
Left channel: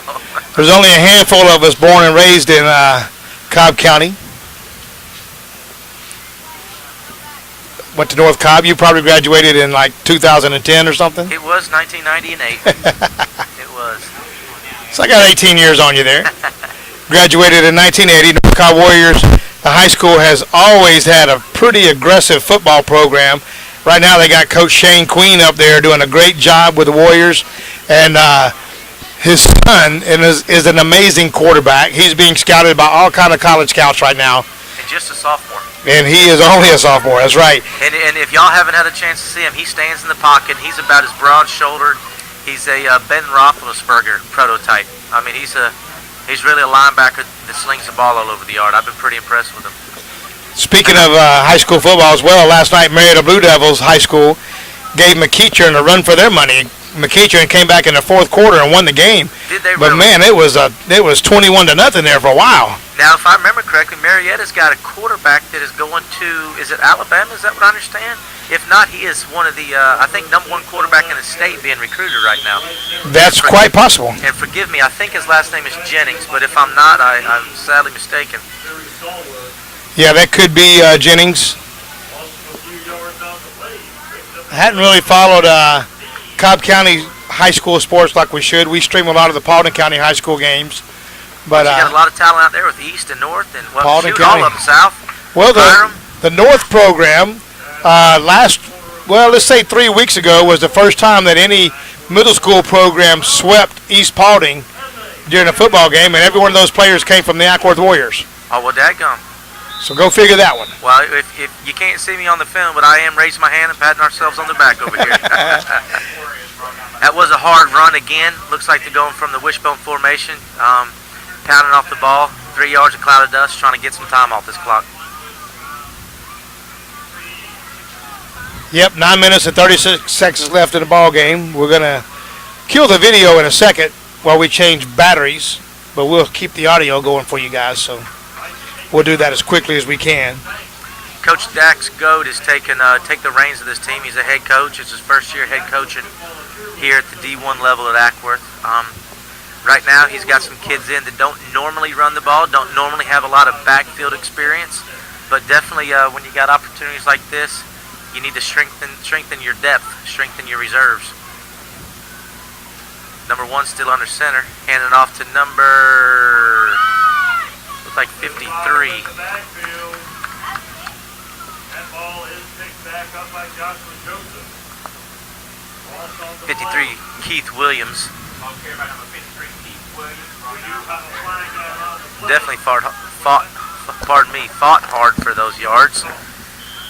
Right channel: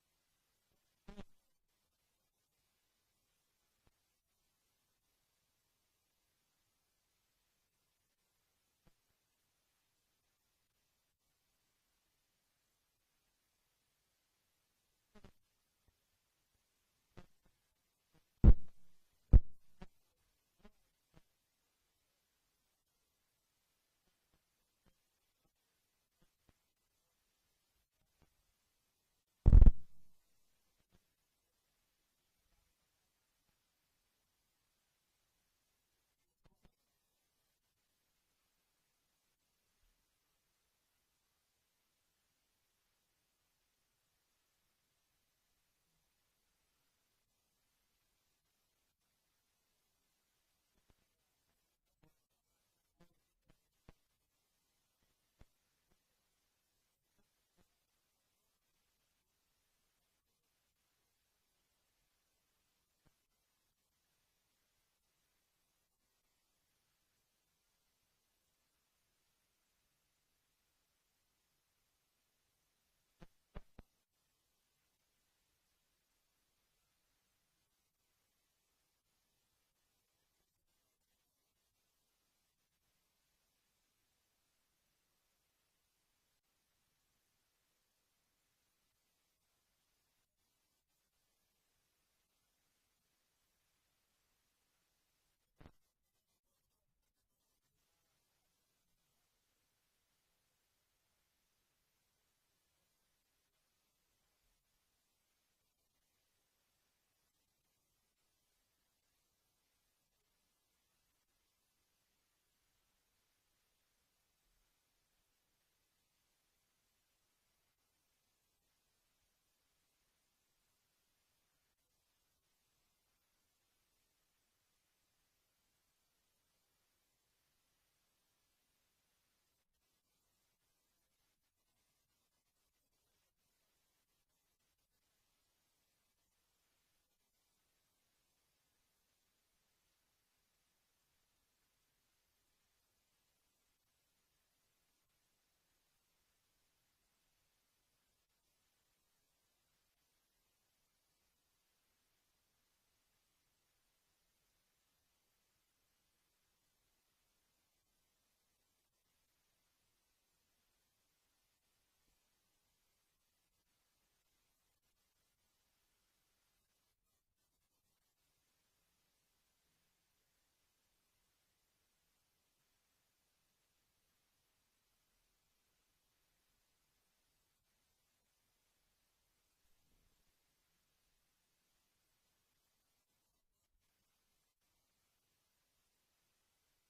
There's only a handful of us born and raised in Cobb County. Went to North Cobb. You probably graduated in like 2010 or something? It was 1990 and 8. It was. So I got 18 years on you there. Graduated in 1980. North Cobb Warriors, the high school, has always had a pretty aggressive football program. Right now they got Coach Shane Queen up there doing a great job with the Warriors. And his son is an amazing quarterback. He's being scouted by all kind of college scouts right now. And just a sophomore. And he is only a sophomore, that's right. And if y'all haven't had a chance to see him, he stands in the pocket. He's about as broad-shouldered. He's a Ben Roethlisberger prototype. I mean, he's really a linebacker that slings the ball all over the yard. I've been pretty impressed with him. Speaking of high school football as well, last night Marietta Blue Devils High School gave McEachern a run for their money. McEachern came back in the 4th quarter and won the game. Did they but really? Man, it was 21-0 there for a while. Now, if I remember correctly, Marietta's got a quarterback that is going to, is it Alabama? Is that what I understand? If not, he is one of the, I think, number 1 quarterback in the state being recruited right now. That's quite possible. And forgive me, I think his last name is Jennings, but if I'm not, I'm sadly mistaken. Yeah, that could be Jennings. I hadn't really followed Cobb County high school sports like we should. We stream a lot of the Paulding County high school games. But you got a lot of talent out there with East and North and Paulding all County. up South. Well, the North program let's say 3 weeks ago was the first time that any middle school program swept East Paulding during a football game, and every one of those players came from the Acworth Warriors. Oh, well, dadgum. So go figure that one. Well, if you can't see me on the film, but I am raising my hand and patting ourselves on the back over here. That was a hard run again. Looks like they're going from the wishbone formation, pounding off the ball, 3 yards of cloud of dust, trying to get some time off this clock. Yep, 9 minutes and 36 seconds left in the ball game. We're going to kill the video in a second while we change batteries, but we'll keep the audio going for you guys, so we'll do that as quickly as we can. Coach Dax Goad has take the reins of this team. He's a head coach. It's his first year head coaching here at the D1 level at Acworth. Right now he's got some kids in that don't normally run the ball, don't normally have a lot of backfield experience, but definitely when you got opportunities like this, you need to strengthen your depth, strengthen your reserves. Number 1 still under center, handing off to number, looks like 53. 53, Keith Williams. Definitely fought hard for those yards.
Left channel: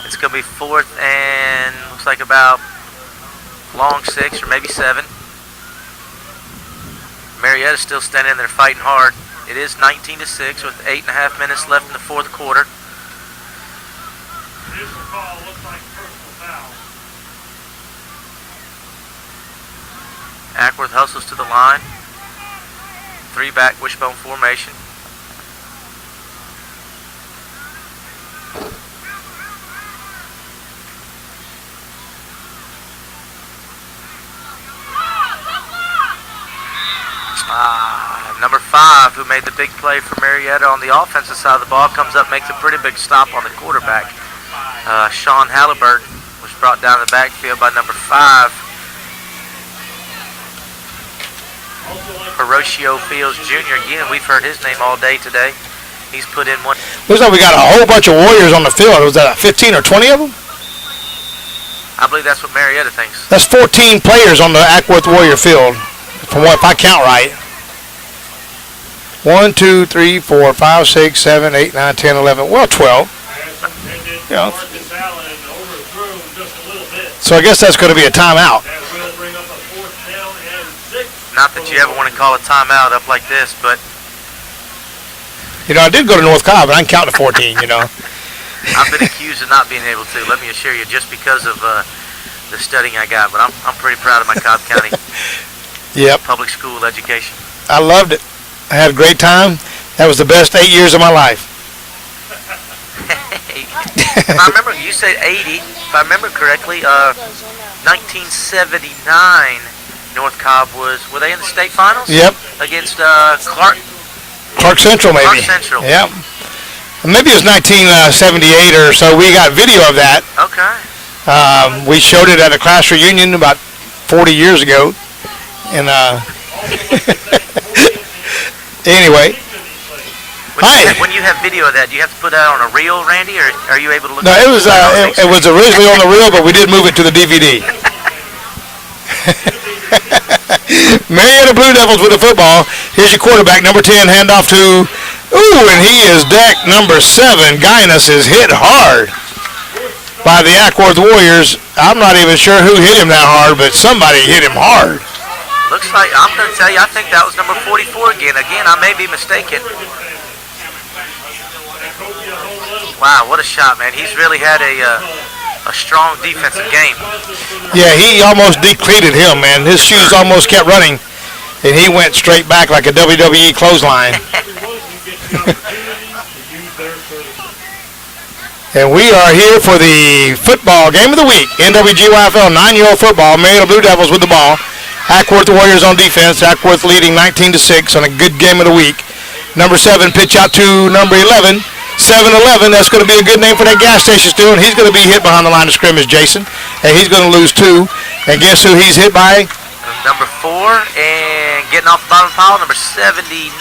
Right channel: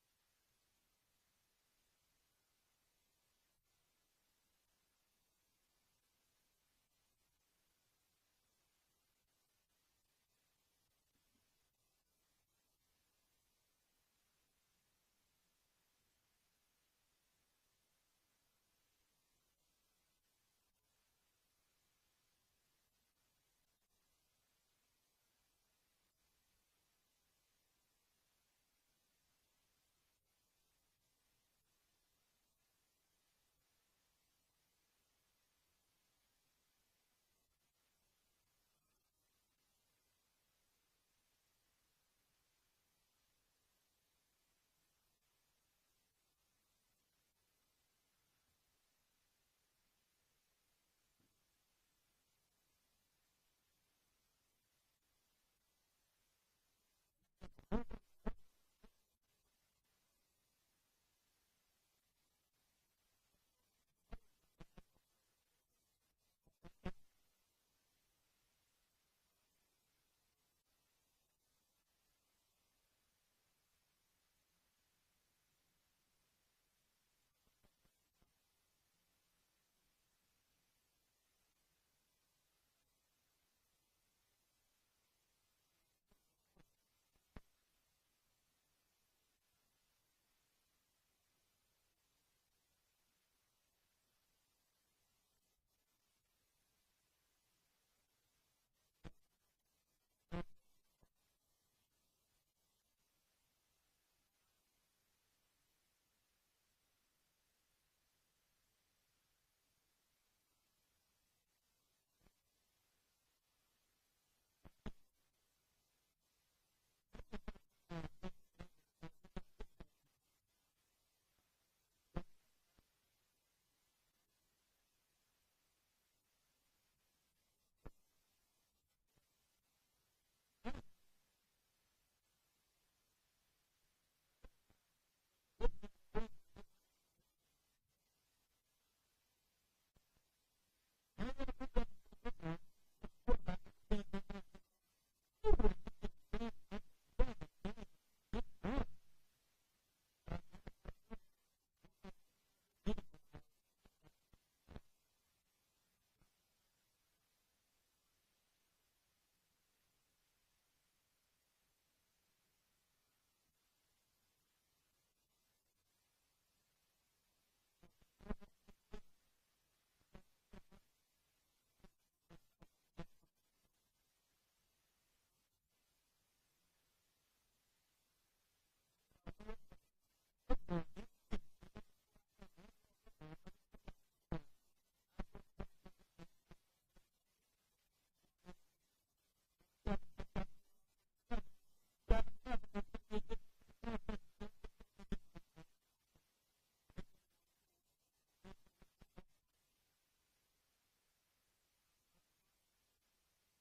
It's going to be 4th and looks like about long 6 or maybe 7. Marietta's still standing there fighting hard. It is 19-6 with 8.5 minutes left in the 4th quarter. Acworth hustles to the line. 3-back wishbone formation. Number 5, who made the big play for Marietta on the offensive side of the ball, comes up, makes a pretty big stop on the quarterback. Sean Halliburton was brought down the backfield by number 5. Horatio Fields Jr. Again, we've heard his name all day today. He's put in one. Looks like we got a whole bunch of Warriors on the field. Was that 15 or 20 of them? I believe that's what Marietta thinks. That's 14 players on the Acworth Warrior field, from what, if I count right. 1, 2, 3, 4, 5, 6, 7, 8, 9, 10, 11. Well, 12. Yeah. So I guess that's going to be a timeout. Not that you ever want to call a timeout up like this, but you know, I did go to North Cobb, and I can count to 14. You know. I've been accused of not being able to. Let me assure you, just because of the studying I got. But I'm pretty proud of my Cobb County public school education. I loved it. I had a great time. That was the best 8 years of my life. If I remember, you said 80. If I remember correctly, 1979, North Cobb were they in the state finals? Yep. Against Clark Central, maybe. Clark Central. Yep. Maybe it was 1978 or so. We got video of that. Okay. We showed it at a class reunion about 40 years ago. And anyway. When you have video of that, do you have to put that on a reel, Randy, or are you able to look No, at it was originally on the reel, but we did move it to the DVD. Marietta Blue Devils with the football. Here's your quarterback, number 10, handoff to, and he is decked, number 7. Guinness is hit hard by the Acworth Warriors. I'm not even sure who hit him that hard, but somebody hit him hard. Looks like, I'm going to tell you, I think that was number 44 again. Again, I may be mistaken. Wow, what a shot, man. He's really had a strong defensive game. Yeah, he almost depleted him, man. His shoes almost kept running, and he went straight back like a WWE clothesline. And we are here for the football game of the week. nwgyfl 9-year-old football. Marietta Blue Devils with the ball. Acworth Warriors on defense. Acworth leading 19-6 on a good game of the week. Number 7 pitch out to number 11. 7-11, that's going to be a good name for that gas station still, and he's going to be hit behind the line of scrimmage, Jason. and he's going to lose 2. And guess who he's hit by? Number 4, and getting off the bottom pile, number 79.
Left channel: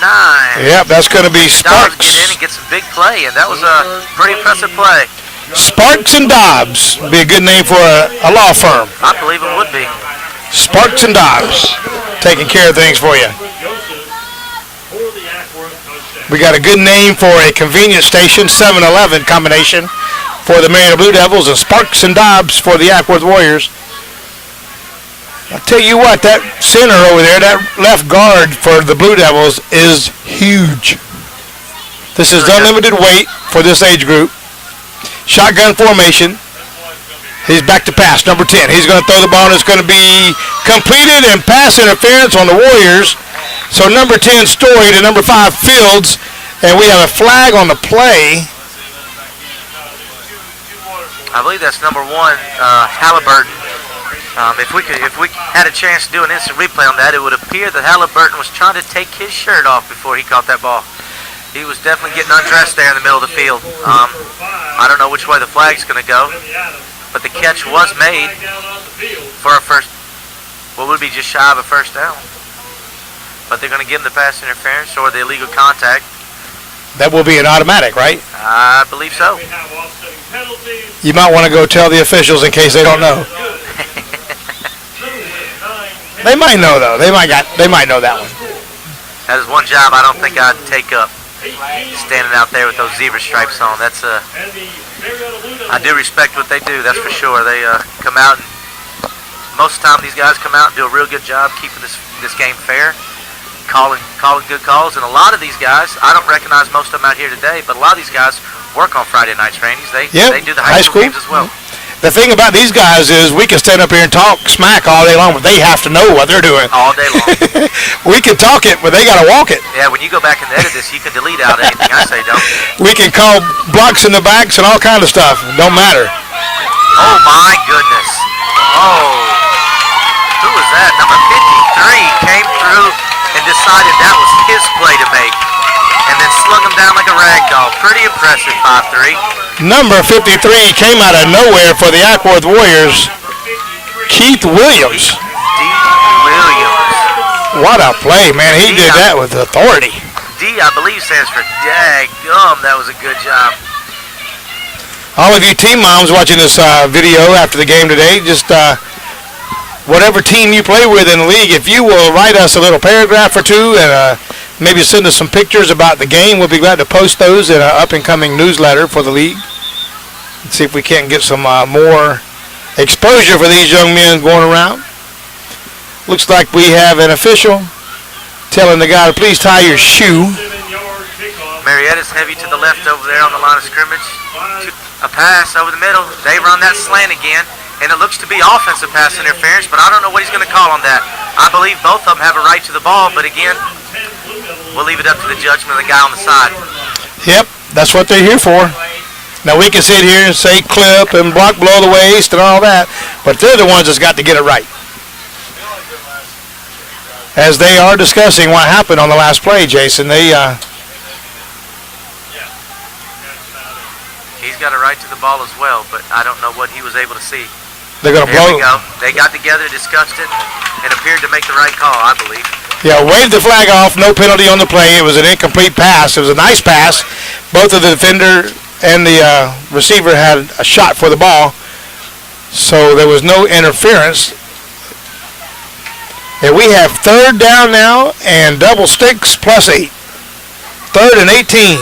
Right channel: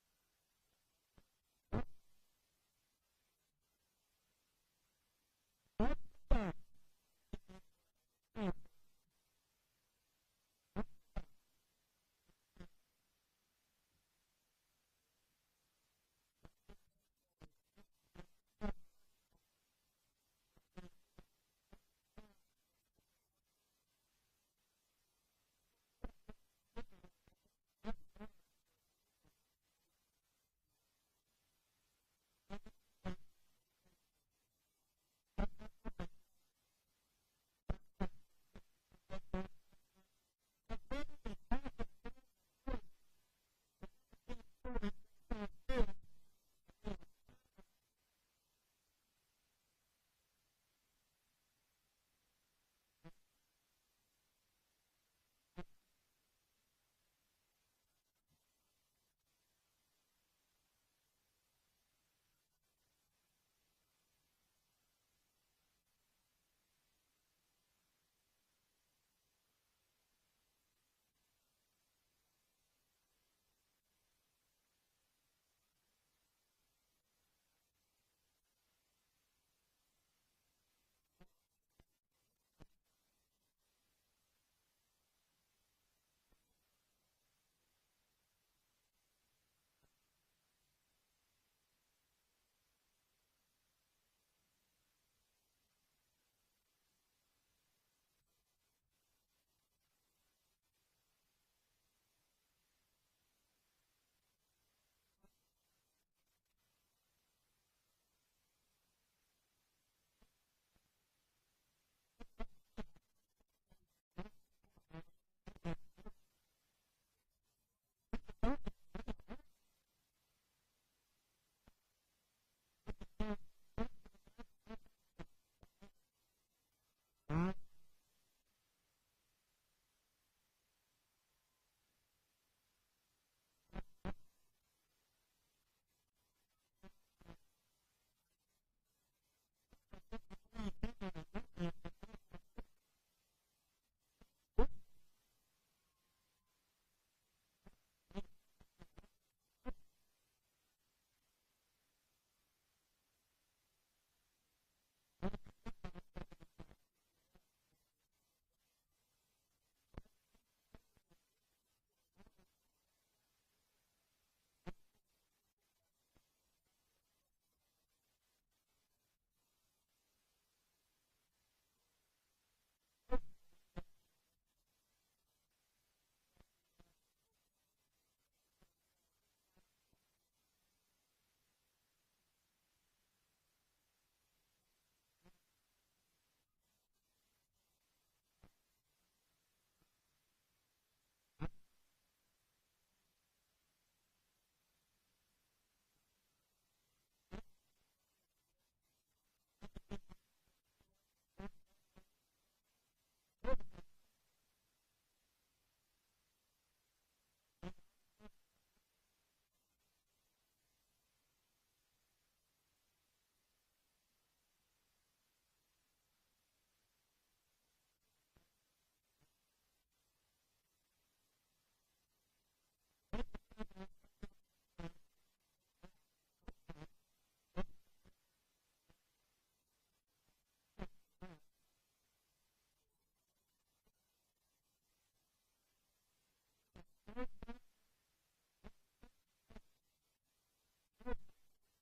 Yep, that's going to be Sparks. Get in and get some big play, and that was a pretty impressive play. Sparks and Dobbs would be a good name for a law firm. I believe it would be. Sparks and Dobbs, taking care of things for you. We got a good name for a convenience station, 7-Eleven combination for the Marietta Blue Devils, and Sparks and Dobbs for the Acwworth Warriors. I'll tell you what, that center over there, that left guard for the Blue Devils is huge. This is unlimited weight for this age group. Shotgun formation. He's back to pass, number 10. He's going to throw the ball, and it's going to be completed, and pass interference on the Warriors. So number 10, Story, to number 5, Fields, and we have a flag on the play. I believe that's number 1, Halliburton. If we had a chance to do an instant replay on that, it would appear that Halliburton was trying to take his shirt off before he caught that ball. He was definitely getting undressed there in the middle of the field. I don't know which way the flag's going to go, but the catch was made for a first, what would be just shy of a first down. But they're going to give him the pass interference or the illegal contact. That will be an automatic, right? I believe so. You might want to go tell the officials in case they don't know. They might know, though. They might know that one. That is one job I don't think I'd take up, standing out there with those zebra stripes on. That's I do respect what they do, that's for sure. They come out, and most of the time these guys come out and do a real good job keeping this game fair, calling good calls. And a lot of these guys, I don't recognize most of them out here today, but a lot of these guys work on Friday nights, Randy's. They do the high school games as well. The thing about these guys is we can stand up here and talk smack all day long, but they have to know what they're doing. All day long. We can talk it, but they got to walk it. Yeah, when you go back and edit this, you can delete out anything I say, don't you? We can call blocks in the backs and all kind of stuff. Don't matter. Oh, my goodness. Oh, who was that? Number 53 came through and decided that was his play to make, and then slung him down like a rag doll. Pretty impressive, 5'3". Number 53 came out of nowhere for the Acwworth Warriors, Keith Williams. Williams. What a play, man. He did that with authority. D, I believe, stands for daggum. That was a good job. All of you team moms watching this video after the game today, just whatever team you play with in the league, if you will write us a little paragraph or two and maybe send us some pictures about the game, we'll be glad to post those in an up-and-coming newsletter for the league. Let's see if we can't get some more exposure for these young men going around. Looks like we have an official telling the guy to please tie your shoe. Marietta's heavy to the left over there on the line of scrimmage. A pass over the middle. They run that slant again, and it looks to be offensive pass interference, but I don't know what he's going to call on that. I believe both of them have a right to the ball, but again, we'll leave it up to the judgment of the guy on the side. Yep, that's what they're here for. Now, we can sit here and say clip and block below the waist and all that, but they're the ones that's got to get it right. As they are discussing what happened on the last play, Jason, they... He's got a right to the ball as well, but I don't know what he was able to see. They're going to blow. There we go. They got together, discussed it, and appeared to make the right call, I believe. Yeah, waved the flag off, no penalty on the play. It was an incomplete pass. It was a nice pass. Both of the defender and the receiver had a shot for the ball, so there was no interference. And we have third down now and double sticks plus 8. 3rd and 18.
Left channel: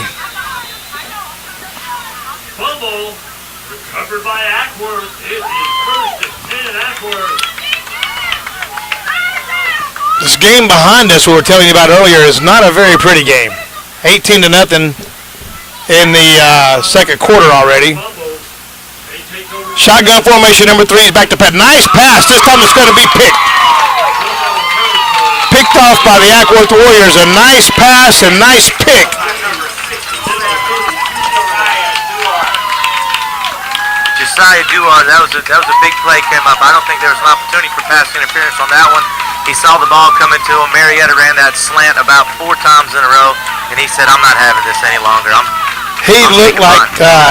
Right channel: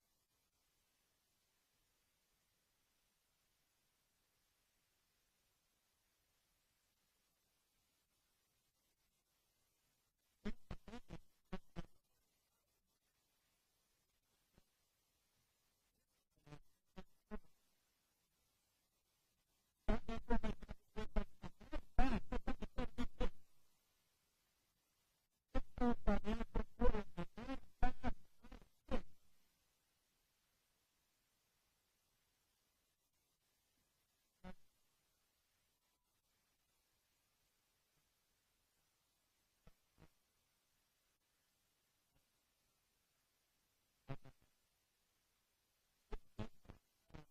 Fumble recovered by Acworth. It is 1st and 10 Acworth. This game behind us, we were telling you about earlier, is not a very pretty game. 18-0 in the second quarter already. Shotgun formation number 3 is back to Pat. Nice pass. This time it's going to be picked. Picked off by the Acwworth Warriors. A nice pass and nice pick. Josiah Duar, that was a big play came up. I don't think there was an opportunity for pass interference on that one. He saw the ball coming to him. Marietta ran that slant about 4 times in a row, and he said, I'm not having this any longer. He looked like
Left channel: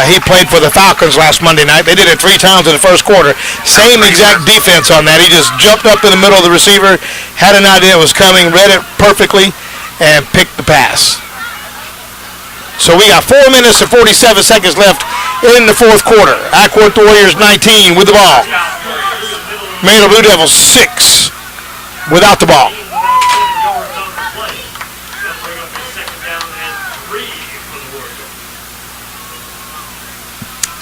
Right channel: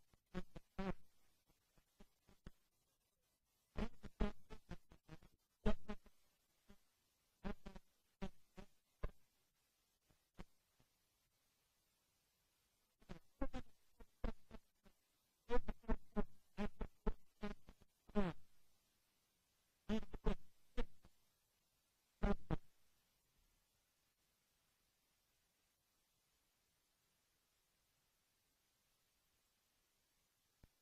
he played for the Falcons last Monday night. They did it 3 times in the first quarter. Same exact defense on that. He just jumped up in the middle of the receiver, had an idea it was coming, read it perfectly, and picked the pass. So we got 4 minutes and 47 seconds left in the fourth quarter. Acworth Warriors 19 with the ball. Marietta Blue Devils 6 without the ball.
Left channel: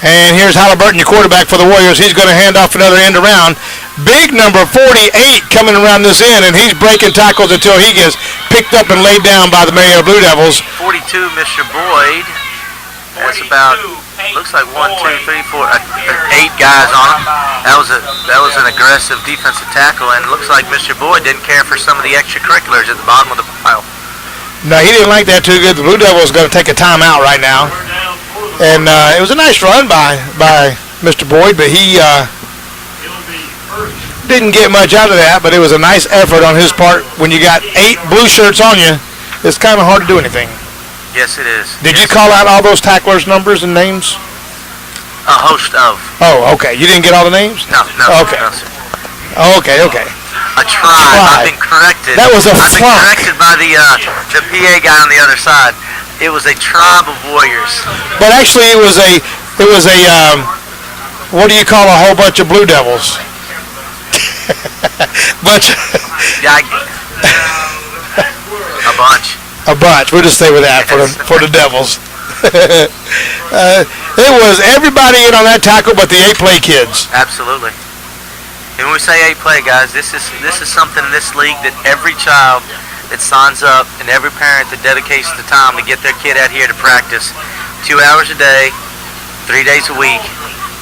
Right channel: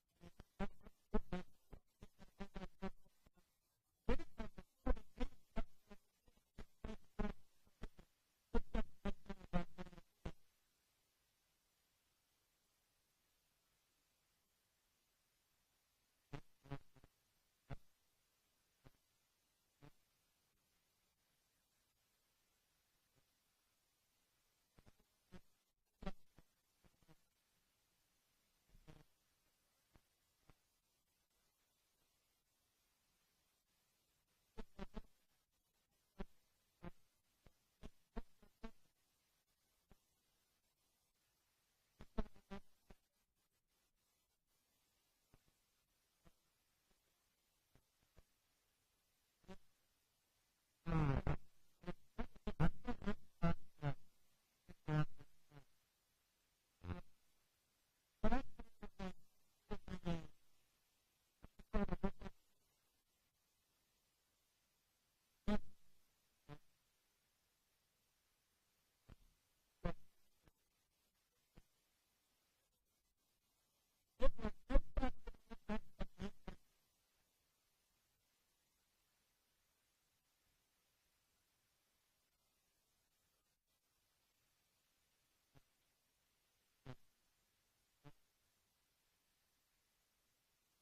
And here's Halliburton, your quarterback for the Warriors. He's going to hand off another end around. Big number 48 coming around this end, and he's breaking tackles until he gets picked up and laid down by the Marietta Blue Devils. 42, Mr. Boyd. That's about, looks like 1, 2, 3, 4, 8 guys on him. That was an aggressive defensive tackle, and it looks like Mr. Boyd didn't care for some of the extracurriculars at the bottom of the pile. No, he didn't like that too good. The Blue Devils going to take a timeout right now. And it was a nice run by Mr. Boyd, but he didn't get much out of that, but it was a nice effort on his part. When you got 8 blue shirts on you, it's kind of hard to do anything. Yes, it is. Did you call out all those tacklers' numbers and names? A host of. Oh, okay. You didn't get all the names? No. Okay. No, sir. Okay. A tribe. I've been corrected. That was a I've been flunk. corrected by the PA guy on the other side. It was a tribe of warriors. But actually, it was a what do you call a whole bunch of Blue Devils? A bunch. A bunch. We'll just stay with that for the Devils. It was everybody in on that tackle but the 8-play kids. Absolutely. And when we say 8-play, guys, this is something in this league that every child that signs up and every parent that dedicates the time to get their kid out here to practice 2 hours a day, 3 days a week,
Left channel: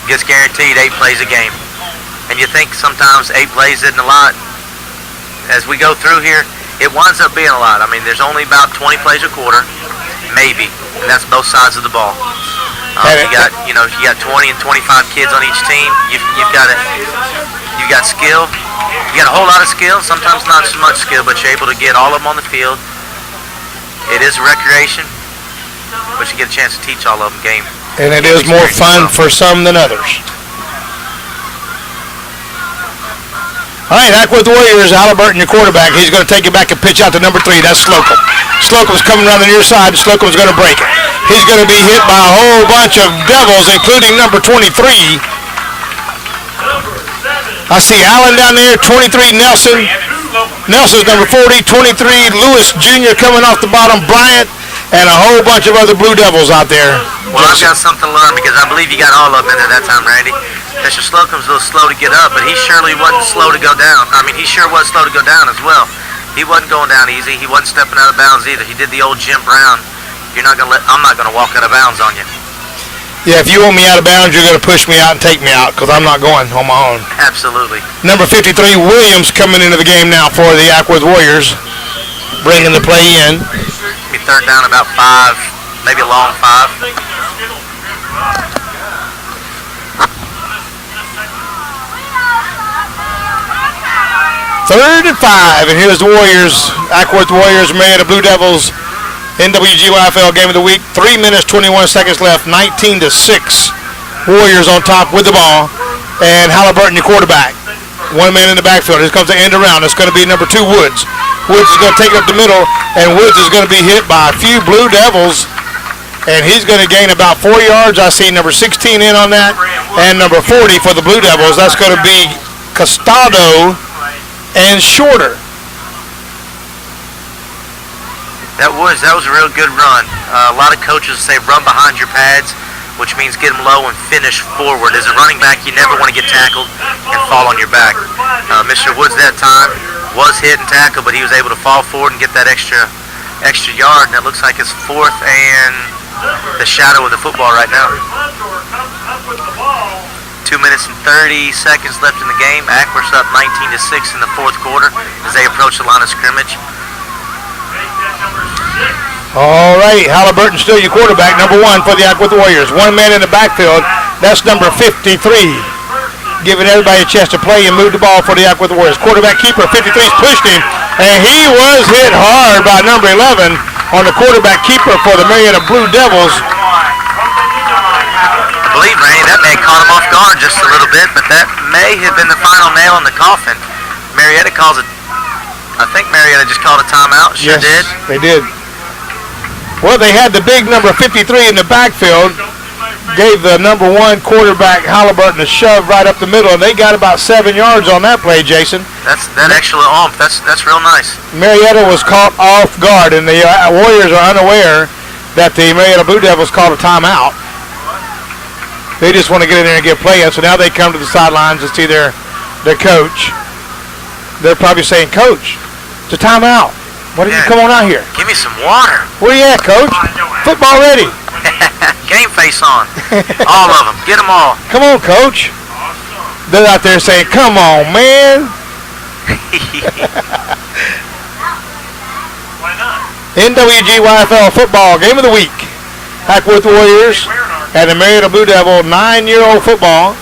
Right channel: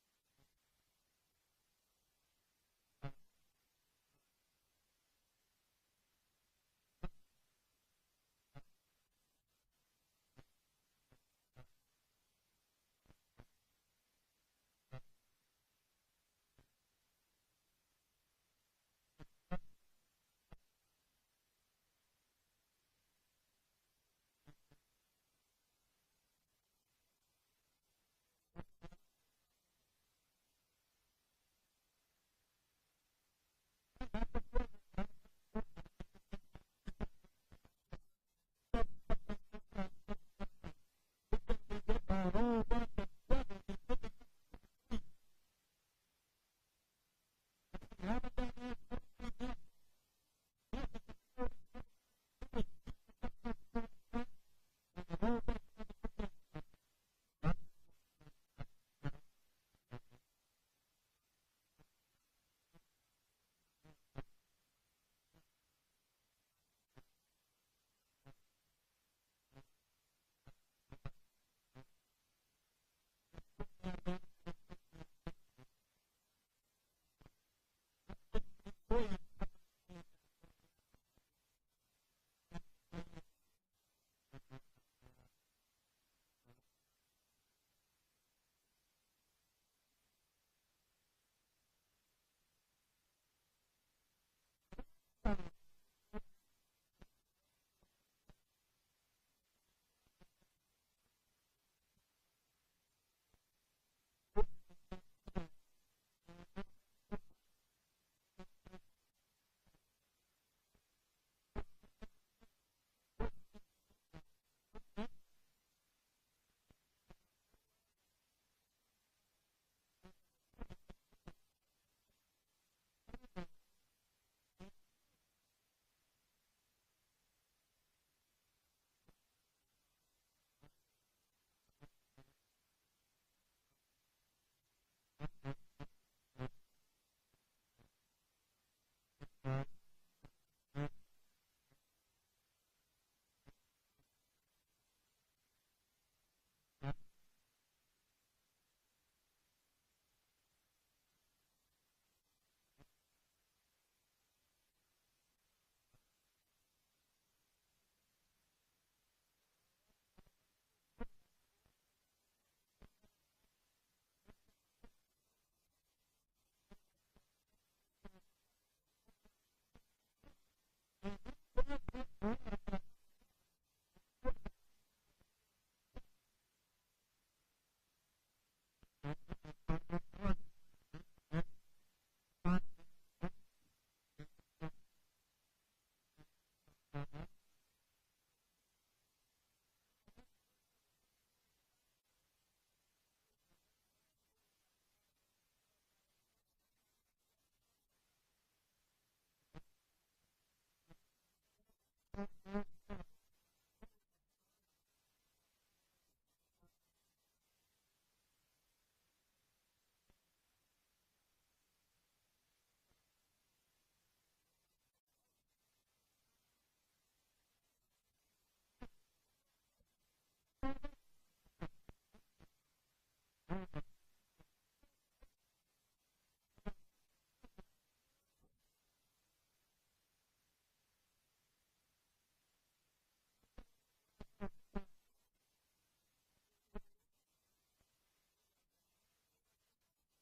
gets guaranteed 8 plays a game. And you think sometimes 8 plays isn't a lot. As we go through here, it winds up being a lot. I mean, there's only about 20 plays a quarter, maybe, and that's both sides of the ball. You got 20 and 25 kids on each team. You've got skill. You got a whole lot of skill, sometimes not so much skill, but you're able to get all of them on the field. It is a recreation, but you get a chance to teach all of them game. And it is more fun for some than others. All right, Acworth Warriors, Halliburton, your quarterback. He's going to take it back and pitch out to number 3. That's Slocum. Slocum's coming around the near side. Slocum's going to break it. He's going to be hit by a whole bunch of Devils, including number 23. I see Allen down there, 23, Nelson. Nelson's number 40, 23, Lewis Jr. coming off the bottom, Bryant, and a whole bunch of other Blue Devils out there. Well, I've got something to learn because I believe you got all of them in there that time, Randy. Mr. Slocum's a little slow to get up, but he surely wasn't slow to go down. I mean, he sure was slow to go down as well. He wasn't going down easy. He wasn't stepping out of bounds either. He did the old Jim Brown. I'm not going to walk out of bounds on you. Yeah, if you want me out of bounds, you're going to push me out and take me out because I'm not going on my own. Absolutely. Number 53, Williams, coming into the game now for the Acworth Warriors, bringing the play in. Be third down about 5, maybe a long 5. Third and 5, and here's the Warriors, Acworth Warriors, Marietta Blue Devils, nwgyfl game of the week. 3 minutes, 21 seconds left, 19-6. Warriors on top with the ball, and Halliburton, your quarterback. 1 man in the backfield. Here comes the end around. It's going to be number 2, Woods. Woods is going to take it up the middle, and Woods is going to be hit by a few Blue Devils, and he's going to gain about 4 yards. I see number 16 in on that, and number 40 for the Blue Devils. That's going to be Costado and Shorter. That was a real good run. A lot of coaches say run behind your pads, which means get them low and finish forward. As a running back, you never want to get tackled and fall on your back. Mr. Woods that time was hit and tackled, but he was able to fall forward and get that extra yard, and it looks like it's 4th and the shadow of the football right now. 2 minutes and 30 seconds left in the game. Acworth's up 19-6 in the fourth quarter as they approach the line of scrimmage. All right, Halliburton still your quarterback, number 1 for the Acworth Warriors. 1 man in the backfield, that's number 53. Giving everybody a chance to play and move the ball for the Acworth Warriors. Quarterback keeper, 53's pushed him, and he was hit hard by number 11 on the quarterback keeper for the Marietta Blue Devils. believe, Randy, that may have caught him off guard just a little bit, but that may have been the final nail in the coffin. Marietta calls it. I think Marietta just called a timeout. Sure yes, did. They did. Well, they had the big number 53 in the backfield. Gave the number 1 quarterback Halliburton a shove right up the middle, and they got about 7 yards on that play, Jason. That actual ump. That's real nice. Marietta was caught off guard, and the Warriors are unaware that the Marietta Blue Devils called a timeout. They just want to get in there and get playing, so now they come to the sidelines to see their coach. They're probably saying, Coach, it's a timeout. Why didn't you come on out here? Give me some water. Where you at, Coach? Football ready. Game face on. All of them. Get them all. Come on, Coach. They're out there saying, come on, man. Why not? NWGYFL football game of the week. Acwworth Warriors and the Marietta Blue Devil 9-year-old football.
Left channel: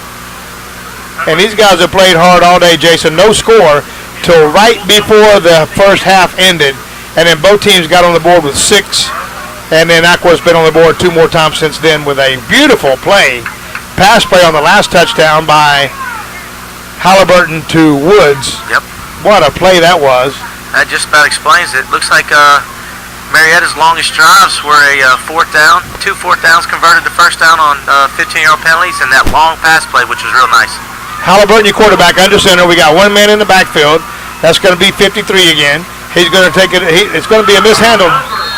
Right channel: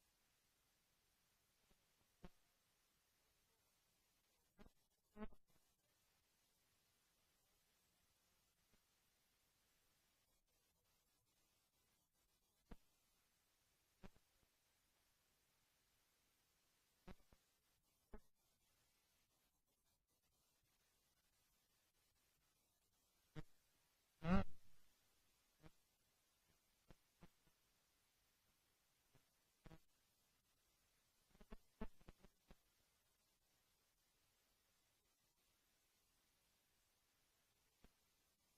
And these guys have played hard all day, Jason. No score till right before the first half ended. And then both teams got on the board with 6. And then Acworth's been on the board 2 more times since then with a beautiful play. Pass play on the last touchdown by Halliburton to Woods. Yep. What a play that was. That just about explains it. Looks like Marietta's longest drives were a 4th down. 2 4th downs converted to first down on 15-yard penalties, and that long pass play, which was real nice. Halliburton, your quarterback, under center. We got 1 man in the backfield. That's going to be 53 again. He's going to take it. It's going to be a mishandled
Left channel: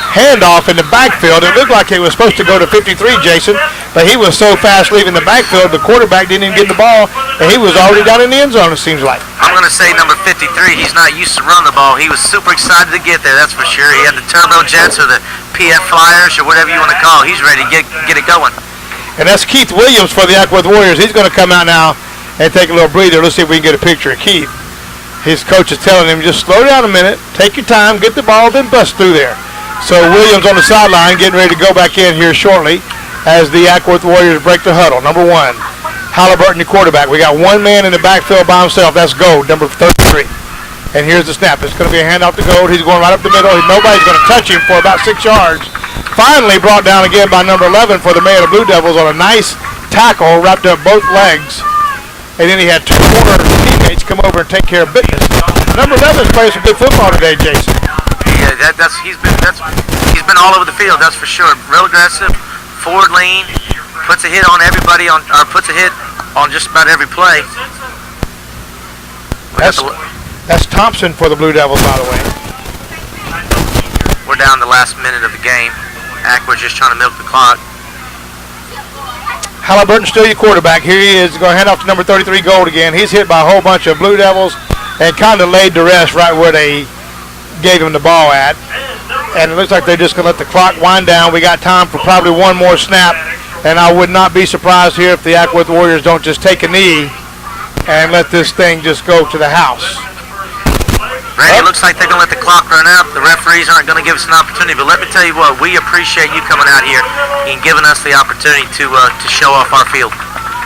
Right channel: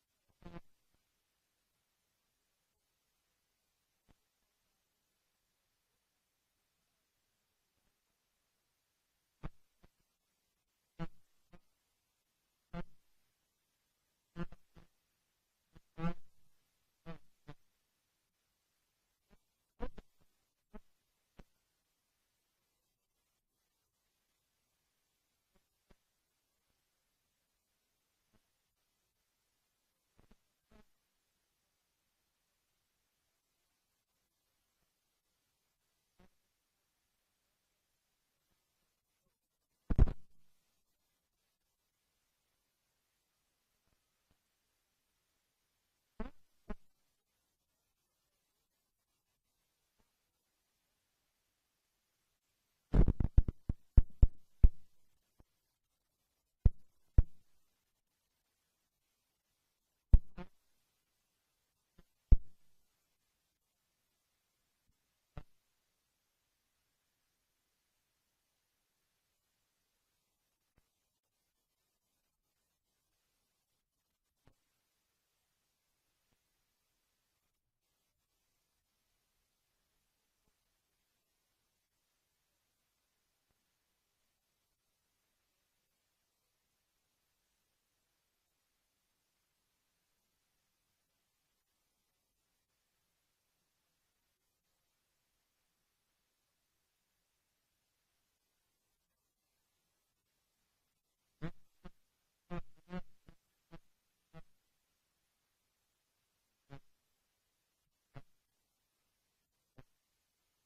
handoff in the backfield. It looked like it was supposed to go to 53, Jason, but he was so fast leaving the backfield, the quarterback didn't even get the ball, and he was already down in the end zone, it seems like. I'm going to say number 53, he's not used to run the ball. He was super excited to get there, that's for sure. He had the turbo jets or the PF Flyers or whatever you want to call. He's ready to get it going. And that's Keith Williams for the Acworth Warriors. He's going to come out now and take a little breather. Let's see if we can get a picture of Keith. His coach is telling him, just slow down a minute, take your time, get the ball, then bust through there. So Williams on the sideline getting ready to go back in here shortly as the Acworth Warriors break the huddle. Number 1, Halliburton, the quarterback. We got 1 man in the backfield by himself. That's Gold, number 33. And here's the snap. It's going to be a handoff to Gold. He's going right up the middle. Nobody's going to touch him for about 6 yards. Finally brought down again by number 11 for the Marietta Blue Devils on a nice tackle, wrapped up both legs. And then he had 2 corner teammates come over and take care of business. Number 11's playing some good football today, Jason. Yeah, he's been all over the field, that's for sure. Real aggressive, forward lean, puts a hit on everybody puts a hit on just about every play. That's Thompson for the Blue Devils, by the way. We're down the last minute of the game. Acworth's just trying to milk the clock. Halliburton still your quarterback. Here he is, going to hand off to number 33, Gold again. He's hit by a whole bunch of Blue Devils and kind of laid to rest right where they gave him the ball at. And it looks like they're just going to let the clock wind down. We got time for probably 1 more snap, and I would not be surprised here if the Acworth Warriors don't just take a knee and let this thing just go to the house. Randy, it looks like they're going to let the clock run out. The referees aren't going to give us an opportunity, but let me tell you what, we appreciate you coming out here and giving us the opportunity to show off our field.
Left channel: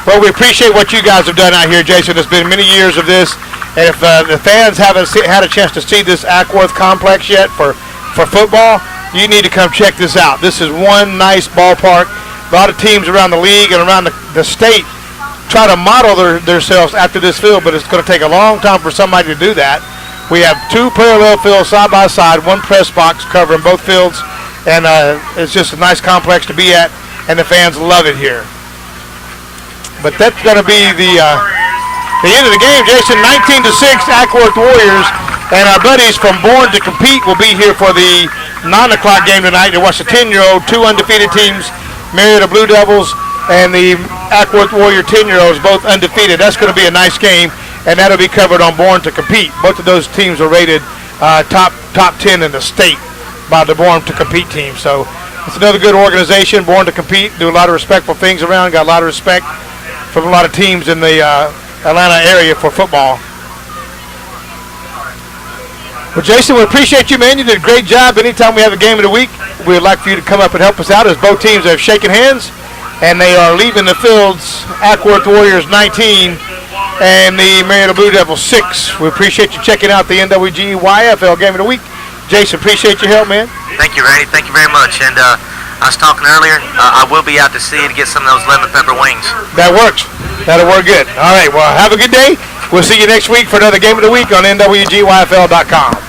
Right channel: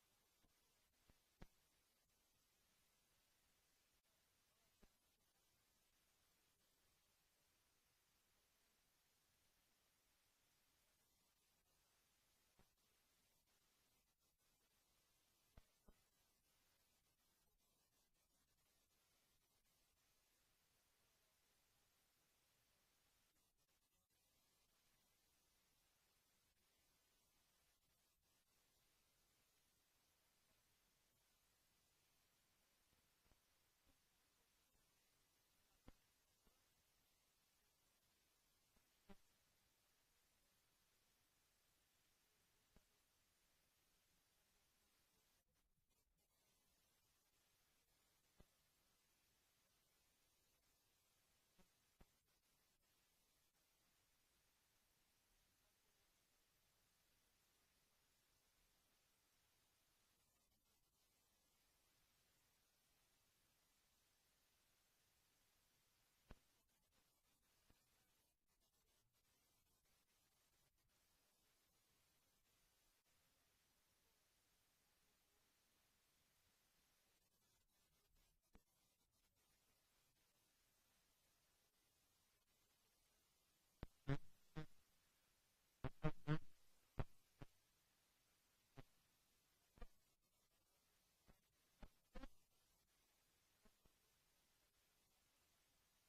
Well, we appreciate what you guys have done out here, Jason. It's been many years of this. And if the fans haven't had a chance to see this Acworth complex yet for football, you need to come check this out. This is one nice ballpark. A lot of teams around the league and around the state try to model themselves after this field, but it's going to take a long time for somebody to do that. We have 2 parallel fields side by side, 1 press box covering both fields, and it's just a nice complex to be at, and the fans love it here. But that's going to be the end of the game, Jason. 19-6, Acworth Warriors, and our buddies from Born to Compete will be here for the 9 o'clock game tonight to watch the 10-year-old, 2 undefeated teams, Marietta Blue Devils and the Acworth Warrior 10-year-olds, both undefeated. That's going to be a nice game, and that'll be covered on Born to Compete. Both of those teams are rated top 10 in the state by the Born to Compete team. So it's another good organization, Born to Compete, do a lot of respectful things around, got a lot of respect from a lot of teams in the Atlanta area for football. Well, Jason, we appreciate you, man. You did a great job. Anytime we have a game of the week, we'd like for you to come up and help us out as both teams have shaken hands, and they are leaving the fields, Acworth Warriors 19 and the Marietta Blue Devils 6. We appreciate you checking out the NWGYFL game of the week. Jason, appreciate your help, man. Thank you, Randy. Thank you very much. And I was talking earlier. I will be out to see to get some of those lemon pepper wings. That works. That'll work good. All right, well, have a good day. We'll see you next week for another Game of the Week on nwgyfl.com.